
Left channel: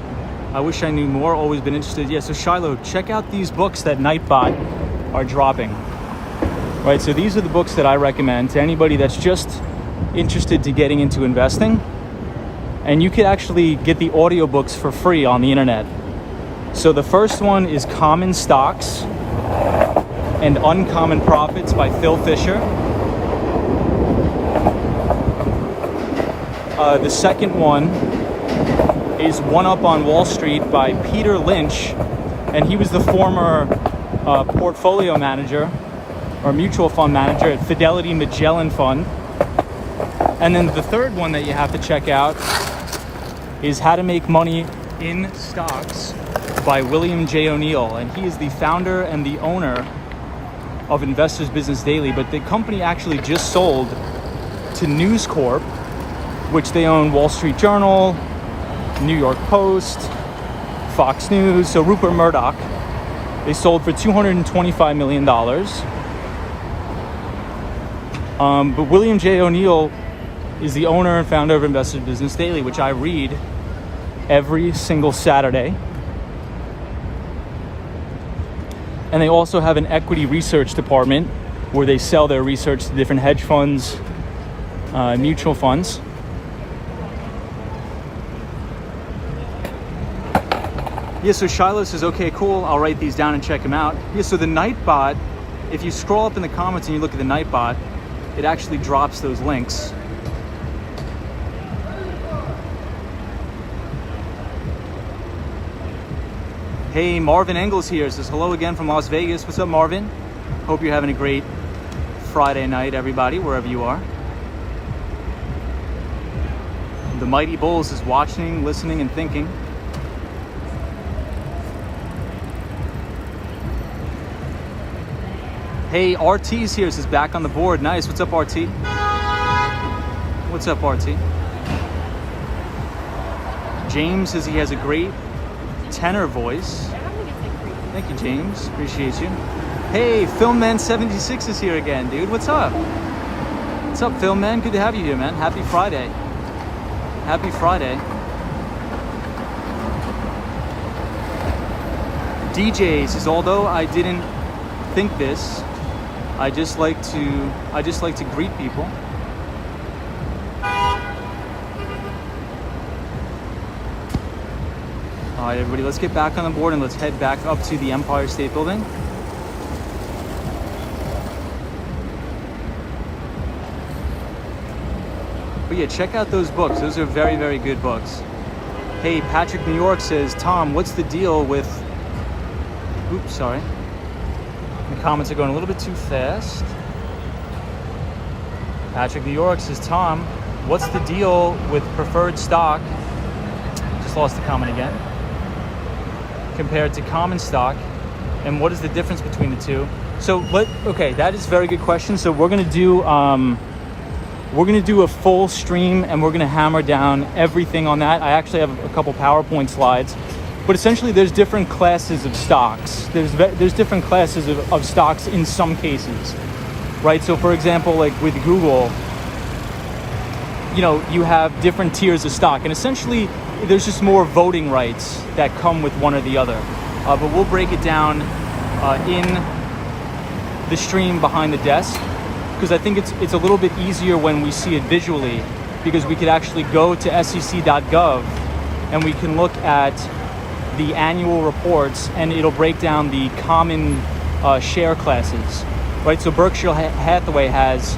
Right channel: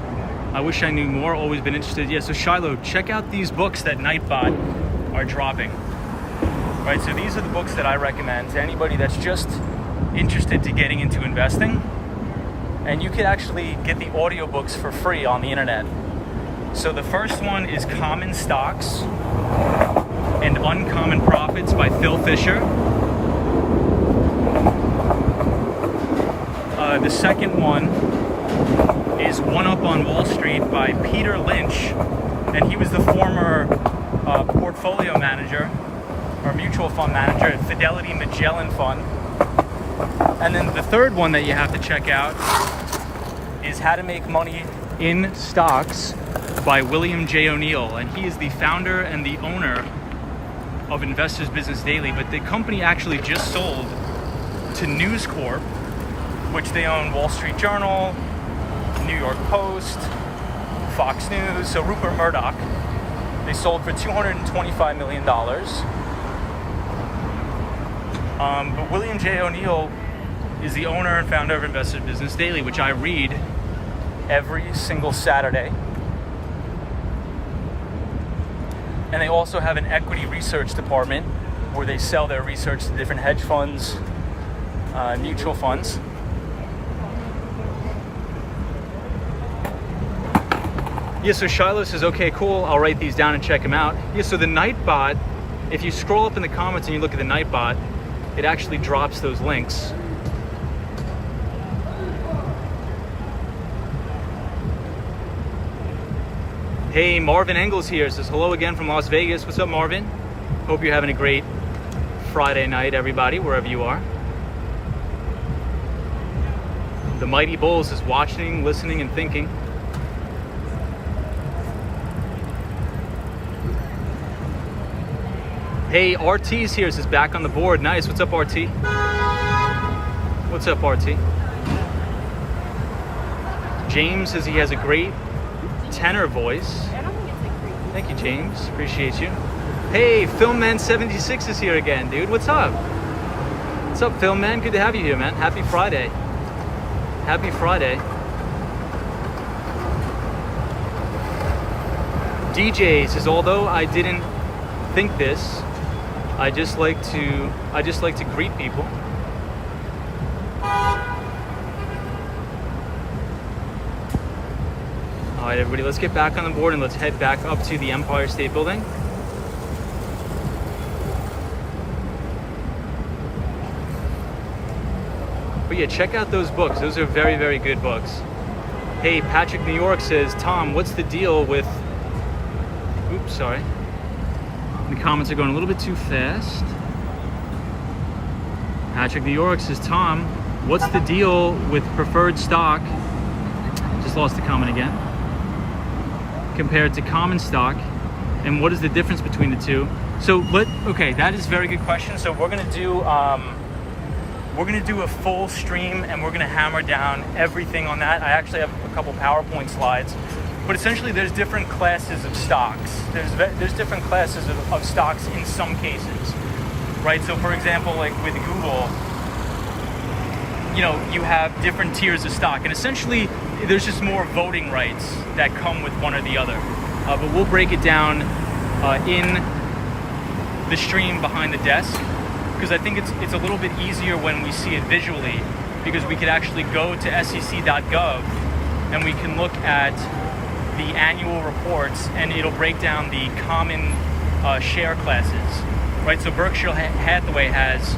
I wish I knew more, always been interested. Yeah, so Shiloh, check out these books that Nightbot are dropping. Right, so these are the books that I recommend to anybody that's just interested to getting into investing. And you can actually get the audiobooks for free on the internet. So the first one is Common Stocks and Uncommon Profits by Phil Fisher. The second one is One Up on Wall Street by Peter Lynch, and he was the former portfolio manager or mutual fund manager at Fidelity Magellan Fund. And then the third one that you have to check out is How to Make Money in Stocks by William J. O'Neill, and he is the founder and the owner of Investors Business Daily, but the company actually just sold to News Corp, which they own Wall Street Journal, New York Post, Fox News. So Rupert Murdoch, they sold for $225 million. But William J. O'Neill is the owner and founder of Investors Business Daily, which I read every single Saturday. And they also have an equity research department where they sell their research to different hedge funds, mutual funds. Yeah, so Shiloh says, okay, cool, I'll write these down and check them out. Yeah, so the Nightbot, if you scroll up in the comments and you look at the Nightbot, it actually drops those links. Hey, Marvin Engels here says, hello again from Las Vegas. What's up, Marvin? Hope you're having a great Friday night, everybody, wherever you are. The Mighty Bulls is watching, listening, and thinking. Hey, RT's here, says back on the board. Nice. What's up, RT? What's up, RT? James says he has a great tenor voice. Thank you, James. Appreciate you. Hey, Filmman76 is here again, dude. What's up? What's up, Filmman? Good to have you here, man. Happy Friday. Happy Friday. DJ says, although I didn't think this, I just like to greet people. All right, everybody, let's get back on the board and let's head back up to the Empire State Building. But yeah, check out those books. Those are very, very good books. Hey, Patrick New York says, Tom, what's the deal with... Oops, sorry. The comments are going a little bit too fast. Patrick New York says, Tom, what's the deal with preferred stock? Just lost the comment again. Compared to common stock, and what is the difference between the two? So okay, that is a very good question. So we're gonna do a full stream, and we're gonna hammer down everything on that. I actually have a couple PowerPoint slides. But essentially, there's different classes of stocks. There's different classes of stocks in some cases, right? So for example, like with Google, you know, you have different tiers of stock, and essentially there's just more voting rights that come with one or the other. But we'll break it down in the stream behind the desk, because I think it's a little bit easier when we see it visually, because we could actually go to sec.gov and we can look at the annual reports, and it'll break down the common share classes, right? So Berkshire Hathaway has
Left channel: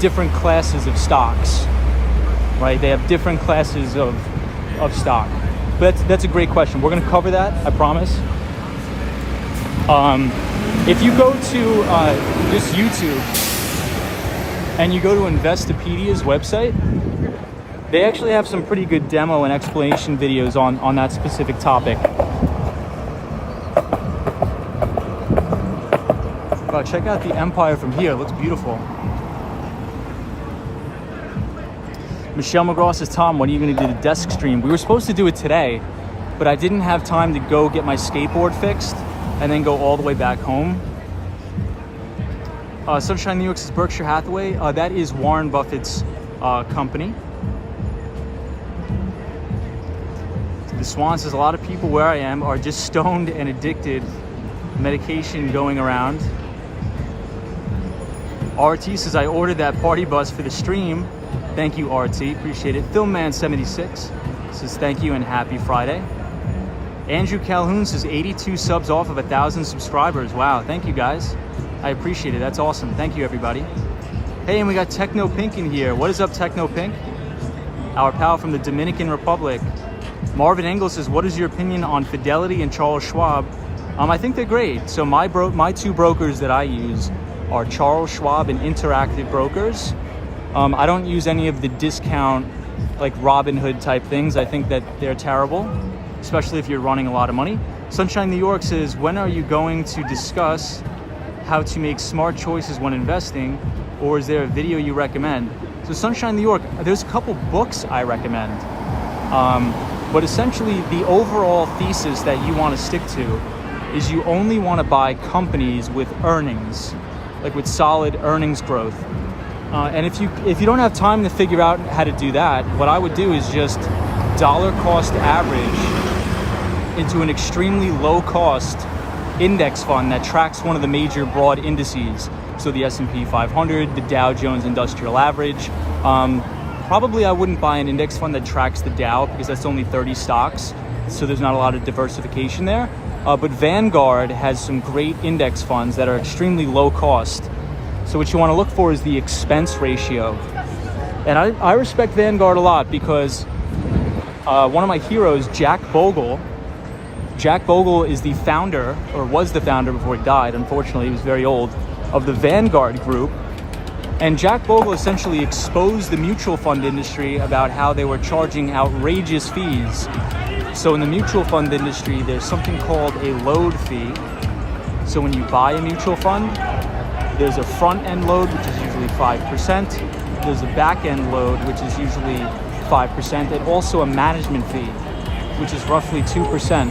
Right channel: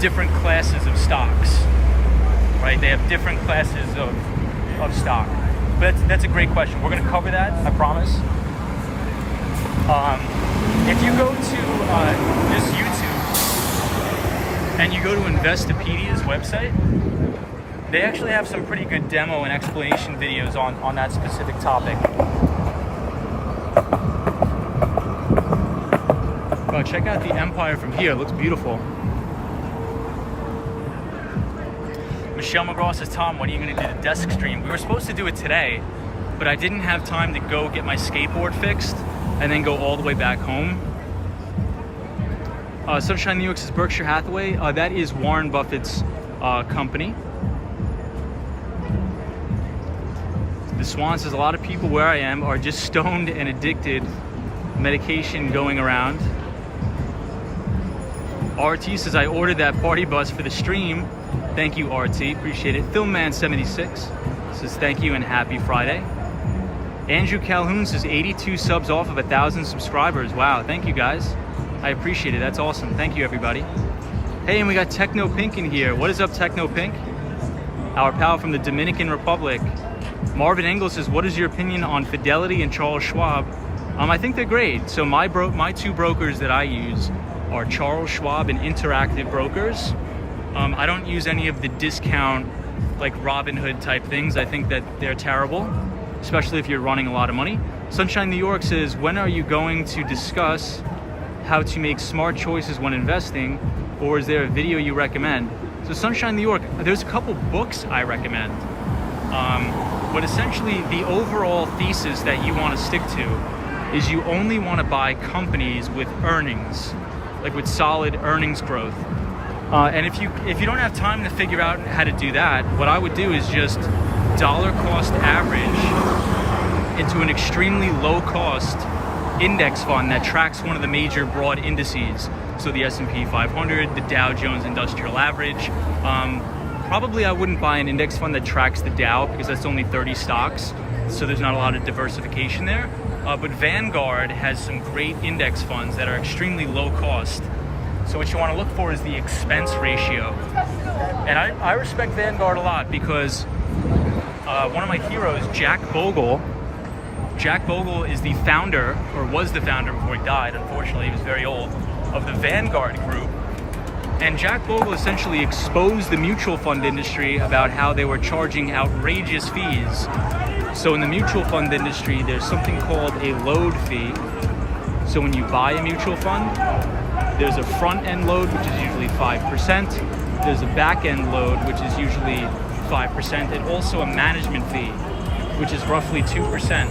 different classes of stocks, right? They have different classes of stock. But that's a great question. We're going to cover that, I promise. If you go to this YouTube and you go to Investopedia's website, they actually have some pretty good demo and explanation videos on that specific topic. Oh, check out the Empire from here. It looks beautiful. Michelle McGraw says, Tom, when are you going to do the desk stream? We were supposed to do it today, but I didn't have time to go get my skateboard fixed and then go all the way back home. Sunshine New York says Berkshire Hathaway. That is Warren Buffett's company. The Swan says a lot of people where I am are just stoned and addicted. Medication going around. RT says I ordered that party bus for the stream. Thank you, RT. Appreciate it. Filmman76 says thank you and happy Friday. Andrew Calhoun says 82 subs off of 1,000 subscribers. Wow, thank you guys. I appreciate it. That's awesome. Thank you, everybody. Hey, and we got Techno Pink in here. What is up, Techno Pink? Our pal from the Dominican Republic. Marvin Engel says, what is your opinion on Fidelity and Charles Schwab? I think they're great. So my two brokers that I use are Charles Schwab and Interactive Brokers. I don't use any of the discount, like Robinhood type things. I think that they're terrible, especially if you're running a lot of money. Sunshine New York says, when are you going to discuss how to make smart choices when investing, or is there a video you recommend? So Sunshine New York, there's a couple books I recommend. But essentially the overall thesis that you want to stick to is you only want to buy companies with earnings, like with solid earnings growth. And if you don't have time to figure out how to do that, what I would do is just dollar cost average into an extremely low cost index fund that tracks one of the major broad indices. So the S&P 500, the Dow Jones Industrial Average. Probably I wouldn't buy an index fund that tracks the Dow because that's only 30 stocks. So there's not a lot of diversification there. But Vanguard has some great index funds that are extremely low cost. So what you want to look for is the expense ratio. And I respect Vanguard a lot because one of my heroes, Jack Bogle is the founder, or was the founder before he died, unfortunately, he was very old, of the Vanguard Group. And Jack Bogle essentially exposed the mutual fund industry about how they were charging outrageous fees. So in the mutual fund industry, there's something called a load fee. So when you buy a mutual fund, there's a front-end load, which is usually 5%. There's a back-end load, which is usually 5%, and also a management fee, which is roughly 2%.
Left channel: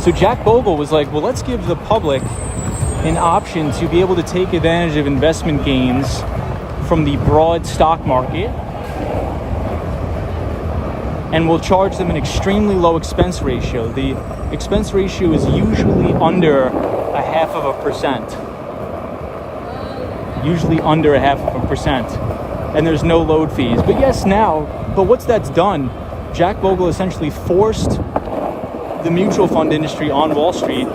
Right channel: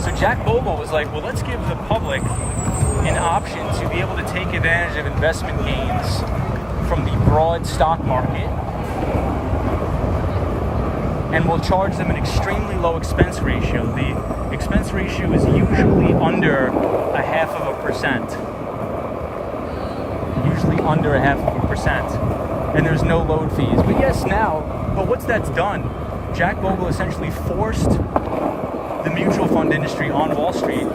So Jack Bogle was like, well, let's give the public an option to be able to take advantage of investment gains from the broad stock market, and we'll charge them an extremely low expense ratio. The expense ratio is usually under a 0.5%. Usually under a 0.5%. And there's no load fees. But yes, but once that's done, Jack Bogle essentially forced the mutual fund industry on Wall Street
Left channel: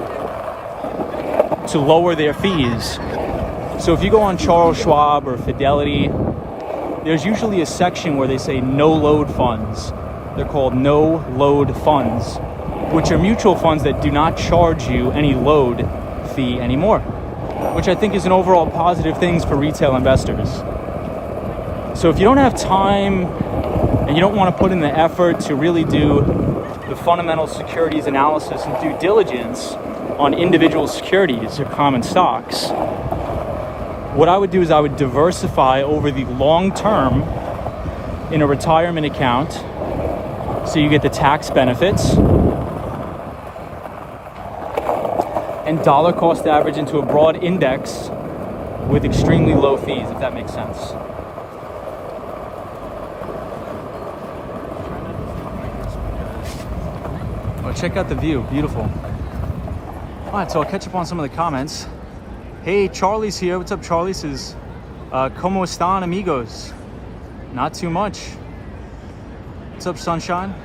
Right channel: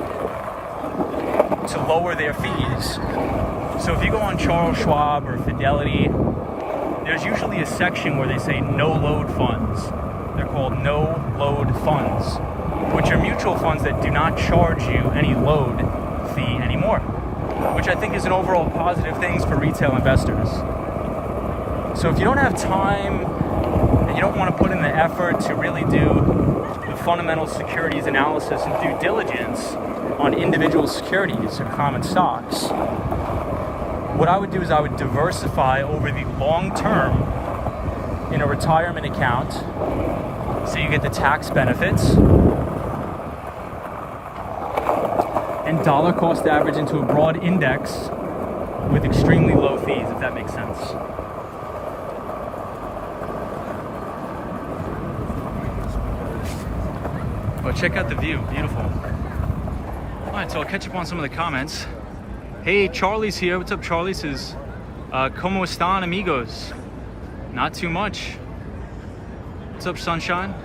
to lower their fees. So if you go on Charles Schwab or Fidelity, there's usually a section where they say no load funds. They're called no load funds, which are mutual funds that do not charge you any load fee anymore, which I think is an overall positive thing for retail investors. So if you don't have time and you don't want to put in the effort to really do the fundamental securities analysis and due diligence on individual securities or common stocks, what I would do is I would diversify over the long term in a retirement account so you get the tax benefits, and dollar cost average into a broad index with extremely low fees, if that makes sense. Oh, check out the view, beautiful. All right, so I'll catch up on some of the comments. Hey, Charlie's here. What's up, Charlie? Says, ¿Cómo están, amigos? Not too much. What's up, Sunshine?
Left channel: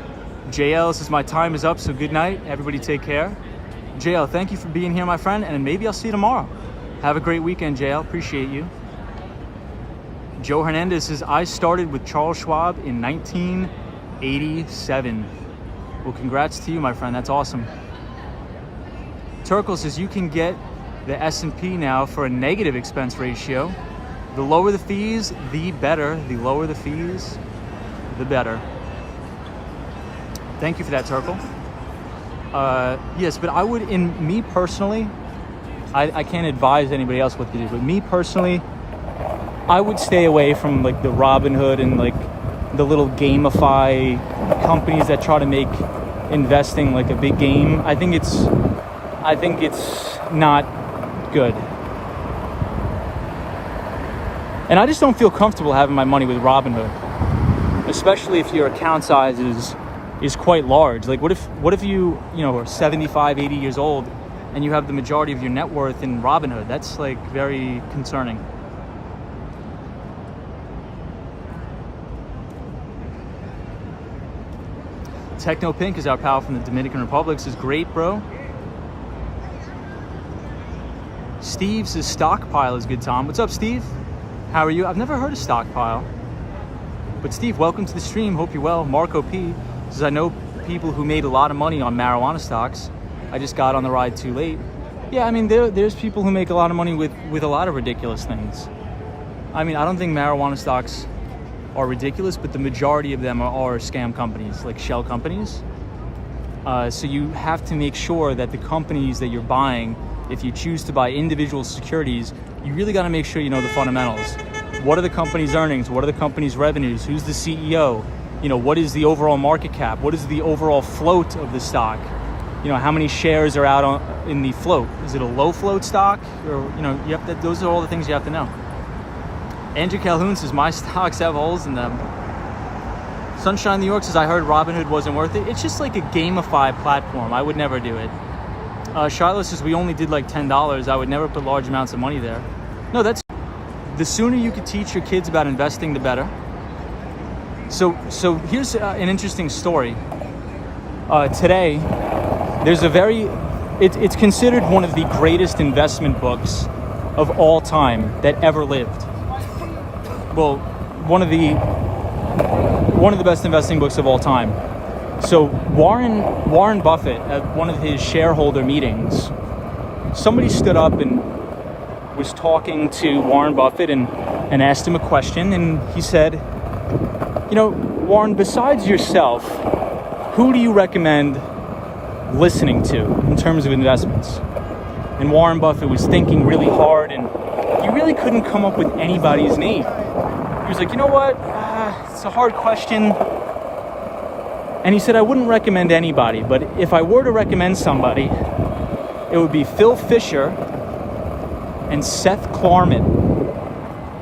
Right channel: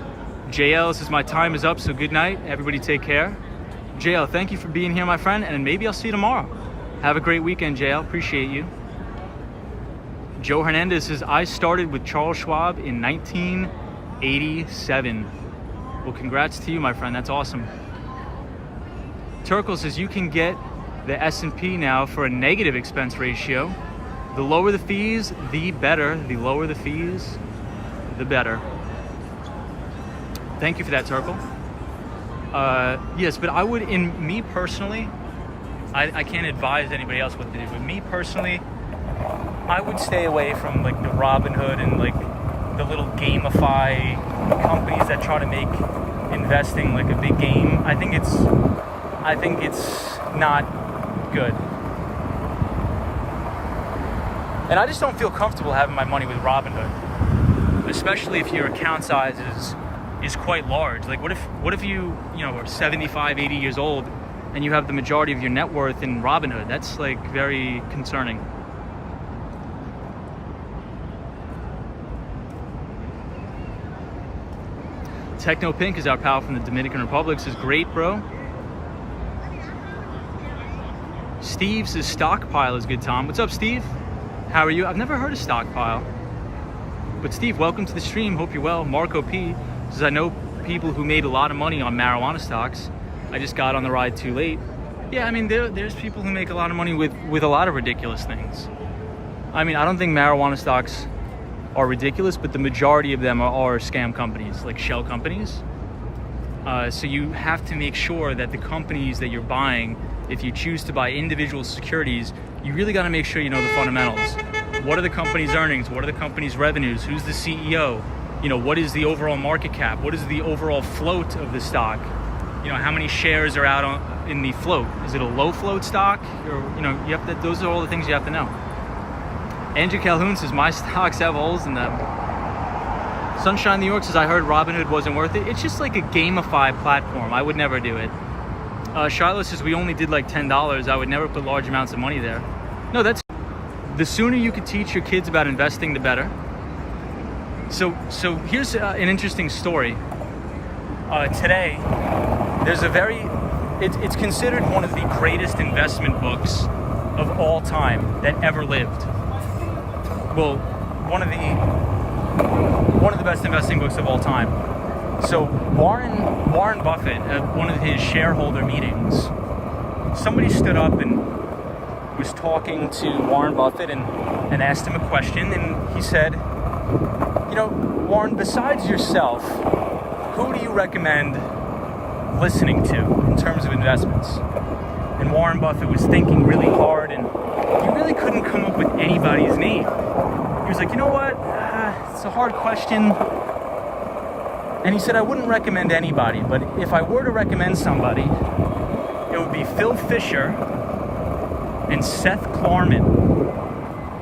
JL says, my time is up, so good night. Everybody take care. JL, thank you for being here, my friend, and maybe I'll see you tomorrow. Have a great weekend, JL. Appreciate you. Joe Hernandez says, I started with Charles Schwab in 1987. Well, congrats to you, my friend. That's awesome. Turkle says, you can get the S&P now for a negative expense ratio. The lower the fees, the better. The lower the fees, the better. Thank you for that, Turkle. Yes, but I would, me personally, I can't advise anybody else what to do, but me personally, I would stay away from like the Robinhood and like the little gamify companies that try to make investing like a big game. I think it's not good. And I just don't feel comfortable having my money with Robinhood, especially if your account size is quite large. Like what if you are 75, 80 years old and you have the majority of your net worth in Robinhood? That's like very concerning. Techno Pink is our pal from the Dominican Republic. Says, great, bro. Steve says, stockpile is good, Tom. What's up, Steve? How are you? I've never heard of stockpile. But Steve, welcome to the stream. Hope you're well. Marco P says, I know people who made a lot of money on marijuana stocks. I just got on the ride too late. Yeah, I mean, there's people who make a lot of money with a lot of ridiculous things. I mean, I don't think marijuana stocks are ridiculous, but the majority of them are scam companies, like shell companies. So you have to make sure that the companies that you're buying, if you choose to buy individual securities, you really got to make sure you know the fundamentals. What are the company's earnings? What are the company's revenues? Who's the CEO? What is the overall market cap? What is the overall float of the stock? How many shares are out in the float? Is it a low float stock? Or, you have to, those are all the things you have to know. Andrew Calhoun says, my stocks have holes in them. Sunshine New York says, I heard Robinhood wasn't worth it. It's just like a gamified platform. I would never do it. Shiloh says, we only did like $10. I would never put large amounts of money there. No, the sooner you could teach your kids about investing, the better. So here's an interesting story. Today, there's it's considered one of the greatest investment books of all time that ever lived. Well, one of the best investing books of all time. So Warren Buffett, at one of his shareholder meetings, somebody stood up and was talking to Warren Buffett and asked him a question, and he said, Warren, besides yourself, who do you recommend listening to in terms of investments? And Warren Buffett was thinking really hard, and he really couldn't come up with anybody's name. He was like, you know what? It's a hard question. And he said, I wouldn't recommend anybody, but if I were to recommend somebody, it would be Phil Fisher and Seth Klarman.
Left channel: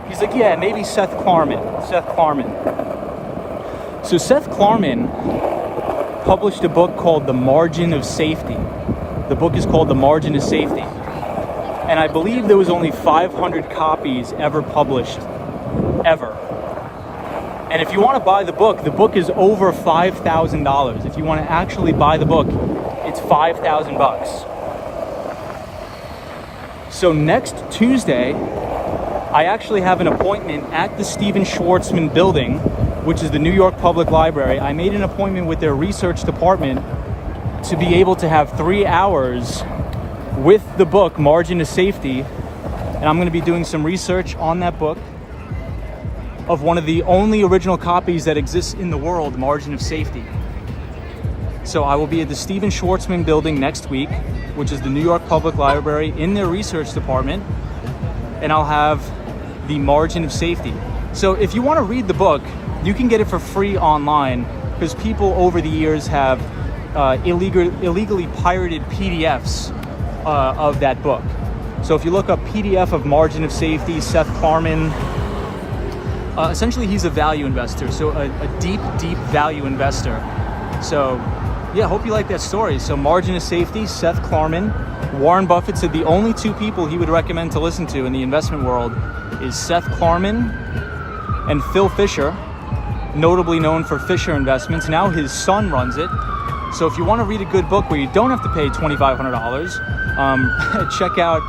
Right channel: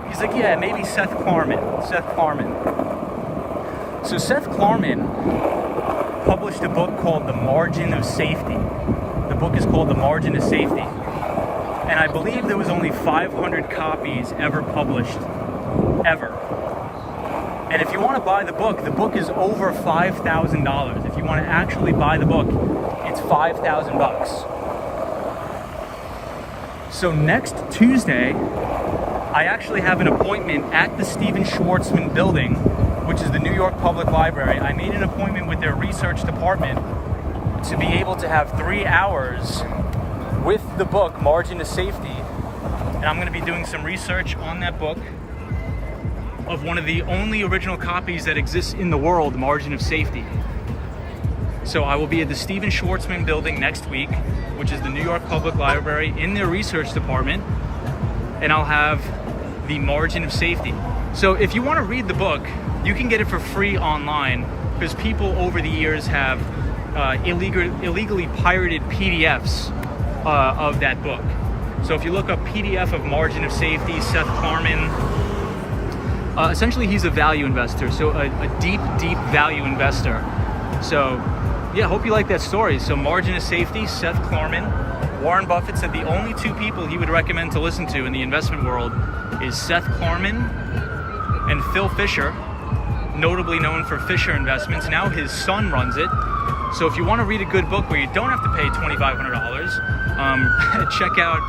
He's like, yeah, maybe Seth Klarman. So Seth Klarman published a book called The Margin of Safety. The book is called The Margin of Safety. And I believe there was only 500 copies ever published, ever. And if you want to buy the book is over $5,000. If you want to actually buy the book, it's $5,000. So next Tuesday, I actually have an appointment at the Stephen Schwarzman building, which is the New York Public Library. I made an appointment with their research department to be able to have 3 hours with the book, Margin of Safety. And I'm going to be doing some research on that book, of one of the only original copies that exists in the world, Margin of Safety. So I will be at the Stephen Schwarzman building next week, which is the New York Public Library, in their research department, and I'll have the Margin of Safety. So if you want to read the book, you can get it for free online, because people over the years have illegally pirated PDFs of that book. So if you look up PDF of Margin of Safety, Seth Klarman, essentially he's a value investor, so a deep value investor. So yeah, hope you like that story. So Margin of Safety, Seth Klarman. Warren Buffett said the only 2 people he would recommend to listen to in the investment world is Seth Klarman and Phil Fisher, notably known for Fisher Investments. Now his son runs it. So if you want to read a good book where you don't have to pay $2,500, check out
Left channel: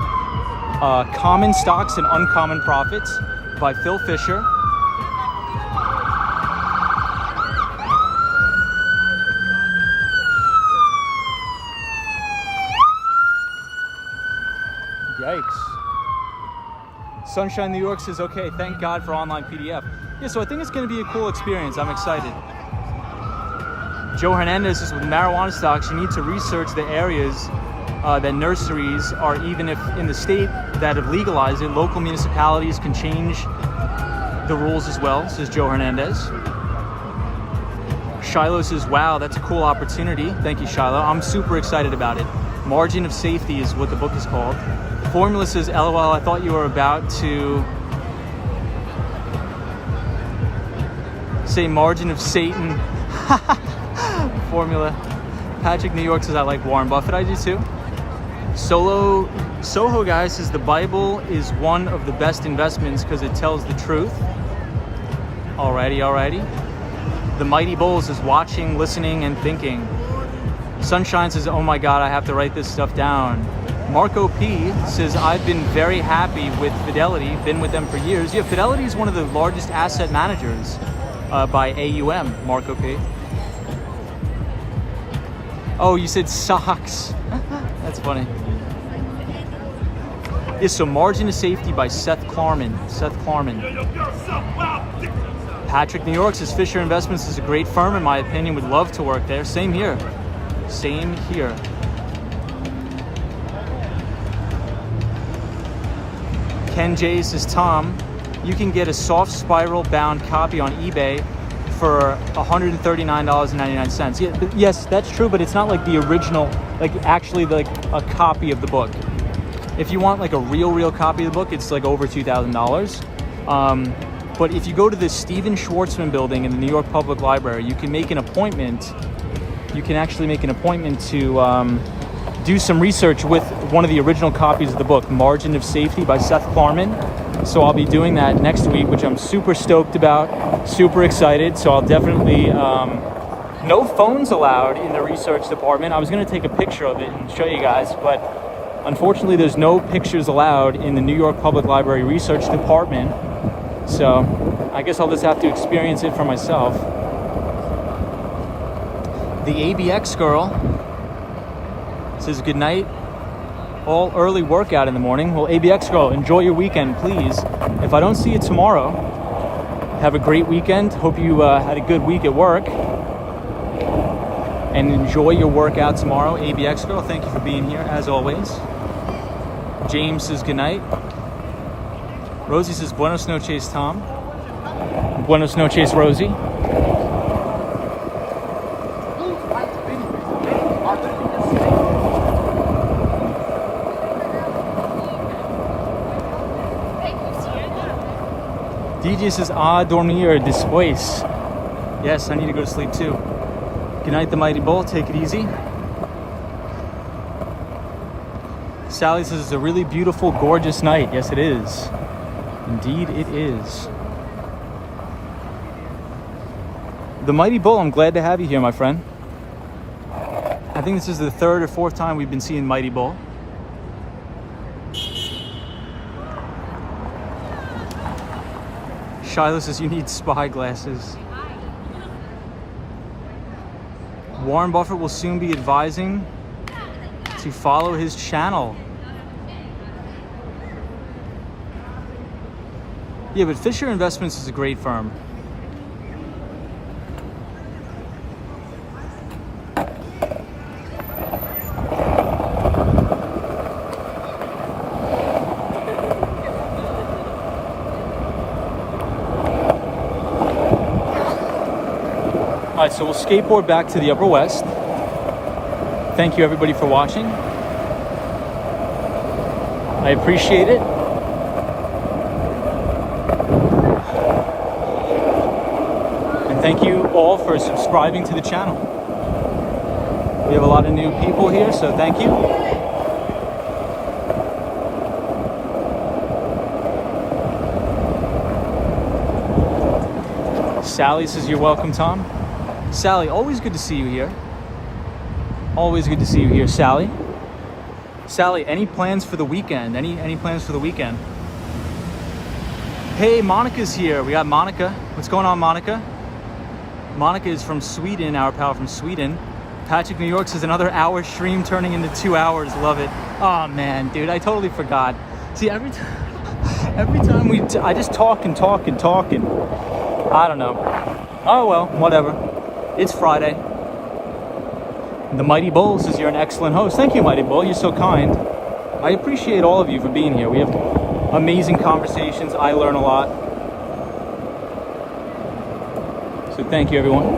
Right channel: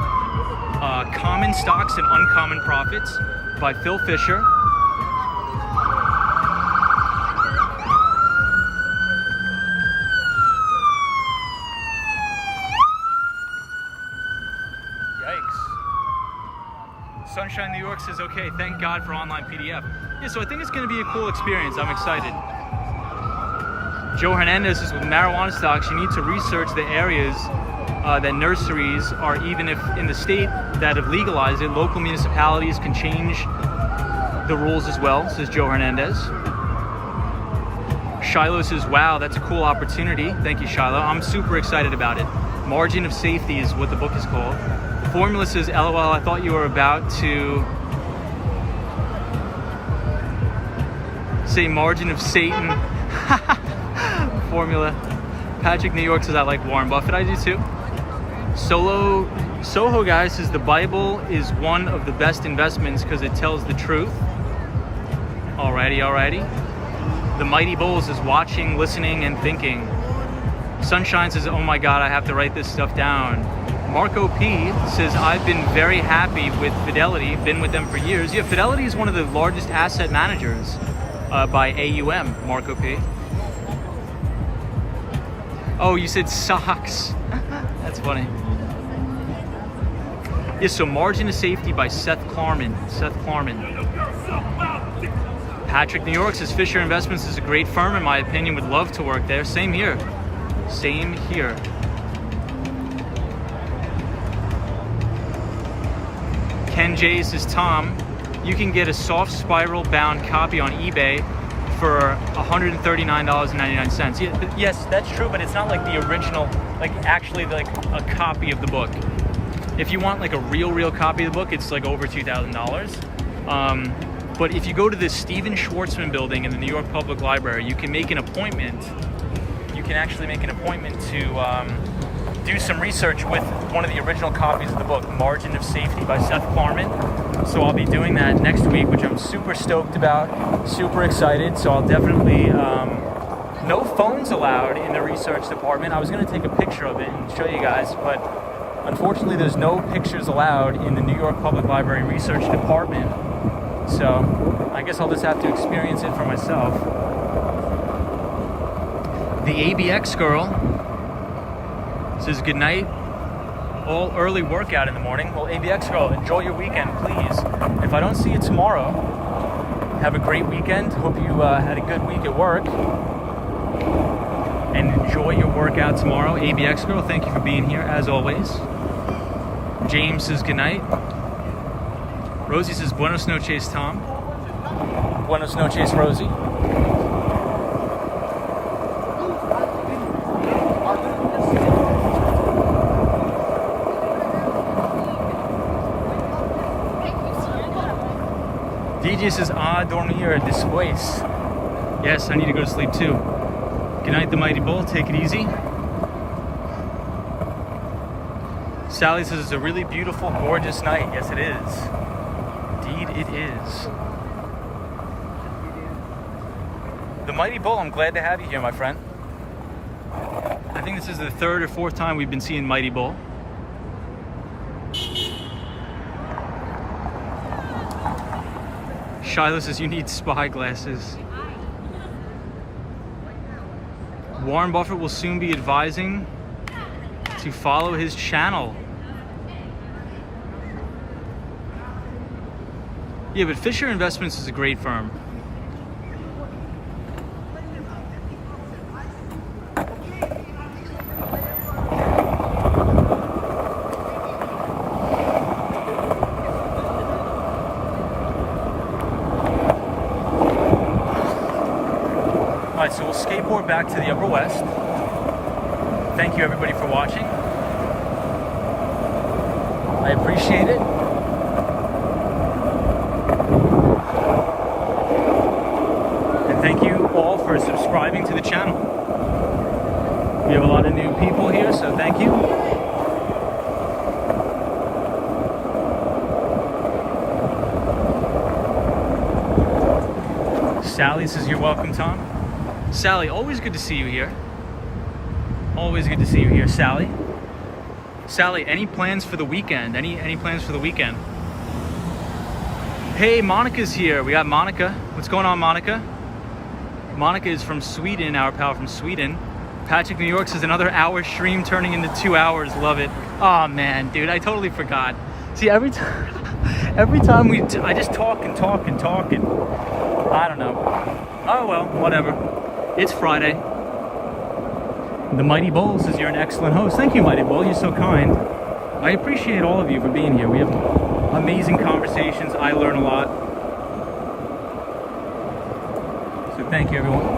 Common Stocks and Uncommon Profits by Phil Fisher. Yikes. Sunshine New York says, okay, thank God for online PDF. Yeah, so I think it's going to be a cool experience. I'm excited. Joe Hernandez says, with marijuana stocks, you need to research the areas that nurseries are, even if in the state that have legalized it, local municipalities can change the rules as well, says Joe Hernandez. Shiloh says, wow, that's a cool opportunity. Thank you, Shiloh. I'm super excited about it. Margin of Safety is what the book is called. Formula says, LOL, I thought you were about to say Margin of Satan. Formula. Patrick New York says, I like Warren Buffett. I do too. Soho guy says, the Bible is one of the best investments because it tells the truth. Alrighty. The Mighty Bull says, watching, listening, and thinking. Sunshine says, oh my God, I have to write this stuff down. Marco P says, I've been very happy with Fidelity, been with them for years. Yeah, Fidelity is one of the largest asset managers by AUM, Marco P. Oh, you said socks. That's funny. Yeah, so Margin of Safety by Seth Klarman. Patrick New York says, Fisher Investments is a great firm, in my opinion, would love to work there. Same here. Ken J says, Tom, you can get a soft spiral bound copy on eBay for $139.99. Yeah, yes, that's true, but it's not like the original, like actually like a copy of the book. If you want like a real copy of the book, it's like over $2,000. But if you go to the Stephen Schwartzman building in the New York Public Library, you can make an appointment. You can actually make an appointment to do some research with one of the original copies of the book, Margin of Safety by Seth Klarman. So I'll be doing that next week, which I'm super stoked about, super excited. So I'll definitely, no phones allowed in the research department. I was gonna take a picture of it and show you guys, but unfortunately there's no pictures allowed in the New York Public Library research department. So I guess I'll just have to experience it for myself. The ABX girl says, good night. All early workout in the morning. Well, ABX girl, enjoy your weekend, please. If I don't see you tomorrow, have a great weekend. Hope you had a good week at work. And enjoy your workout tomorrow. ABX girl, thank you for being here, as always. James says, good night. Rosie says, buenos noches, Tom. Buenos noches, Rosie. DJ says, dormir después. Yes, I need to go to sleep too. Good night, the Mighty Bull. Take it easy. Sally says, it's a really beautiful, gorgeous night. Yes, it is. Indeed, it is. The Mighty Bull, I'm glad to have you here, my friend. I think this is the third or fourth time we've been seeing Mighty Bull. Shiloh says, you need spy glasses. Warren Buffett will soon be advising to follow his channel. Yeah, but Fisher Investments is a great firm. Alright, so we'll skateboard back to the Upper West. Thank you everybody for watching. I appreciate it. And thank you all for subscribing to the channel. We have a lot of new people here, so thank you. Sally says, you're welcome, Tom. Sally, always good to see you here. Always good to see you here, Sally. Sally, any plans for the weekend? Any plans for the weekend? Hey, Monica's here. We got Monica. What's going on, Monica? Monica is from Sweden, our pal from Sweden. Patrick New York says, another hour stream turning into 2 hours. Love it. Oh man, dude, I totally forgot. See, every time I just talk and talk and talk and I don't know. Oh well, whatever. It's Friday. The Mighty Bull says, you're an excellent host. Thank you, Mighty Bull. You're so kind. I appreciate all of you for being here. We have amazing conversations. I learn a lot. Thank you, everyone.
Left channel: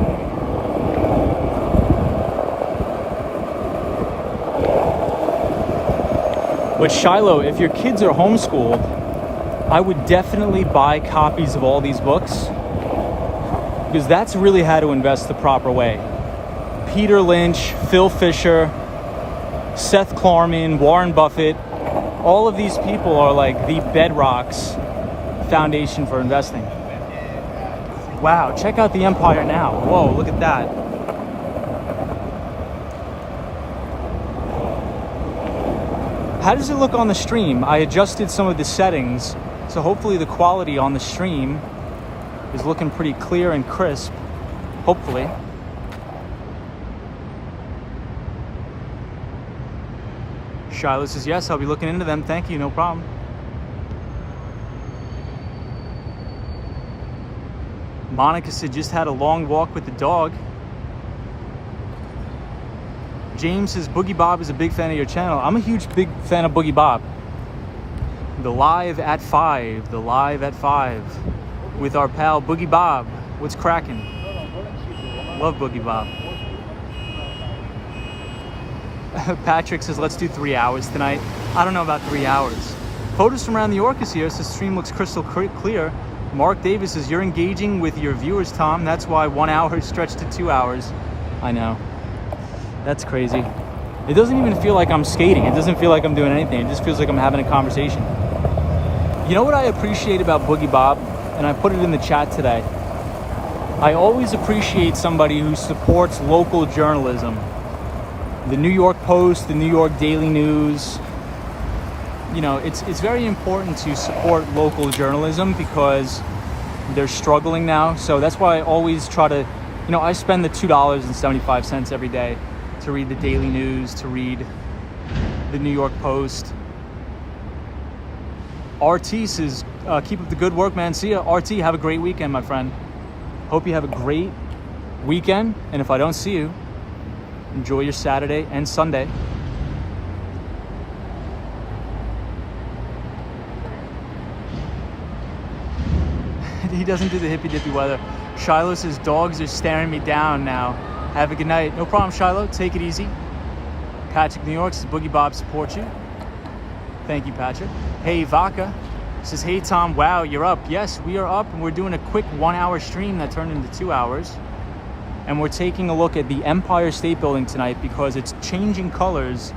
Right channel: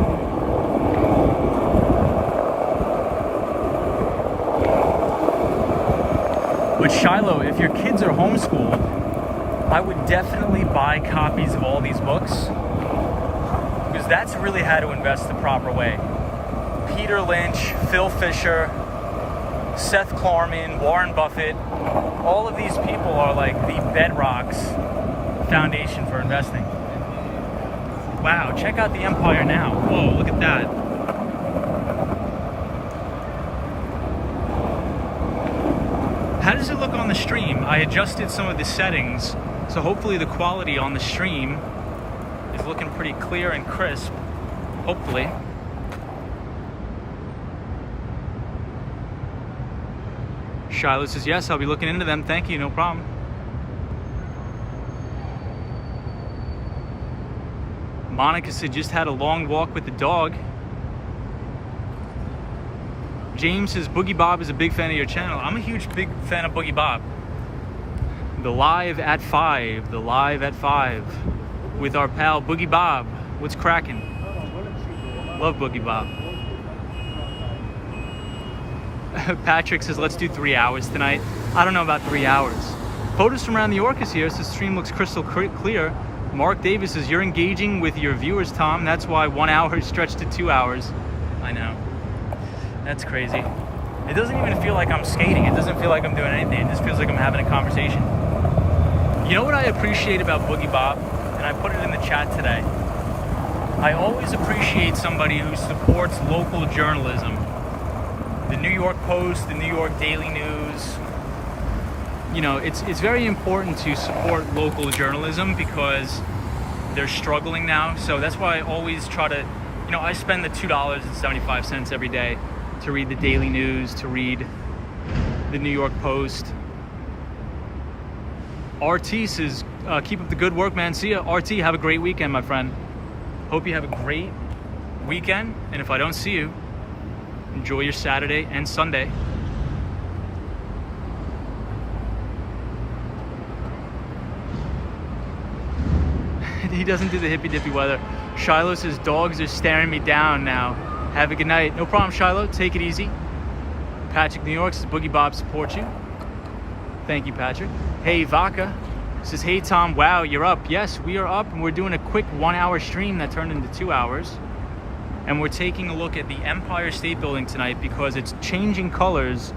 But Shiloh, if your kids are homeschooled, I would definitely buy copies of all these books, because that's really how to invest the proper way. Peter Lynch, Phil Fisher, Seth Klarman, Warren Buffett, all of these people are like the bedrocks foundation for investing. Wow, check out the Empire now. Whoa, look at that. How does it look on the stream? I adjusted some of the settings, so hopefully the quality on the stream is looking pretty clear and crisp. Hopefully. Shiloh says, yes, I'll be looking into them. Thank you, no problem. Monica said, just had a long walk with the dog. James says, Boogie Bob is a big fan of your channel. I'm a big fan of Boogie Bob. The live at 5 with our pal Boogie Bob. What's cracking? Love Boogie Bob. Patrick says, let's do 3 hours tonight. I don't know about 3 hours. Photos from around New York is here, so the stream looks crystal clear. Mark Davis says, you're engaging with your viewers, Tom. That's why 1 hour is stretched to 2 hours. I know. That's crazy. It doesn't even feel like I'm skating. It doesn't feel like I'm doing anything. It just feels like I'm having a conversation. You know what I appreciate about Boogie Bob? And I put it in the chat today. I always appreciate somebody who supports local journalism. The New York Post, the New York Daily News. You know, it's very important to support local journalism because they're struggling now. So that's why I always try to, you know, I spend the $2.75 every day to read the Daily News, to read the New York Post. RT says, keep up the good work, man. See ya. RT, have a great weekend, my friend. Hope you have a great weekend. And if I don't see you, enjoy your Saturday and Sunday. He doesn't do the hippy dippy weather. Shiloh says, dogs are staring me down now. Have a good night. No problem, Shiloh. Take it easy. Patrick, New York says, Boogie Bob supports you. Thank you, Patrick. Hey, Vaca says, hey, Tom, wow, you're up. Yes, we are up, and we're doing a quick 1 hour stream that turned into 2 hours. And we're taking a look at the Empire State Building tonight because it's changing colors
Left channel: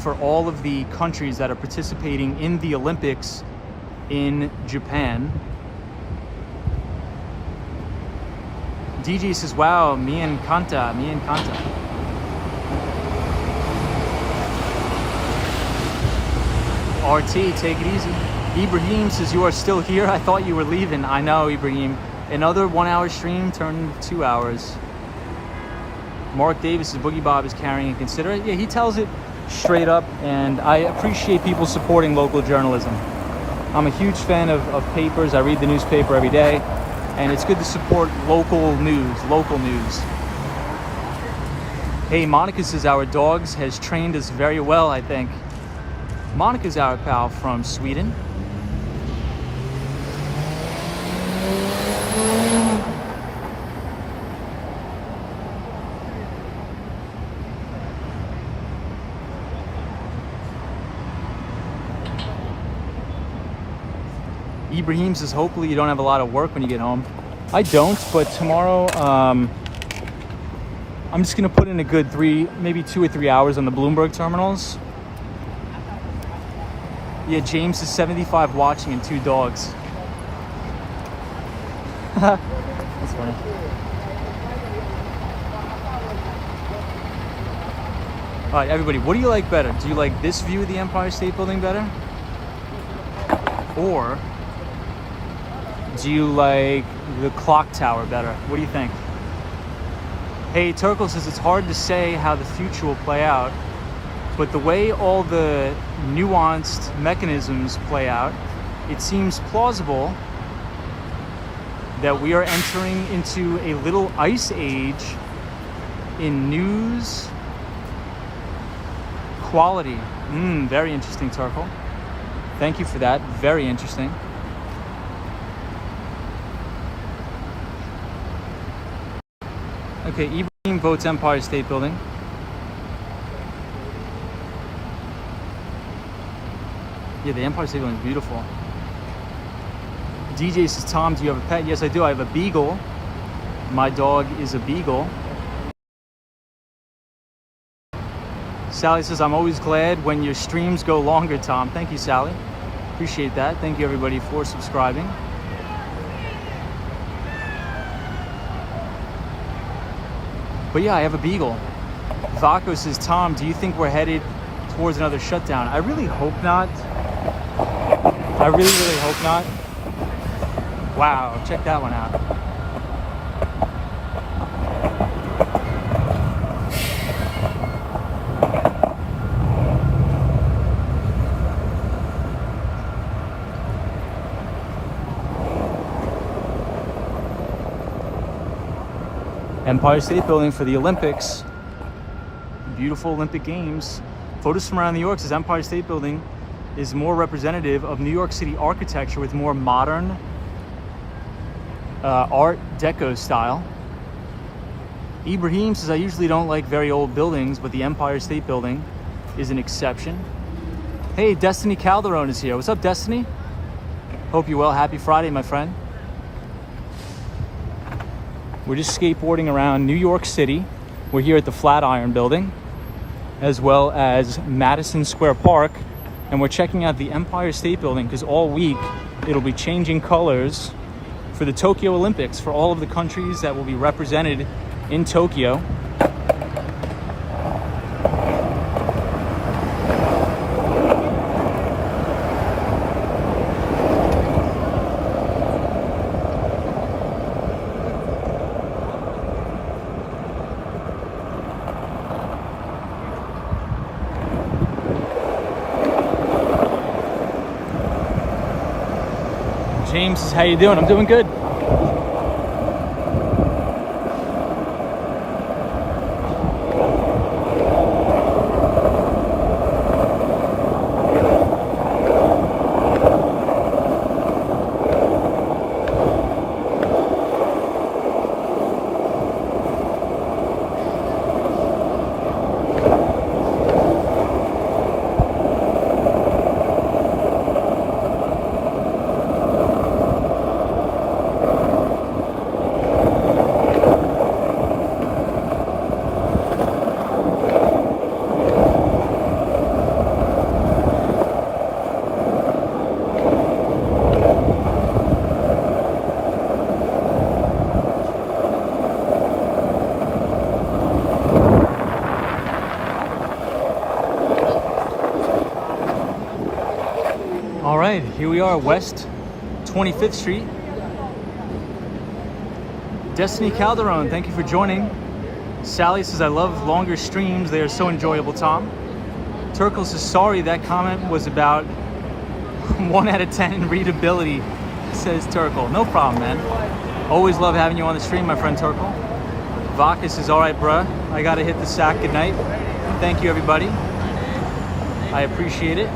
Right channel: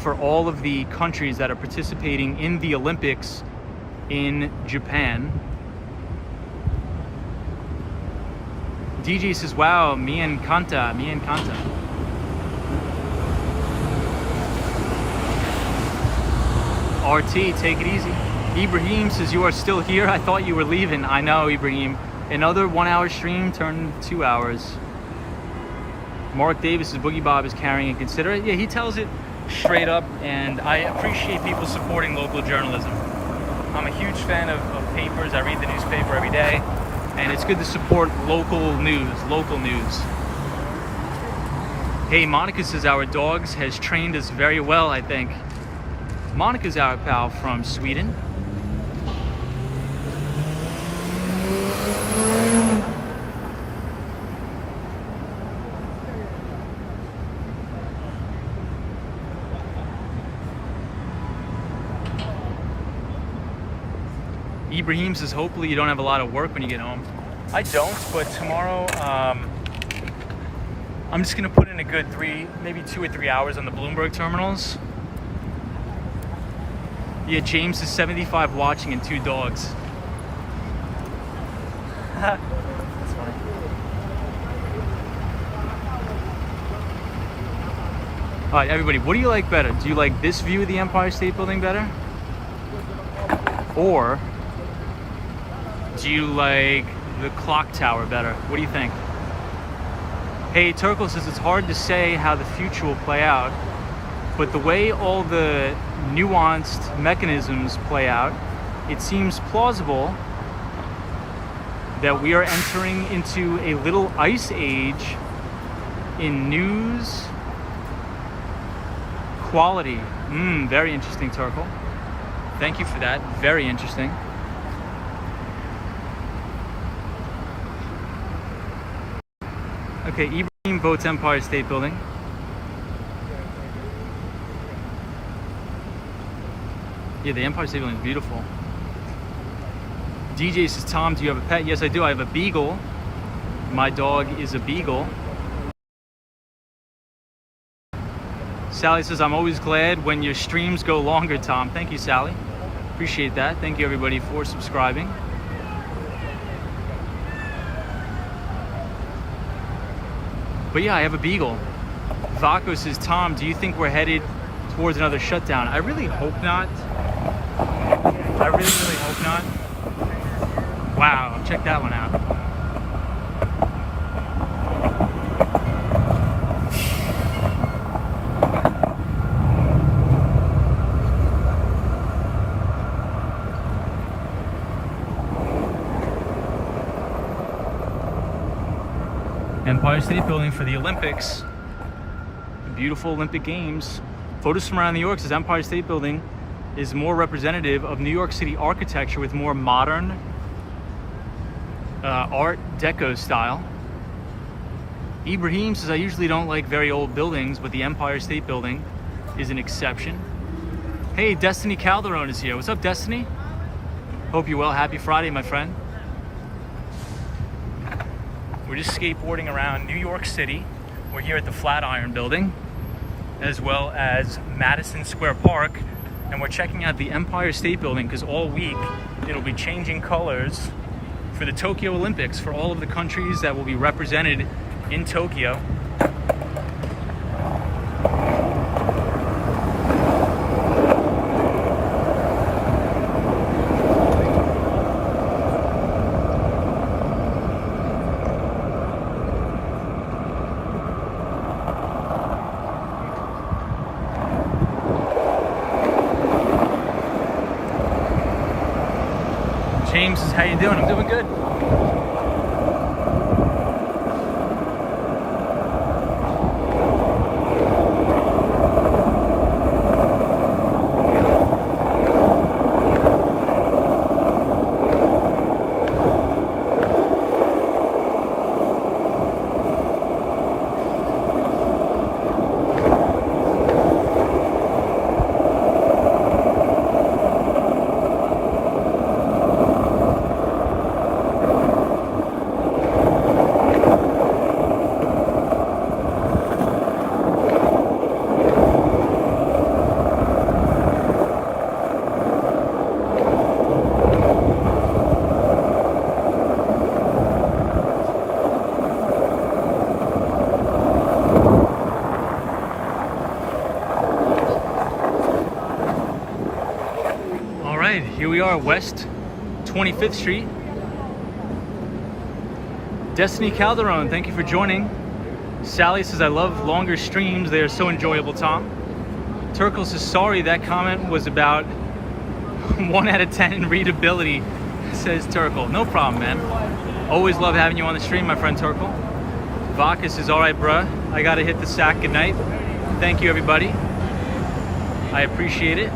for all of the countries that are participating in the Olympics in Japan. DJ says, wow, me encanta. RT, take it easy. Ibrahim says, you are still here? I thought you were leaving. I know, Ibrahim. Another 1 hour stream turned into 2 hours. Mark Davis says, Boogie Bob is carrying and considerate. Yeah, he tells it straight up, and I appreciate people supporting local journalism. I'm a huge fan of papers. I read the newspaper every day. And it's good to support local news. Hey, Monica says our dogs has trained us very well, I think. Monica's our pal from Sweden. Ibrahim says, hopefully you don't have a lot of work when you get home. I don't, but tomorrow, I'm just gonna put in a good maybe 2 or 3 hours on the Bloomberg terminals. Yeah, James is 75 watching and 2 dogs. That's funny. All right, everybody, what do you like better? Do you like this view of the Empire State Building better? Or do you like the clock tower better? What do you think? Hey, Turkle says it's hard to say how the future will play out, but the way all the nuanced mechanisms play out, it seems plausible that we are entering into a little ice age in news quality. Very interesting, Turkle. Thank you for that. Very interesting. Okay, Ibrahim votes Empire State Building. Yeah, the Empire State Building is beautiful. DJ says, Tom, do you have a pet? Yes, I do. I have a beagle. My dog is a beagle. Sally says, I'm always glad when your streams go longer, Tom. Thank you, Sally. Appreciate that. Thank you, everybody, for subscribing. But yeah, I have a beagle. Vaco says, Tom, do you think we're headed towards another shutdown? I really hope not. I really, really hope not. Wow, check that one out. Empire State Building for the Olympics. The beautiful Olympic Games. Photos from around New York says Empire State Building is more representative of New York City architecture with more modern Art Deco style. Ibrahim says, I usually don't like very old buildings, but the Empire State Building is an exception. Hey, Destiny Calderon is here. What's up, Destiny? Hope you're well. Happy Friday, my friend. We're just skateboarding around New York City. We're here at the Flatiron Building, as well as Madison Square Park. And we're checking out the Empire State Building because all week it'll be changing colors for the Tokyo Olympics, for all of the countries that will be represented in Tokyo. James says, how you doing? I'm doing good. Here we are, West 25th Street. Destiny Calderon, thank you for joining. Sally says, I love longer streams. They are so enjoyable, Tom. Turkle says, sorry, that comment was about 1 out of 10 in readability, says Turkle. No problem, man. Always love having you on the stream, my friend Turkle. Vaca says, all right, bruh, I gotta hit the sack. Good night. Thank you, everybody. I appreciate it.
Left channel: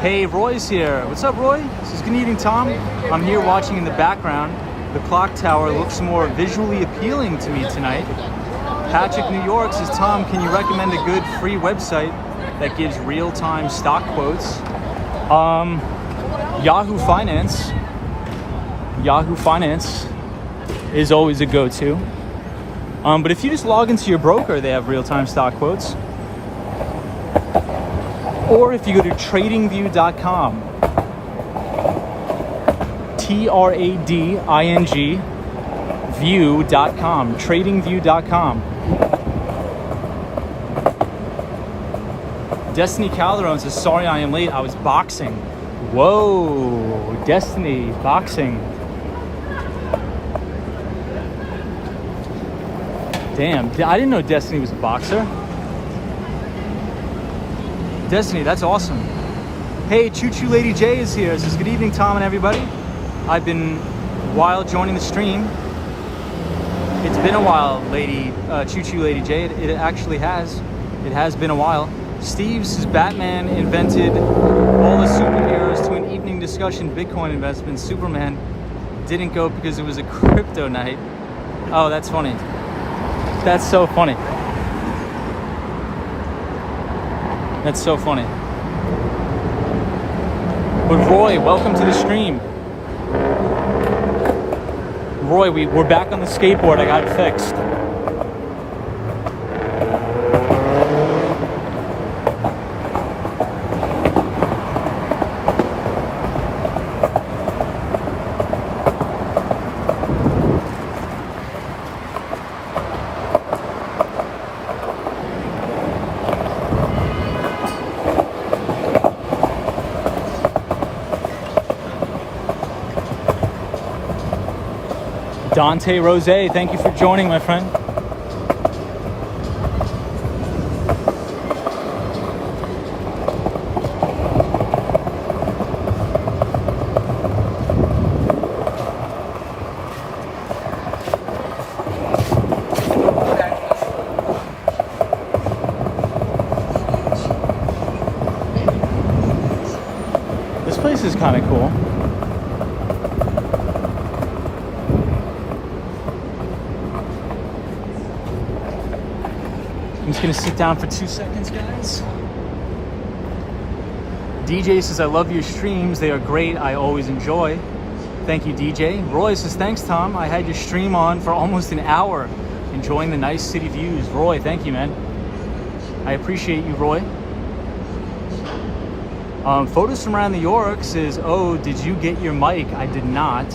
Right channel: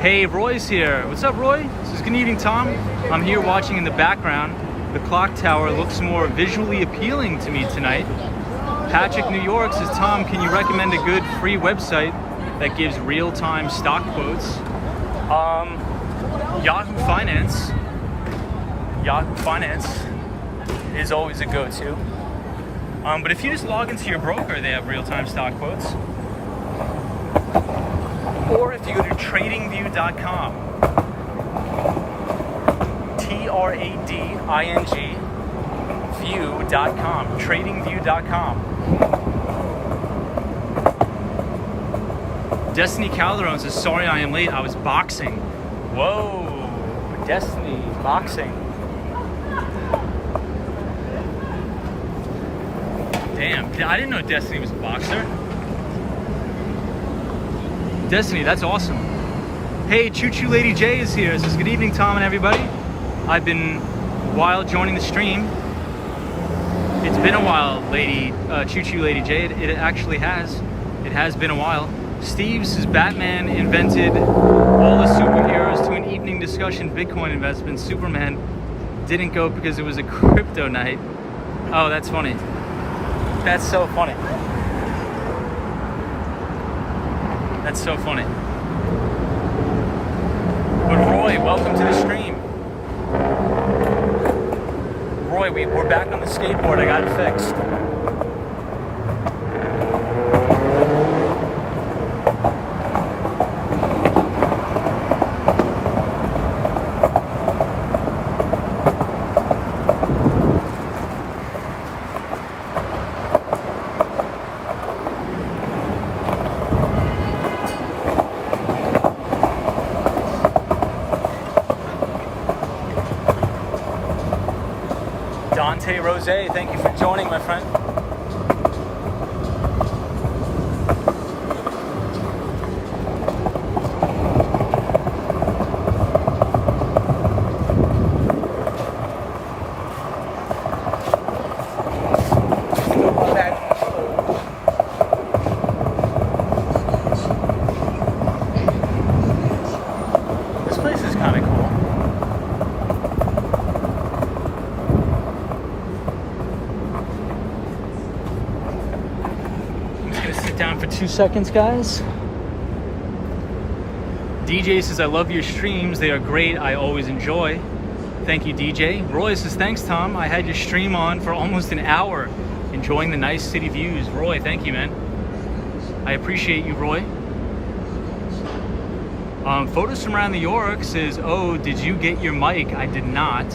Hey, Roy's here. What's up, Roy? Says, good evening, Tom. I'm here watching in the background. The clock tower looks more visually appealing to me tonight. Patrick, New York says, Tom, can you recommend a good free website that gives real-time stock quotes? Yahoo Finance. Yahoo Finance is always a go-to. But if you just log into your broker, they have real-time stock quotes. Or if you go to tradingview.com, TRADING view.com, tradingview.com. Destiny Calderon says, sorry I am late, I was boxing. Whoa, Destiny, boxing. Damn, I didn't know Destiny was a boxer. Destiny, that's awesome. Hey, Choo Choo Lady J is here. Says, good evening, Tom and everybody. I've been a while joining the stream. It's been a while, Choo Choo Lady J. It actually has. It has been a while. Steve says, Batman invented all the superheroes to an evening discussion Bitcoin investment. Superman didn't go because it was a crypto night. Oh, that's funny. That's so funny. That's so funny. But Roy, welcome to the stream. Roy, we're back on the skateboard. I got it fixed. Dante Rose, thank you for joining, my friend. This place is kind of cool. Down for 2 seconds, guys. DJ says, I love your streams. They are great. I always enjoy. Thank you, DJ. Roy says, thanks, Tom. I had your stream on for almost an hour, enjoying the nice city views. Roy, thank you, man. I appreciate you, Roy. Photos from around New York says, oh, did you get your mic? I did not.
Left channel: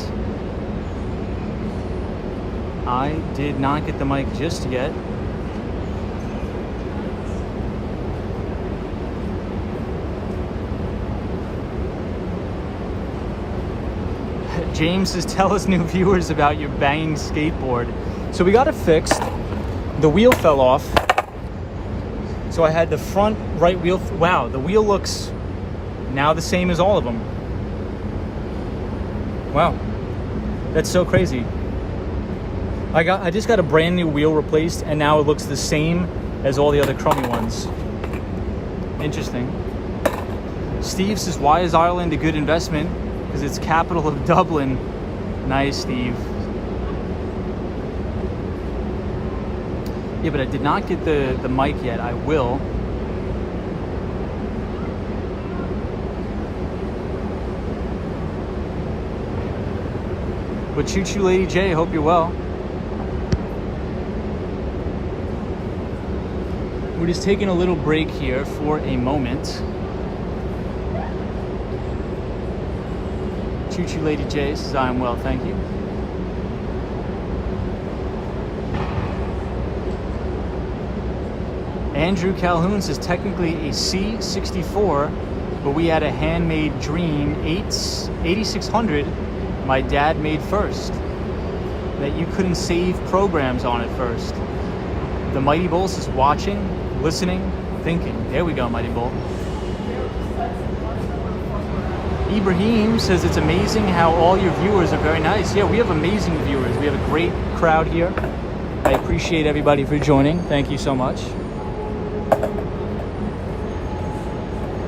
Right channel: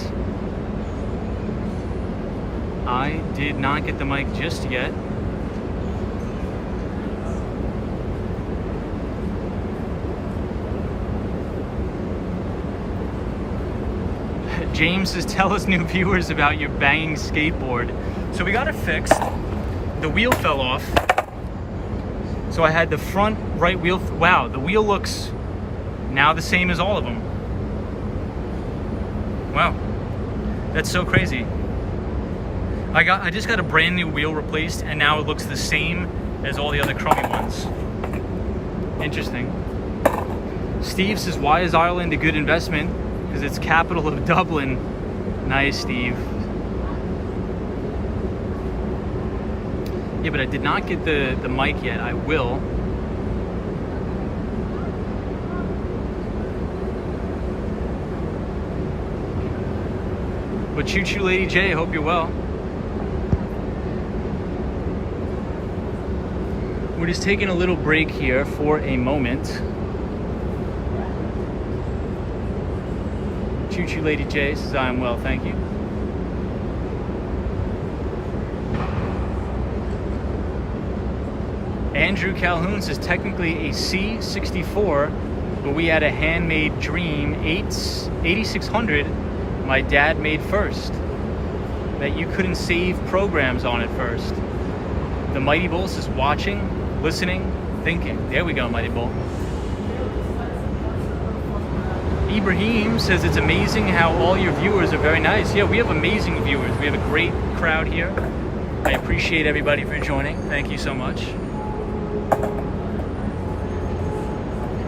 I did not get the mic just yet. James says, tell us new viewers about your banging skateboard. So we got it fixed. The wheel fell off. So I had the front right wheel. Wow, the wheel looks now the same as all of them. Wow, that's so crazy. I just got a brand new wheel replaced, and now it looks the same as all the other crummy ones. Interesting. Steve says, why is Ireland a good investment? Because it's capital of Dublin. Nice, Steve. Yeah, but I did not get the mic yet. I will. But Choo Choo Lady J, hope you're well. We're just taking a little break here for a moment. Choo Choo Lady J says, I am well, thank you. Andrew Calhoun says, technically a C64, but we had a handmade Dream 8600 my dad made first, that you couldn't save programs on it first. The Mighty Bull says, watching, listening, thinking. There we go, Mighty Bull. Ibrahim says, it's amazing how all your viewers are very nice. Yeah, we have amazing viewers. We have a great crowd here. I appreciate everybody for joining. Thank you so much.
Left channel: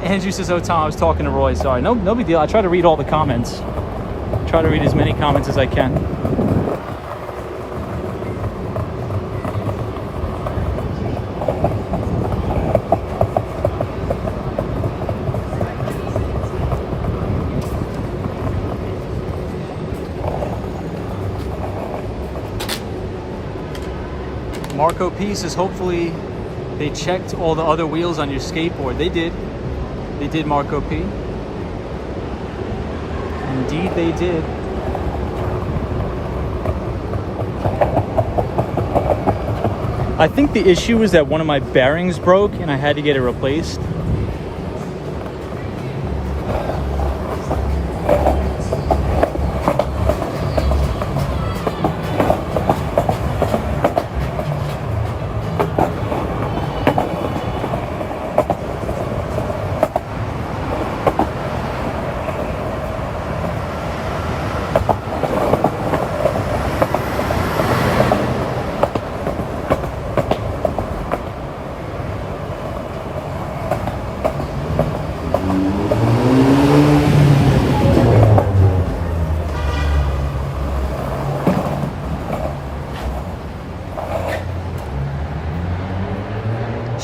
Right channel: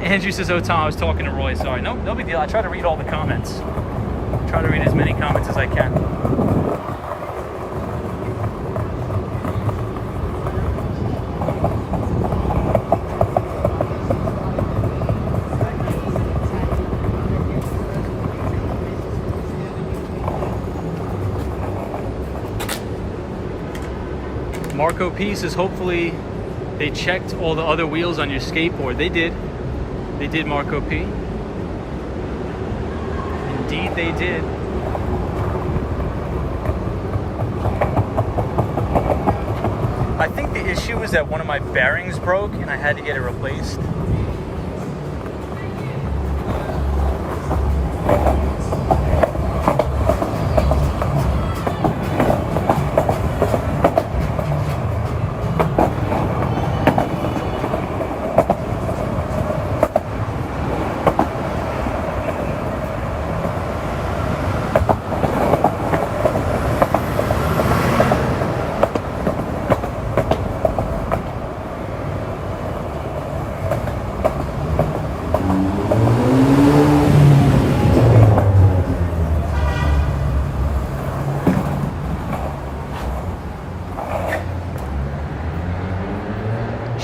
Andrew says, oh, Tom, I was talking to Roy. Sorry. No big deal. I try to read all the comments. Try to read as many comments as I can. Marco P says, hopefully they checked all the other wheels on your skateboard. They did. They did, Marco P. Indeed they did. I think the issue is that one of my bearings broke and I had to get it replaced.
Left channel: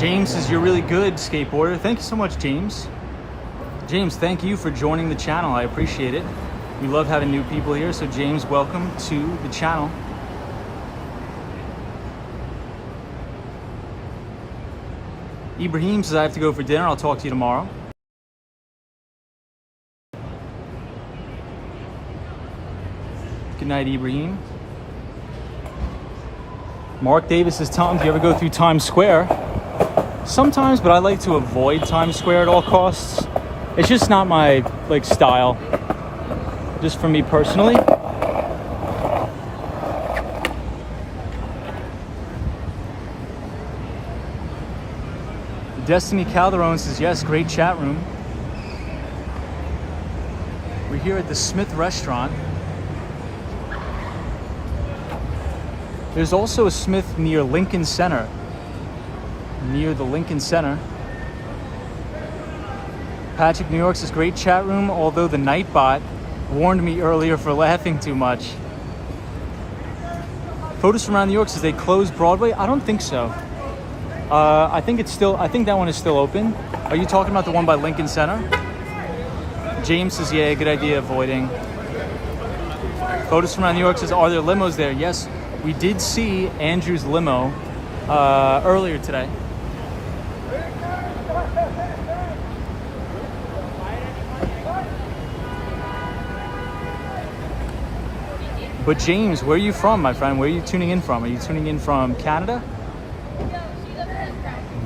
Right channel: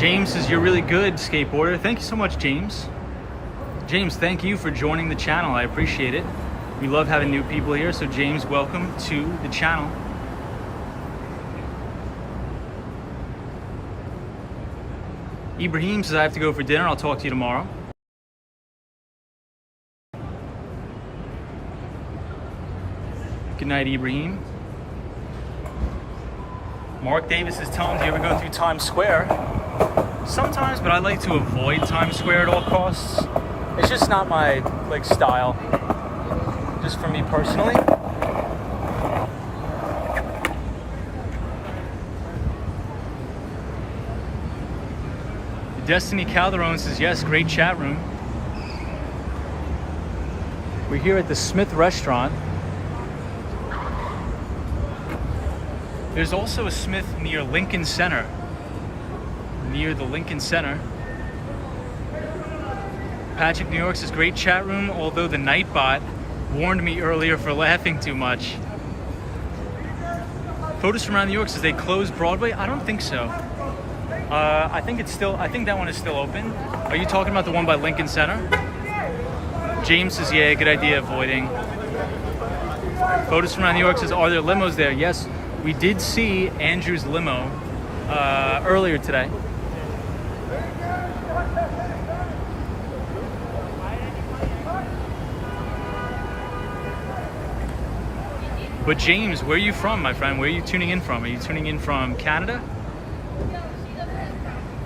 James says, you're really good, skateboarder. Thank you so much, James. James, thank you for joining the channel. I appreciate it. We love having new people here. So James, welcome to the channel. Ibrahim says, I have to go for dinner. I'll talk to you tomorrow. Good night, Ibrahim. Mark Davis says, Tom, do you ever go through Times Square? Sometimes, but I like to avoid Times Square at all costs. It's just not my style. Just for me personally. Destiny Calderon says, yes, great chat room. We're here at the Smith Restaurant. There's also a Smith near Lincoln Center. Near the Lincoln Center. Patrick New York says, great chat room, although the Nightbot warned me earlier for laughing too much. Photos from around New York says they closed Broadway. I don't think so. I think that one is still open. Are you talking about the one by Lincoln Center? James says, yeah, good idea avoiding. Photos from around New York says, are there limos there? Yes, we did see Andrew's limo earlier today. But James, where are you from, my friend? Where are you tuning in from? Are you tuning in from Canada?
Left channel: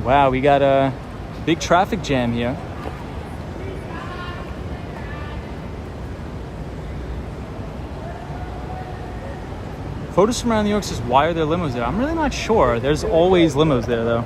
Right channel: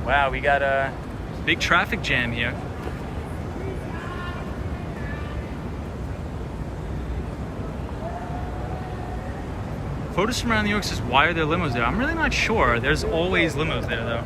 Wow, we got a big traffic jam here. Photos from around New York says, why are there limos there? I'm really not sure. There's always limos there, though.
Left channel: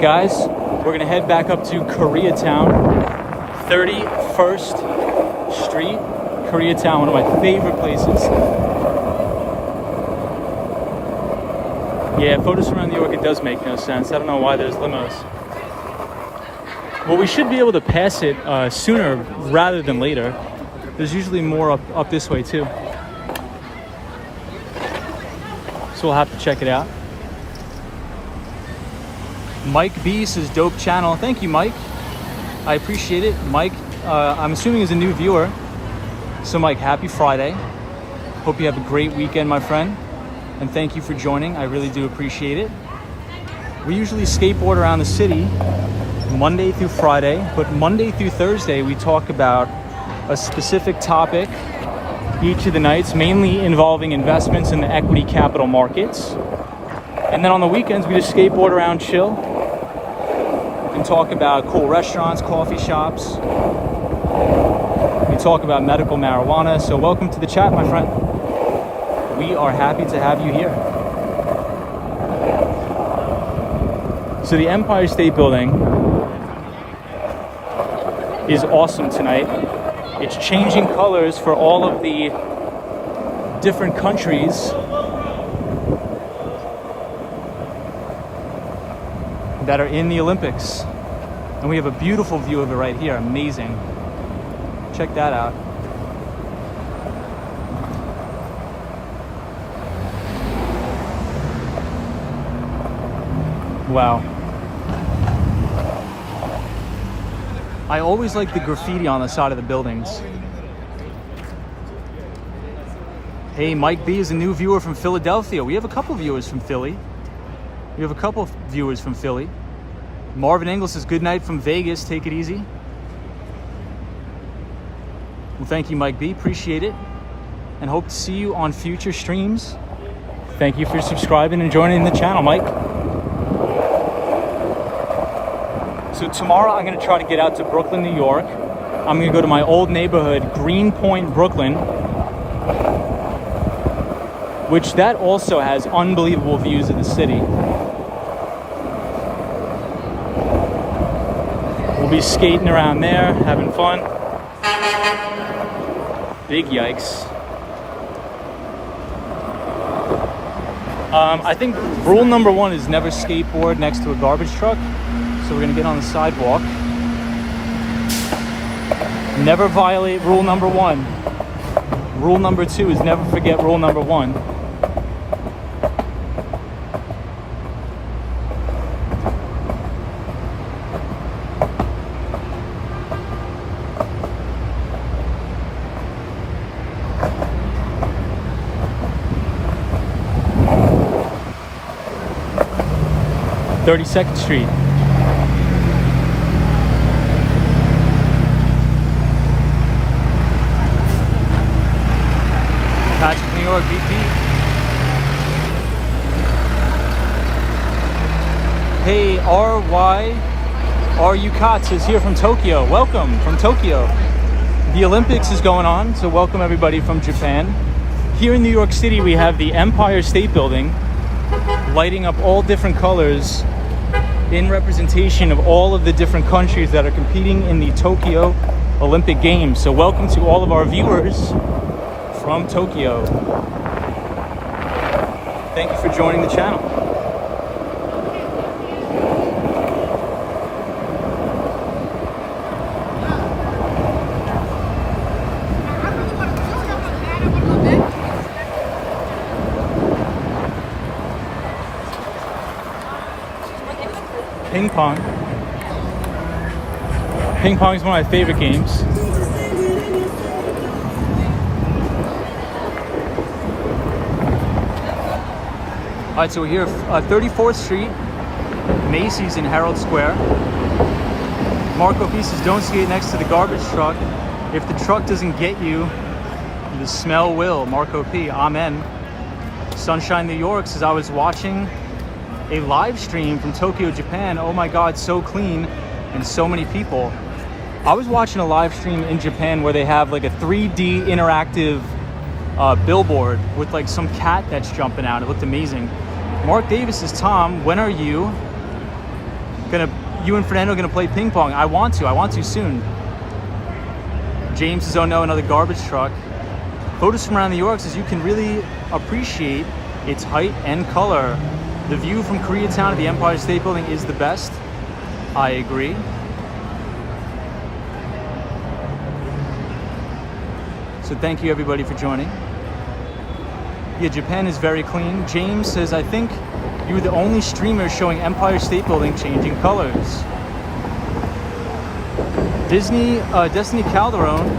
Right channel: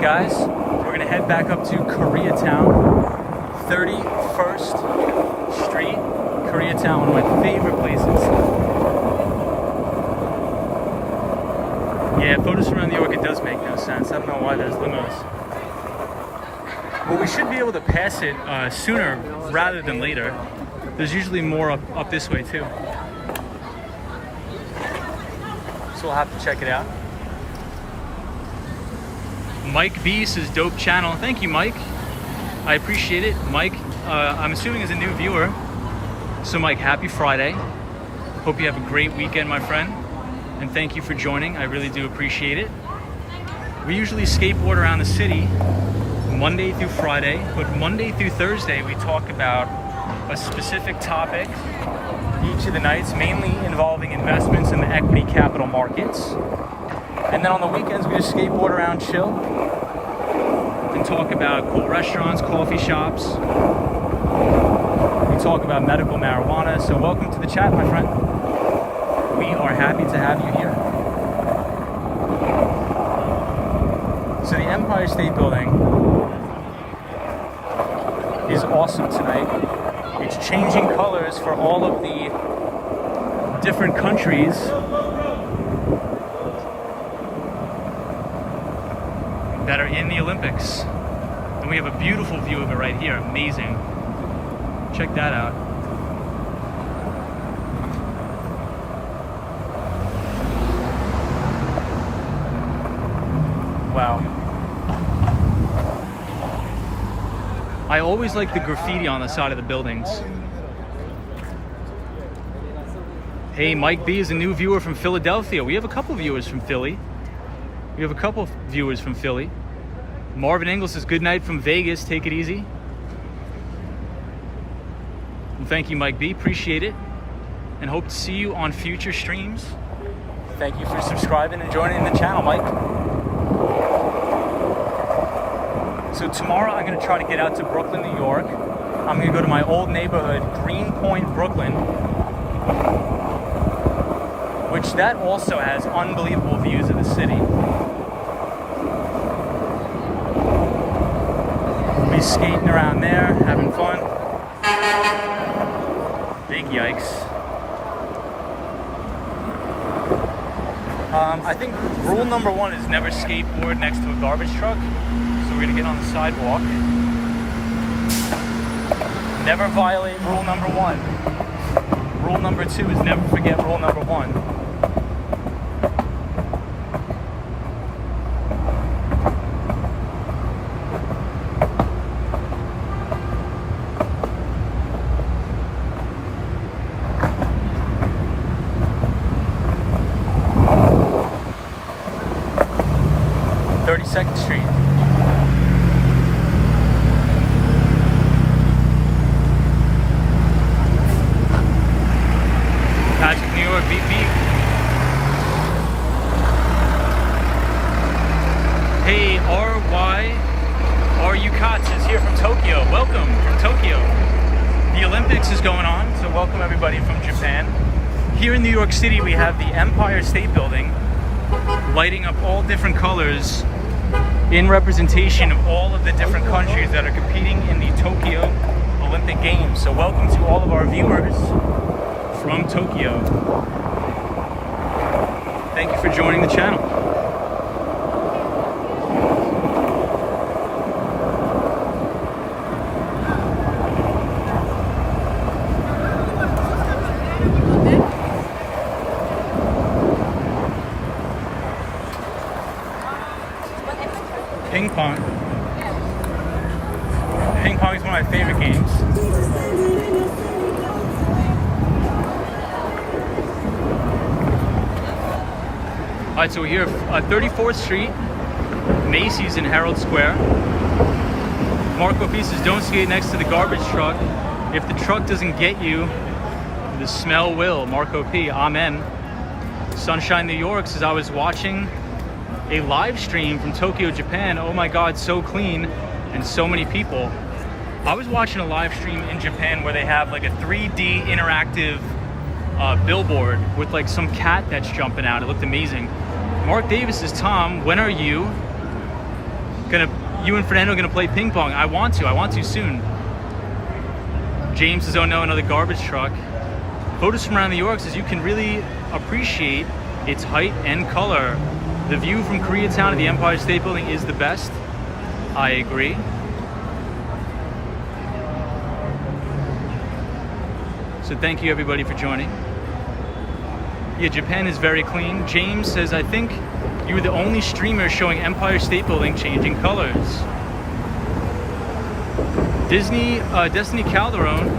Guys, we're gonna head back up to Koreatown, 31st Street, Koreatown, one of my favorite places. Yeah, photos from around New York, it does make no sense. I don't know why there's limos. Well, we should be able to pass it sooner rather than later. There's usually more up this way too. So we'll have to check it out. Mike B says, dope channel. Thank you, Mike. I appreciate it. Mike, I'm assuming is a new viewer. So Mike, happy Friday. Hope you have a great weekend, my friend. And thank you for joining. I really do appreciate it. We usually skateboard around the city Monday through Friday, but Monday through Thursday, we talk about a specific topic each of the nights, mainly involving investments in the equity capital markets. And then on the weekends, we just skateboard around, chill, and talk about cool restaurants, coffee shops. We talk about medical marijuana. So welcome to the chat, my friend. We are happy to have you here. So the Empire State Building is awesome tonight. It's changing colors for all of the different countries that are in the Olympics. And we have a beautiful view of it right here. Amazing. Check that out. Wow. I always like the graffiti on the side of the buildings. Hey, Mike B is a new viewer from Philadelphia. We have a couple viewers from Philly. We have a couple of viewers from Philly. Marvin Ingles says, good night from Vegas. Take it easy. Well, thank you, Mike B. Appreciate it. And hope to see you on future streams. Thank you for subscribing and joining the channel, Mike. So tomorrow I'm going to try to get out to Brooklyn, New York. I'm going to go to my old neighborhood, Greenpoint, Brooklyn, which that also has unbelievable views of the city. We'll be skating around there, having fun. Big yikes. I think rule number one is never skateboard next to a garbage truck. So we're gonna get on the sidewalk. Never violate rule number one. Rule number two is never forget rule number one. Street. Patrick, New York, beep beep. Hey, RY Katz is here from Tokyo. Welcome from Tokyo. The Olympics is going on, so welcome everybody from Japan. Here in New York City, we have the Empire State Building lighting up all different colors in representation of all of the different countries that are competing in the Tokyo Olympic Games. So welcome to all of our viewers from Tokyo. Thank you for joining the channel. Ping pong. Ping pong is one of my favorite games. All right, so we're here at 34th Street, Macy's in Herald Square. Marco P says, don't skate next to the garbage truck. If the truck doesn't get you, the smell will. Marco P, amen. Sunshine New York says, I was watching a live stream from Tokyo, Japan. Oh my God, so clean and so many people. I was watching a live stream in Japan where they have like a 3D interactive billboard with like some cat that's jumping out. It looked amazing. Mark Davis says, Tom, when are you and Fernando gonna play ping pong? I want to soon. James says, oh no, another garbage truck. Photos from around New York says, you can really appreciate its height and color. The view from Koreatown to the Empire State Building is the best. I agree. So thank you everybody for joining. Yeah, Japan is very clean. James says, I think you were the only streamer showing Empire State Building changing colors. Destiny Calderon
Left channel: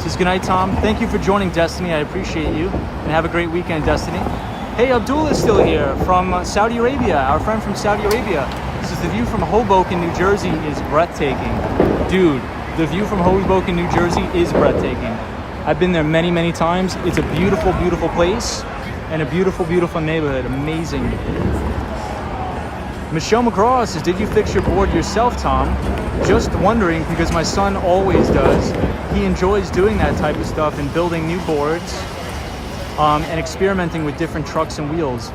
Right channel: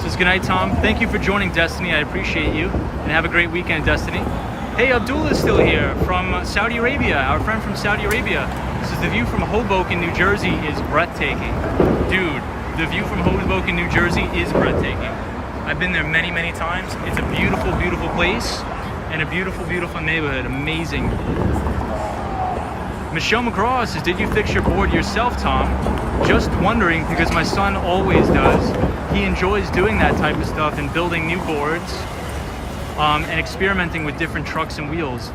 says, good night, Tom. Thank you for joining, Destiny. I appreciate you. And have a great weekend, Destiny. Hey, Abdul is still here from Saudi Arabia, our friend from Saudi Arabia. He says, the view from Hoboken, New Jersey is breathtaking. Dude, the view from Hoboken, New Jersey is breathtaking. I've been there many, many times. It's a beautiful, beautiful place and a beautiful, beautiful neighborhood. Amazing. Michelle McGraw says, did you fix your board yourself, Tom? Just wondering, because my son always does. He enjoys doing that type of stuff and building new boards. And experimenting with different trucks and wheels.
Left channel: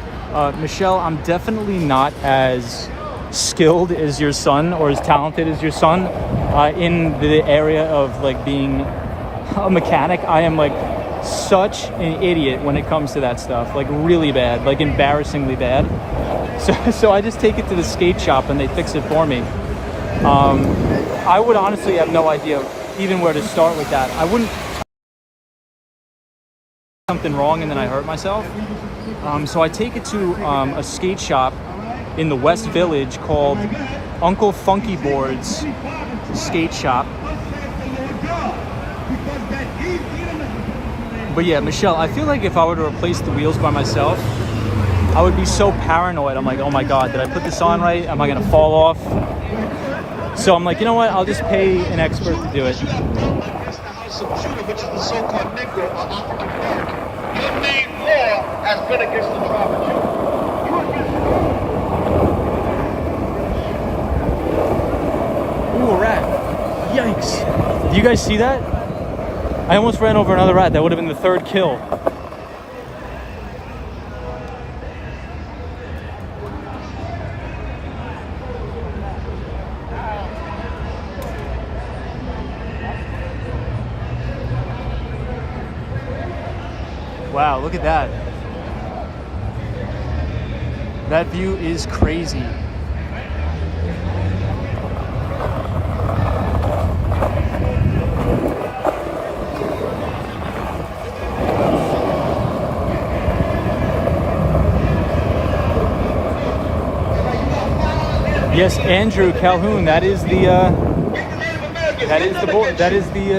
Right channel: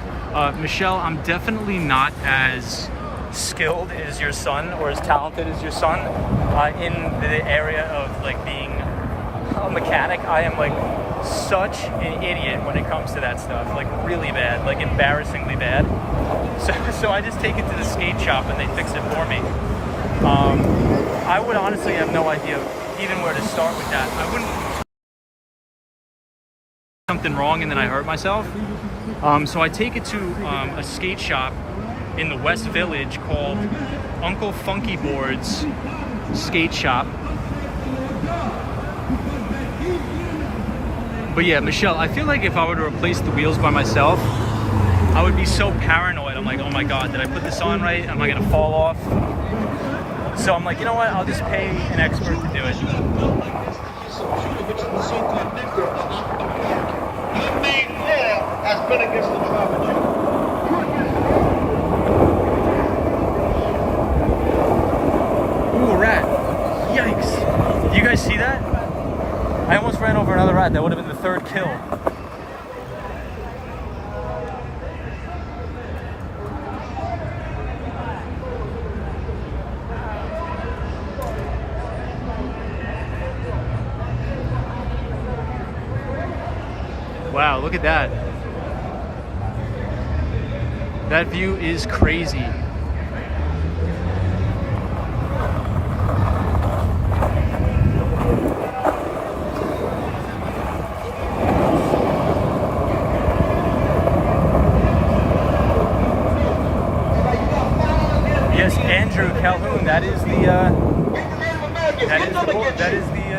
Michelle, I'm definitely not as skilled as your son or as talented as your son in the area of like being a mechanic. I am like such an idiot when it comes to that stuff, like really bad, like embarrassingly bad. So I just take it to the skate shop and they fix it for me. I would honestly have no idea even where to start with that. I wouldn't something wrong and then I hurt myself. So I take it to a skate shop in the West Village called Uncle Funky Boards Skate Shop. But yeah, Michelle, I feel like if I were to replace the wheels by myself, I would be so paranoid. I'm like, oh my God, did I put this on right? Am I gonna fall off? So I'm like, you know what? I'll just pay an expert to do it. Your main law has been against the traffic. Ooh, a rat. Yikes. Do you guys see that? I almost ran over another rat. That would have been the third kill. Wow, look at that. That view is crazy. Yes, Andrew Calhoun. That is the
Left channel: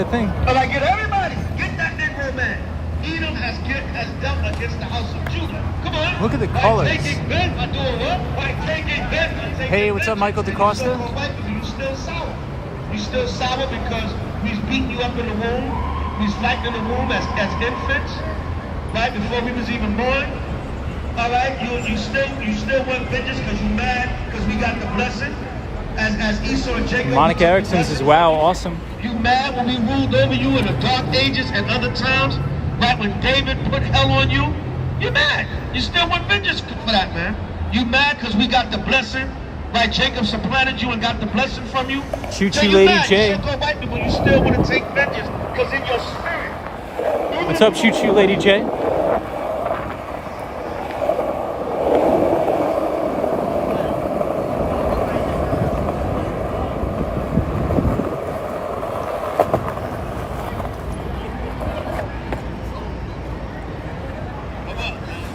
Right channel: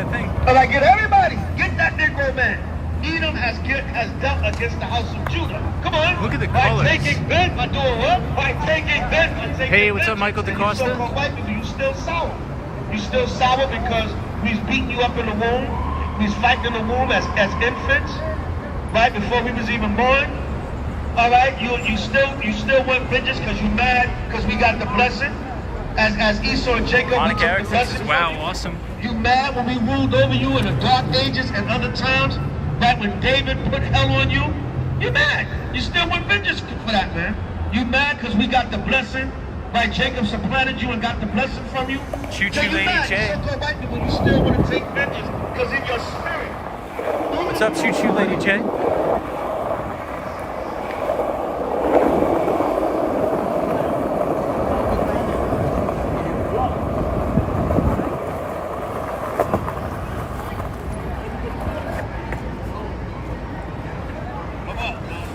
thing. And I get everybody, get that Negro man. Edom has dealt against the house of Judah. Come on. Look at the colors. Hey, what's up, Michael DaCosta? You still sour. You still sour because we's beating you up in the womb. We's fighting in the womb as infants, right before we was even born. All right, you still want vengeance because you mad because we got the blessing as Esau and Jacob. Monica Erickson says, "Wow, awesome." You mad when we ruled over you in the dark ages and other times, right when David put hell on you? You mad? You still want vengeance for that, man? You mad because we got the blessing, right? Jacob supplanted you and got the blessing from you. Choo So choo, you Lady mad? J. You so-called white people, you still want to take vengeance because in your spirit. What's up, Choo Choo, Lady J?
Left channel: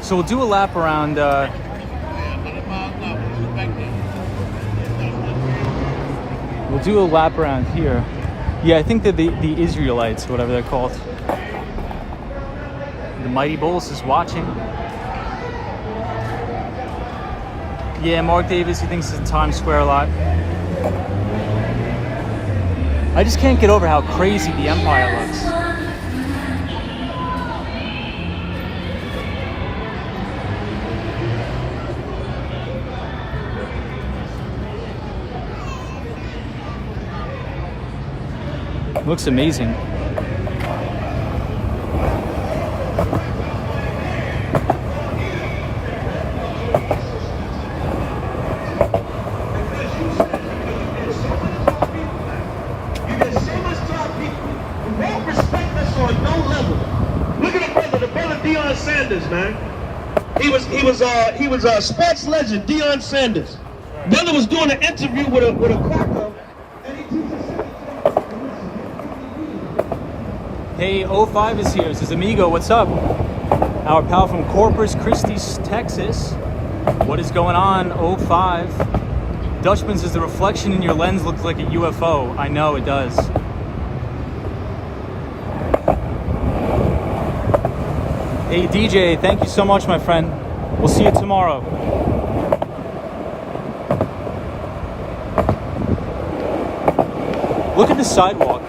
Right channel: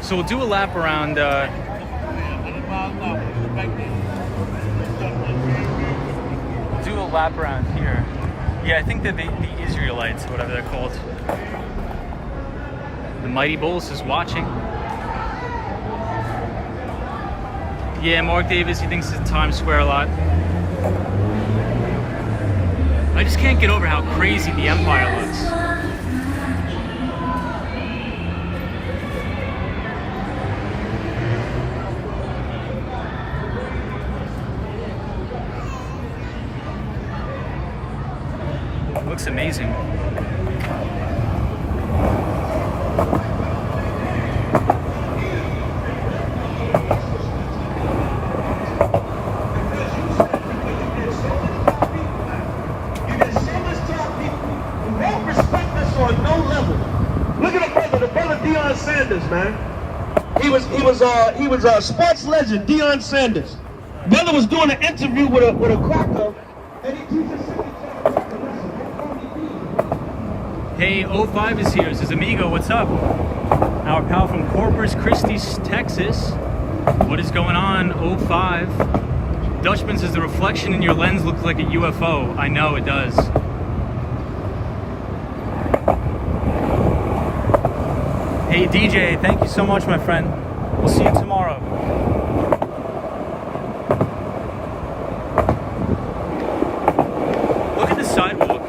So we'll do a lap around. We'll do a lap around here. Yeah, I think that the Israelites, whatever they're called. The Mighty Bulls is watching. Yeah, Mark Davis, he thinks it's in Times Square a lot. I just can't get over how crazy the Empire looks. Looks amazing. Sanders, man. He was sports legend, Deion Sanders. Miller was doing an interview with a cracker, and he teaches. Hey, 05 is here. Says Amigo, what's up? Our pal from Corpus Christi, Texas. What is going on, 05? Dutchman says the reflection in your lens looks like a UFO. I know it does. Hey DJ, thank you so much, my friend. We'll see you tomorrow. Look at the sidewalk.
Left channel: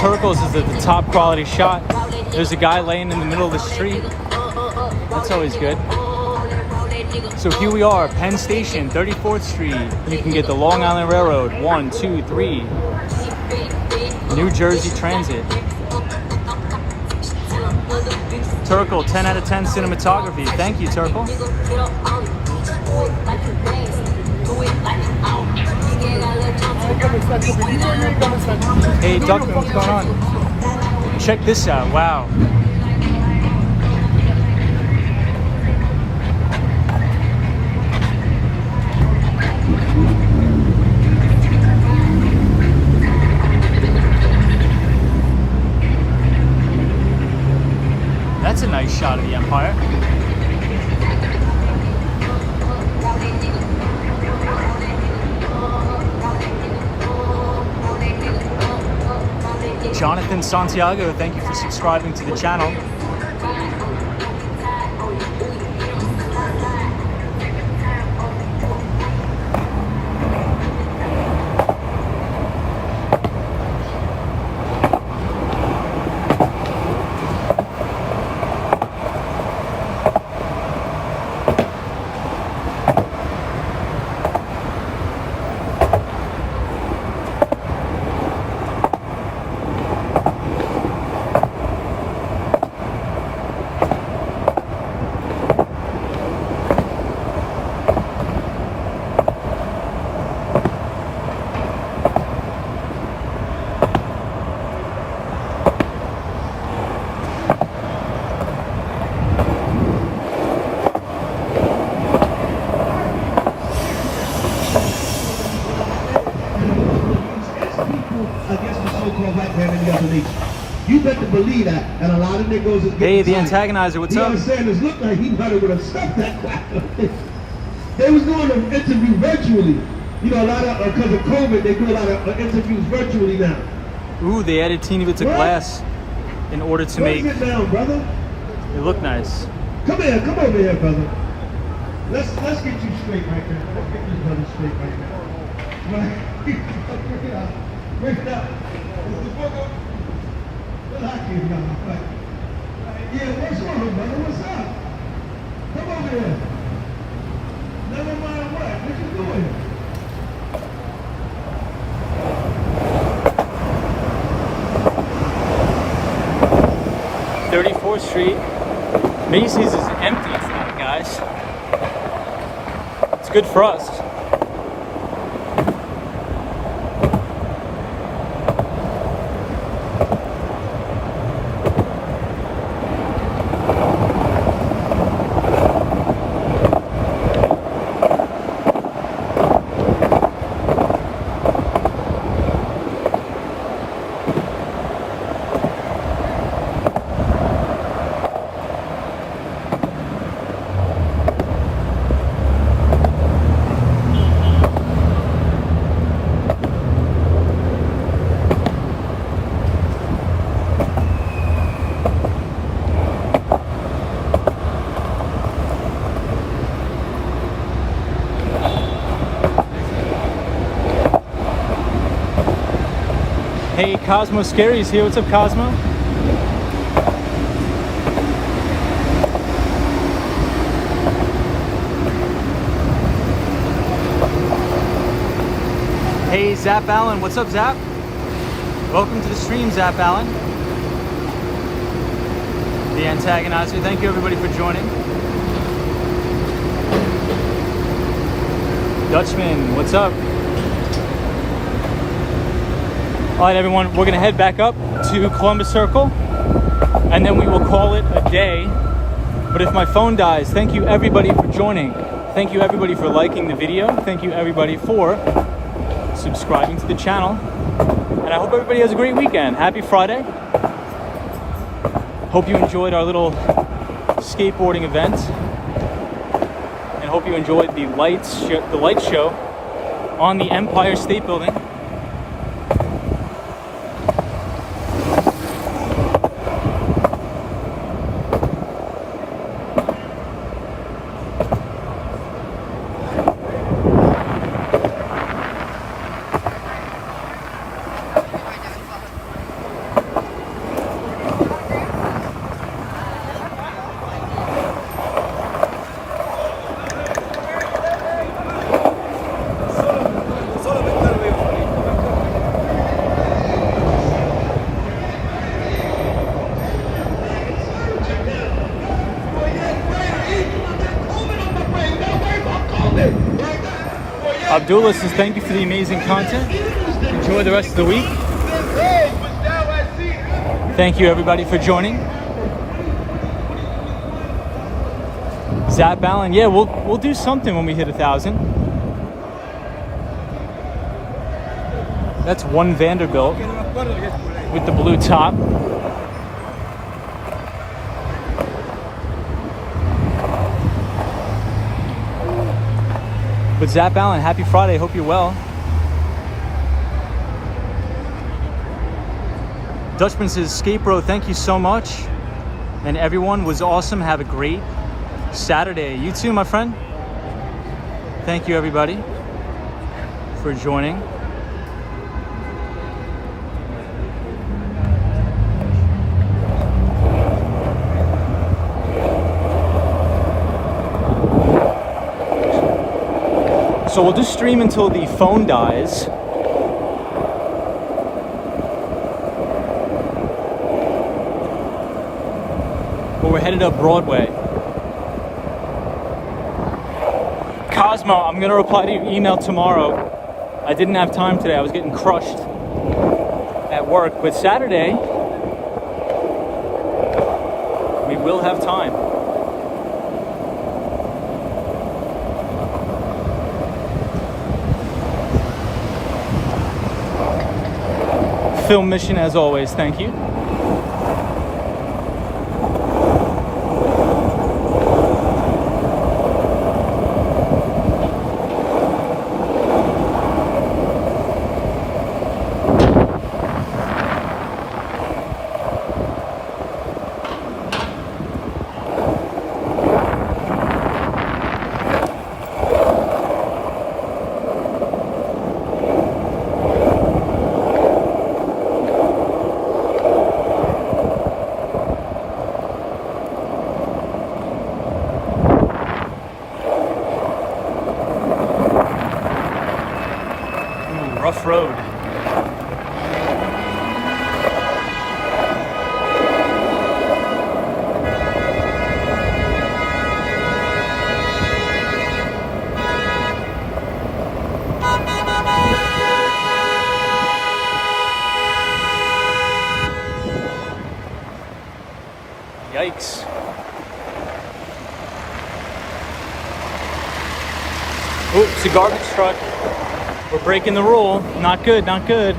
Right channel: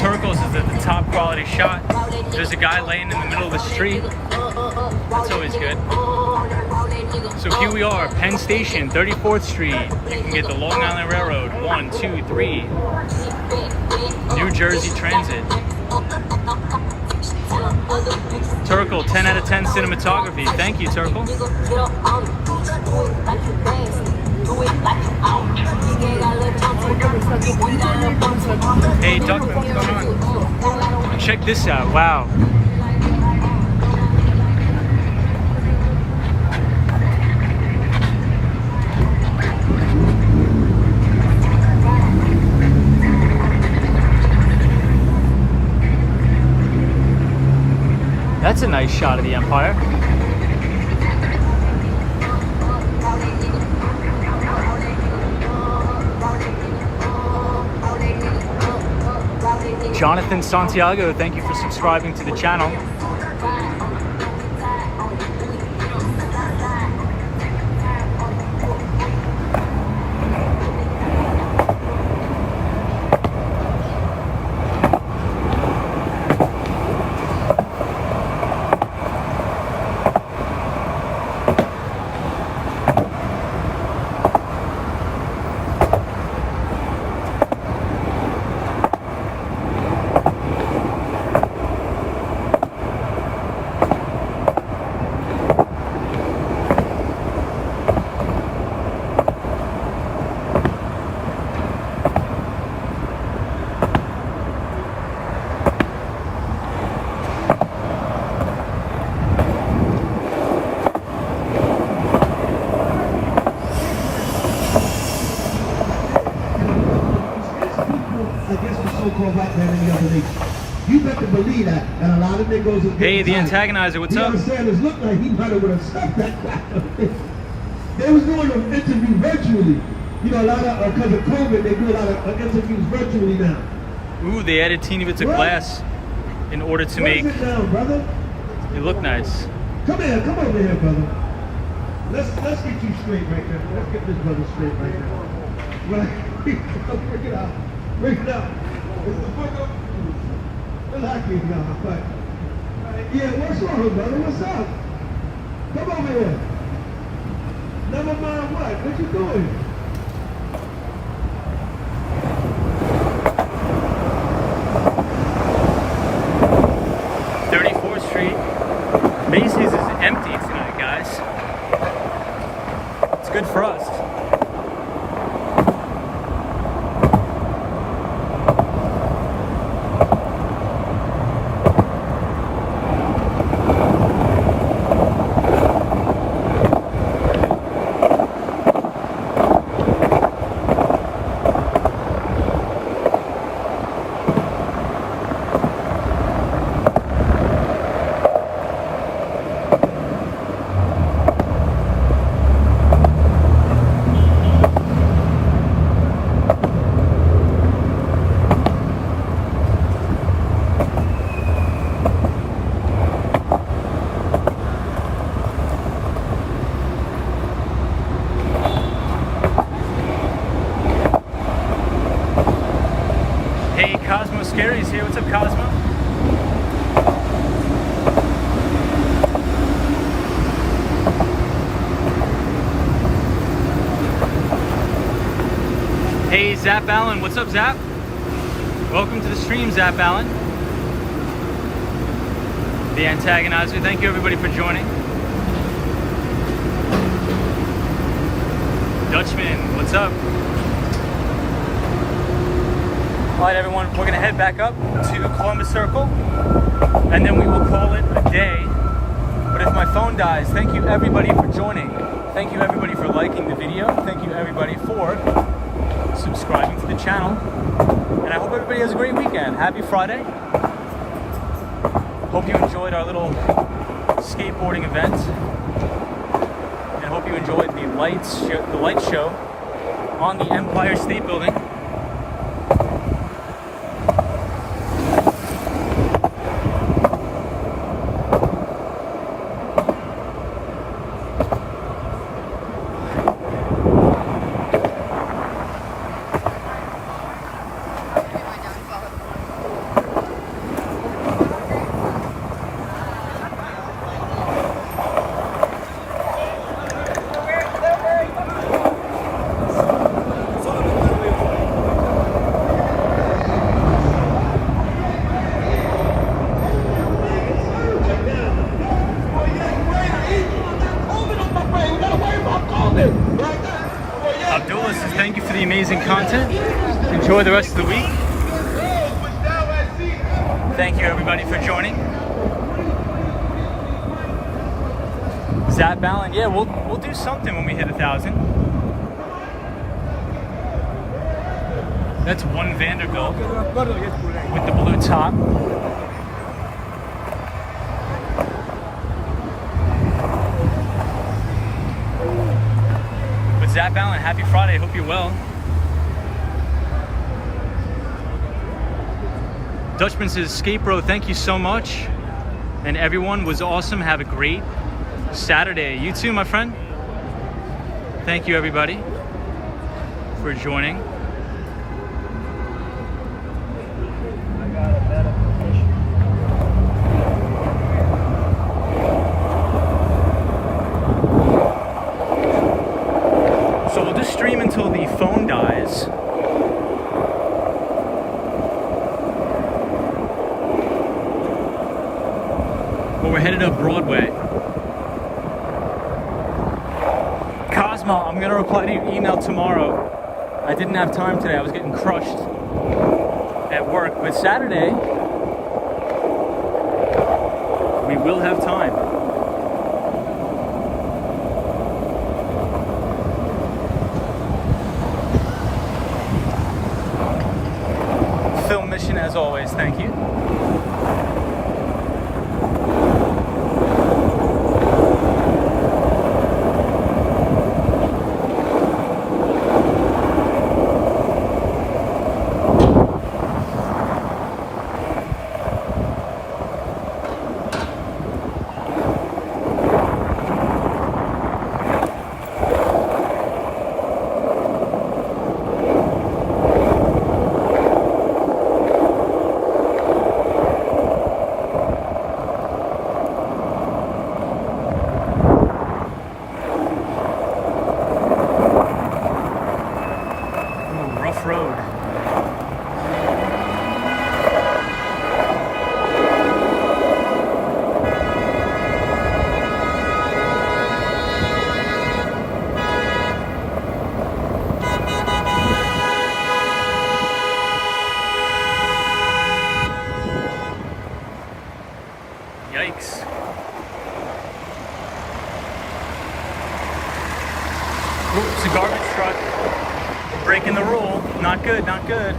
Turkles is at the top quality shot. There's a guy laying in the middle of the street. That's always good. So here we are, Penn Station, 34th Street. You can get the Long Island Railroad, 1, 2, 3. New Jersey Transit. Turkle, 10 out of 10 cinematography. Thank you, Turkle. Hey, Duckman, what's going on? Check this out. Wow. That's a nice shot of the Empire. Jonathan Santiago, thank you for subscribing to the channel. against the so-called white man in the other nation. You better believe that, and a lot of niggas is Hey, the getting tired. antagonizer, what's up? Deion Sanders looked like he might have would have stopped that crap. They was doing an interview virtually. You know, a lot of, because of COVID, they do a lot of interviews virtually now. Ooh, they added teeny bits of What? glass in order to make Sit down, brother. it look nice. Come here, come over here, brother. Let's get you straight right now. Let's get this brother straight right now. Right. Bring it out. Bring it out. It's the book of... Relax here now. Right. Yeah, what's wrong, brother? What's up? Come over here. Never mind what? What you doing? Street. Macy's is empty tonight, guys. It's good for us. Hey, Cosmo Scary's here. What's up, Cosmo? Hey, Zap Allen. What's up, Zap? Welcome to the stream, Zap Allen. The antagonizer. Thank you, everybody, for joining. Dutchman, what's up? All right, everyone, we're gonna head back up to Columbus Circle, and then we will call it a day. But if my phone dies, thank you everybody for joining. Thank you everybody for liking the video. Thank you everybody for subscribing to the channel. And I hope everybody has a great weekend. Happy Friday. Hope you enjoyed our little skateboarding event. And hope you enjoyed the light show on the Empire State Building. Abdullah says thank you for the amazing content. Enjoy the rest of the week. Thank you everybody for joining. Zap Allen, yeah, we'll do something when we hit 1,000. That's one Vanderbilt with the blue top. But Zap Allen, happy Friday. Hope you're well. Dutchman says, Skate Bro, thank you so much. And everyone was awesome. Have a great Saturday. You too, my friend. Thank you, everybody, for joining. So we'll just stream until the phone dies. But we're headed up Broadway. Cosmo, I'm gonna reply to your email tomorrow. I didn't have time today, I was getting crushed at work. But Saturday, we will have time. Film mission as always, thank you. Rough road. Yikes. Oops, a garbage truck. We're breaking the rule. Not good, not good.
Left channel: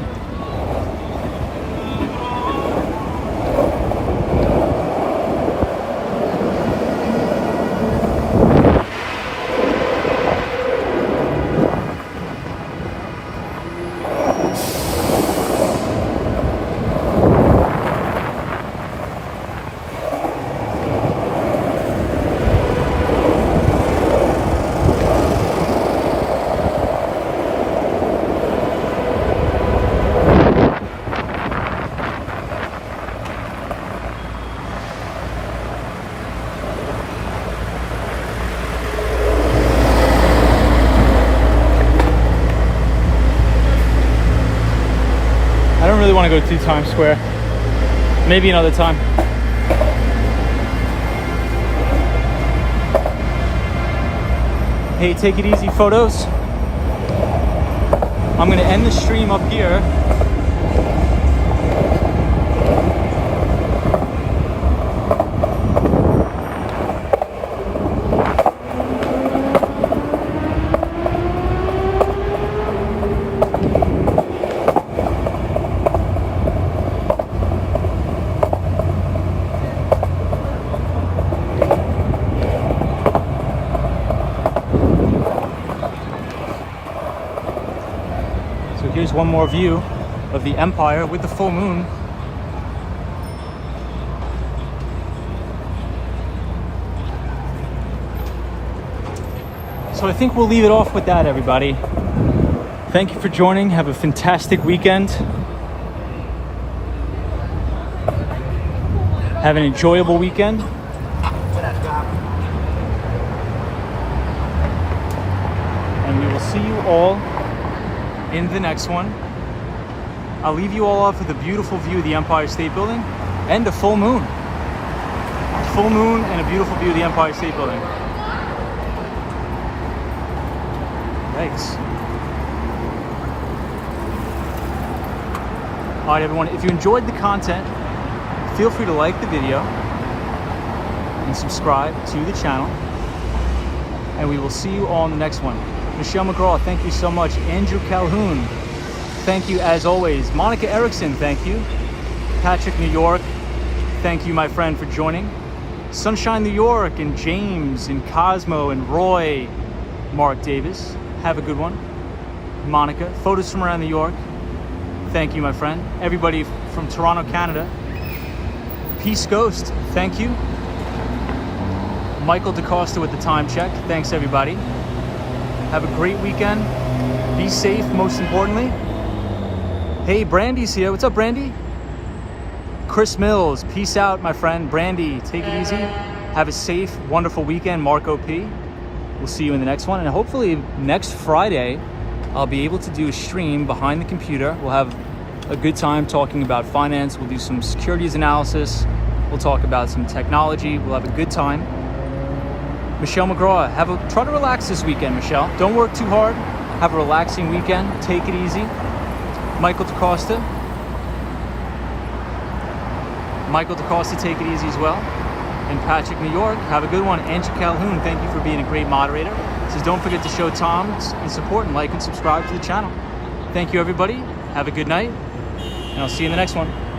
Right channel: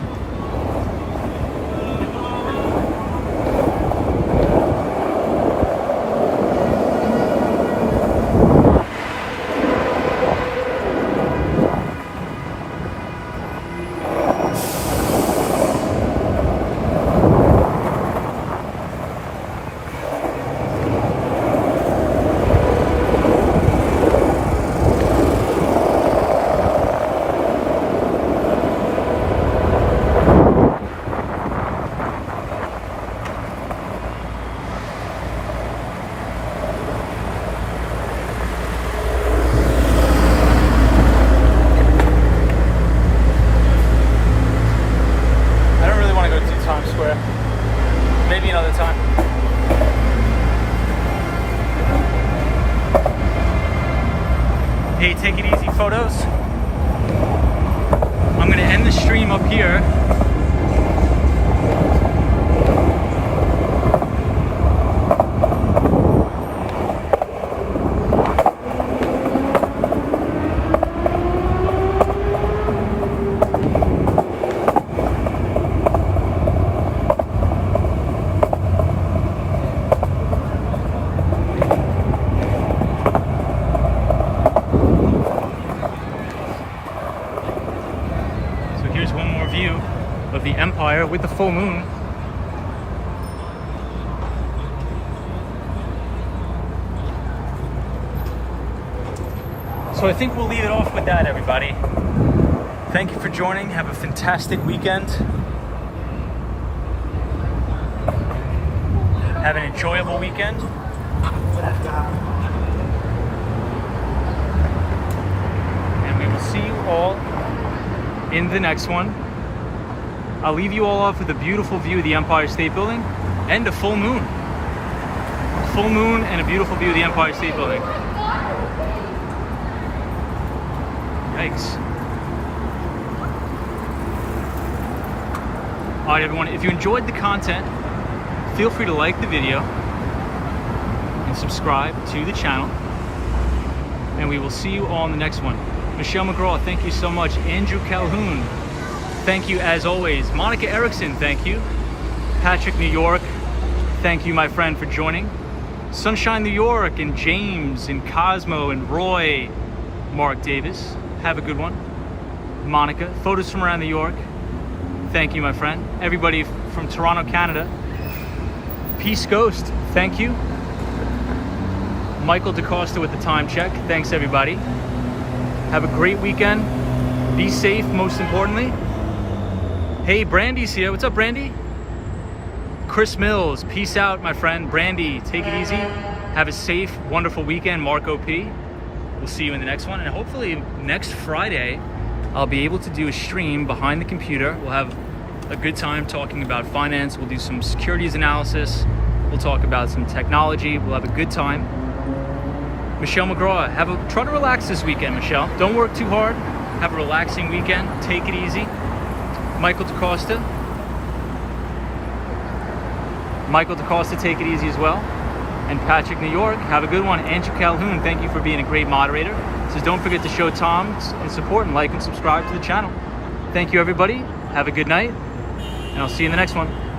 Maybe another time. Hey, take it easy, photos. I'm gonna end the stream up here. Here's one more view of the Empire with the full moon. So I think we'll leave it off with that, everybody. Thank you for joining. Have a fantastic weekend. Have an enjoyable weekend. And we will see you all in the next one. I'll leave you all off with a beautiful view of the Empire State Building and a full moon. Full moon and a beautiful view of the Empire State Building. Yikes. All right, everyone, if you enjoyed the content, feel free to like the video and subscribe to the channel. And we will see you all in the next one. Michelle McGraw, thank you so much. Andrew Calhoun, thank you as always. Monica Erickson, thank you. Patrick, New York, thank you, my friend, for joining. Sunshine, New York, and James, and Cosmo, and Roy, Mark Davis, have a good one. Monica, photos from around New York, thank you, my friend. Everybody from Toronto, Canada. Peace Ghost, thank you. Michael DaCosta with the time check, thanks everybody. Have a great weekend. Be safe, most importantly. Hey, Brandy's here. What's up, Brandy? Chris Mills, peace out, my friend. Brandy, take it easy. Have a safe, wonderful weekend. Marco P. We'll see you in the next one. And hopefully next Friday, I'll be able to do a stream behind the computer. We'll have a good time talking about finance. We'll do some securities analysis. We'll talk about some technology. We'll have a good time. Michelle McGraw, try to relax this weekend, Michelle. Don't work too hard. Have a relaxing weekend. Take it easy. Michael DaCosta. Michael DaCosta, take it easy as well. And Patrick, New York, have a good one. Andrew Calhoun, thank you for being a great moderator. So don't forget to show Tom and support and like and subscribe to the channel. Thank you, everybody. Have a good night. and I'll see you in the next one.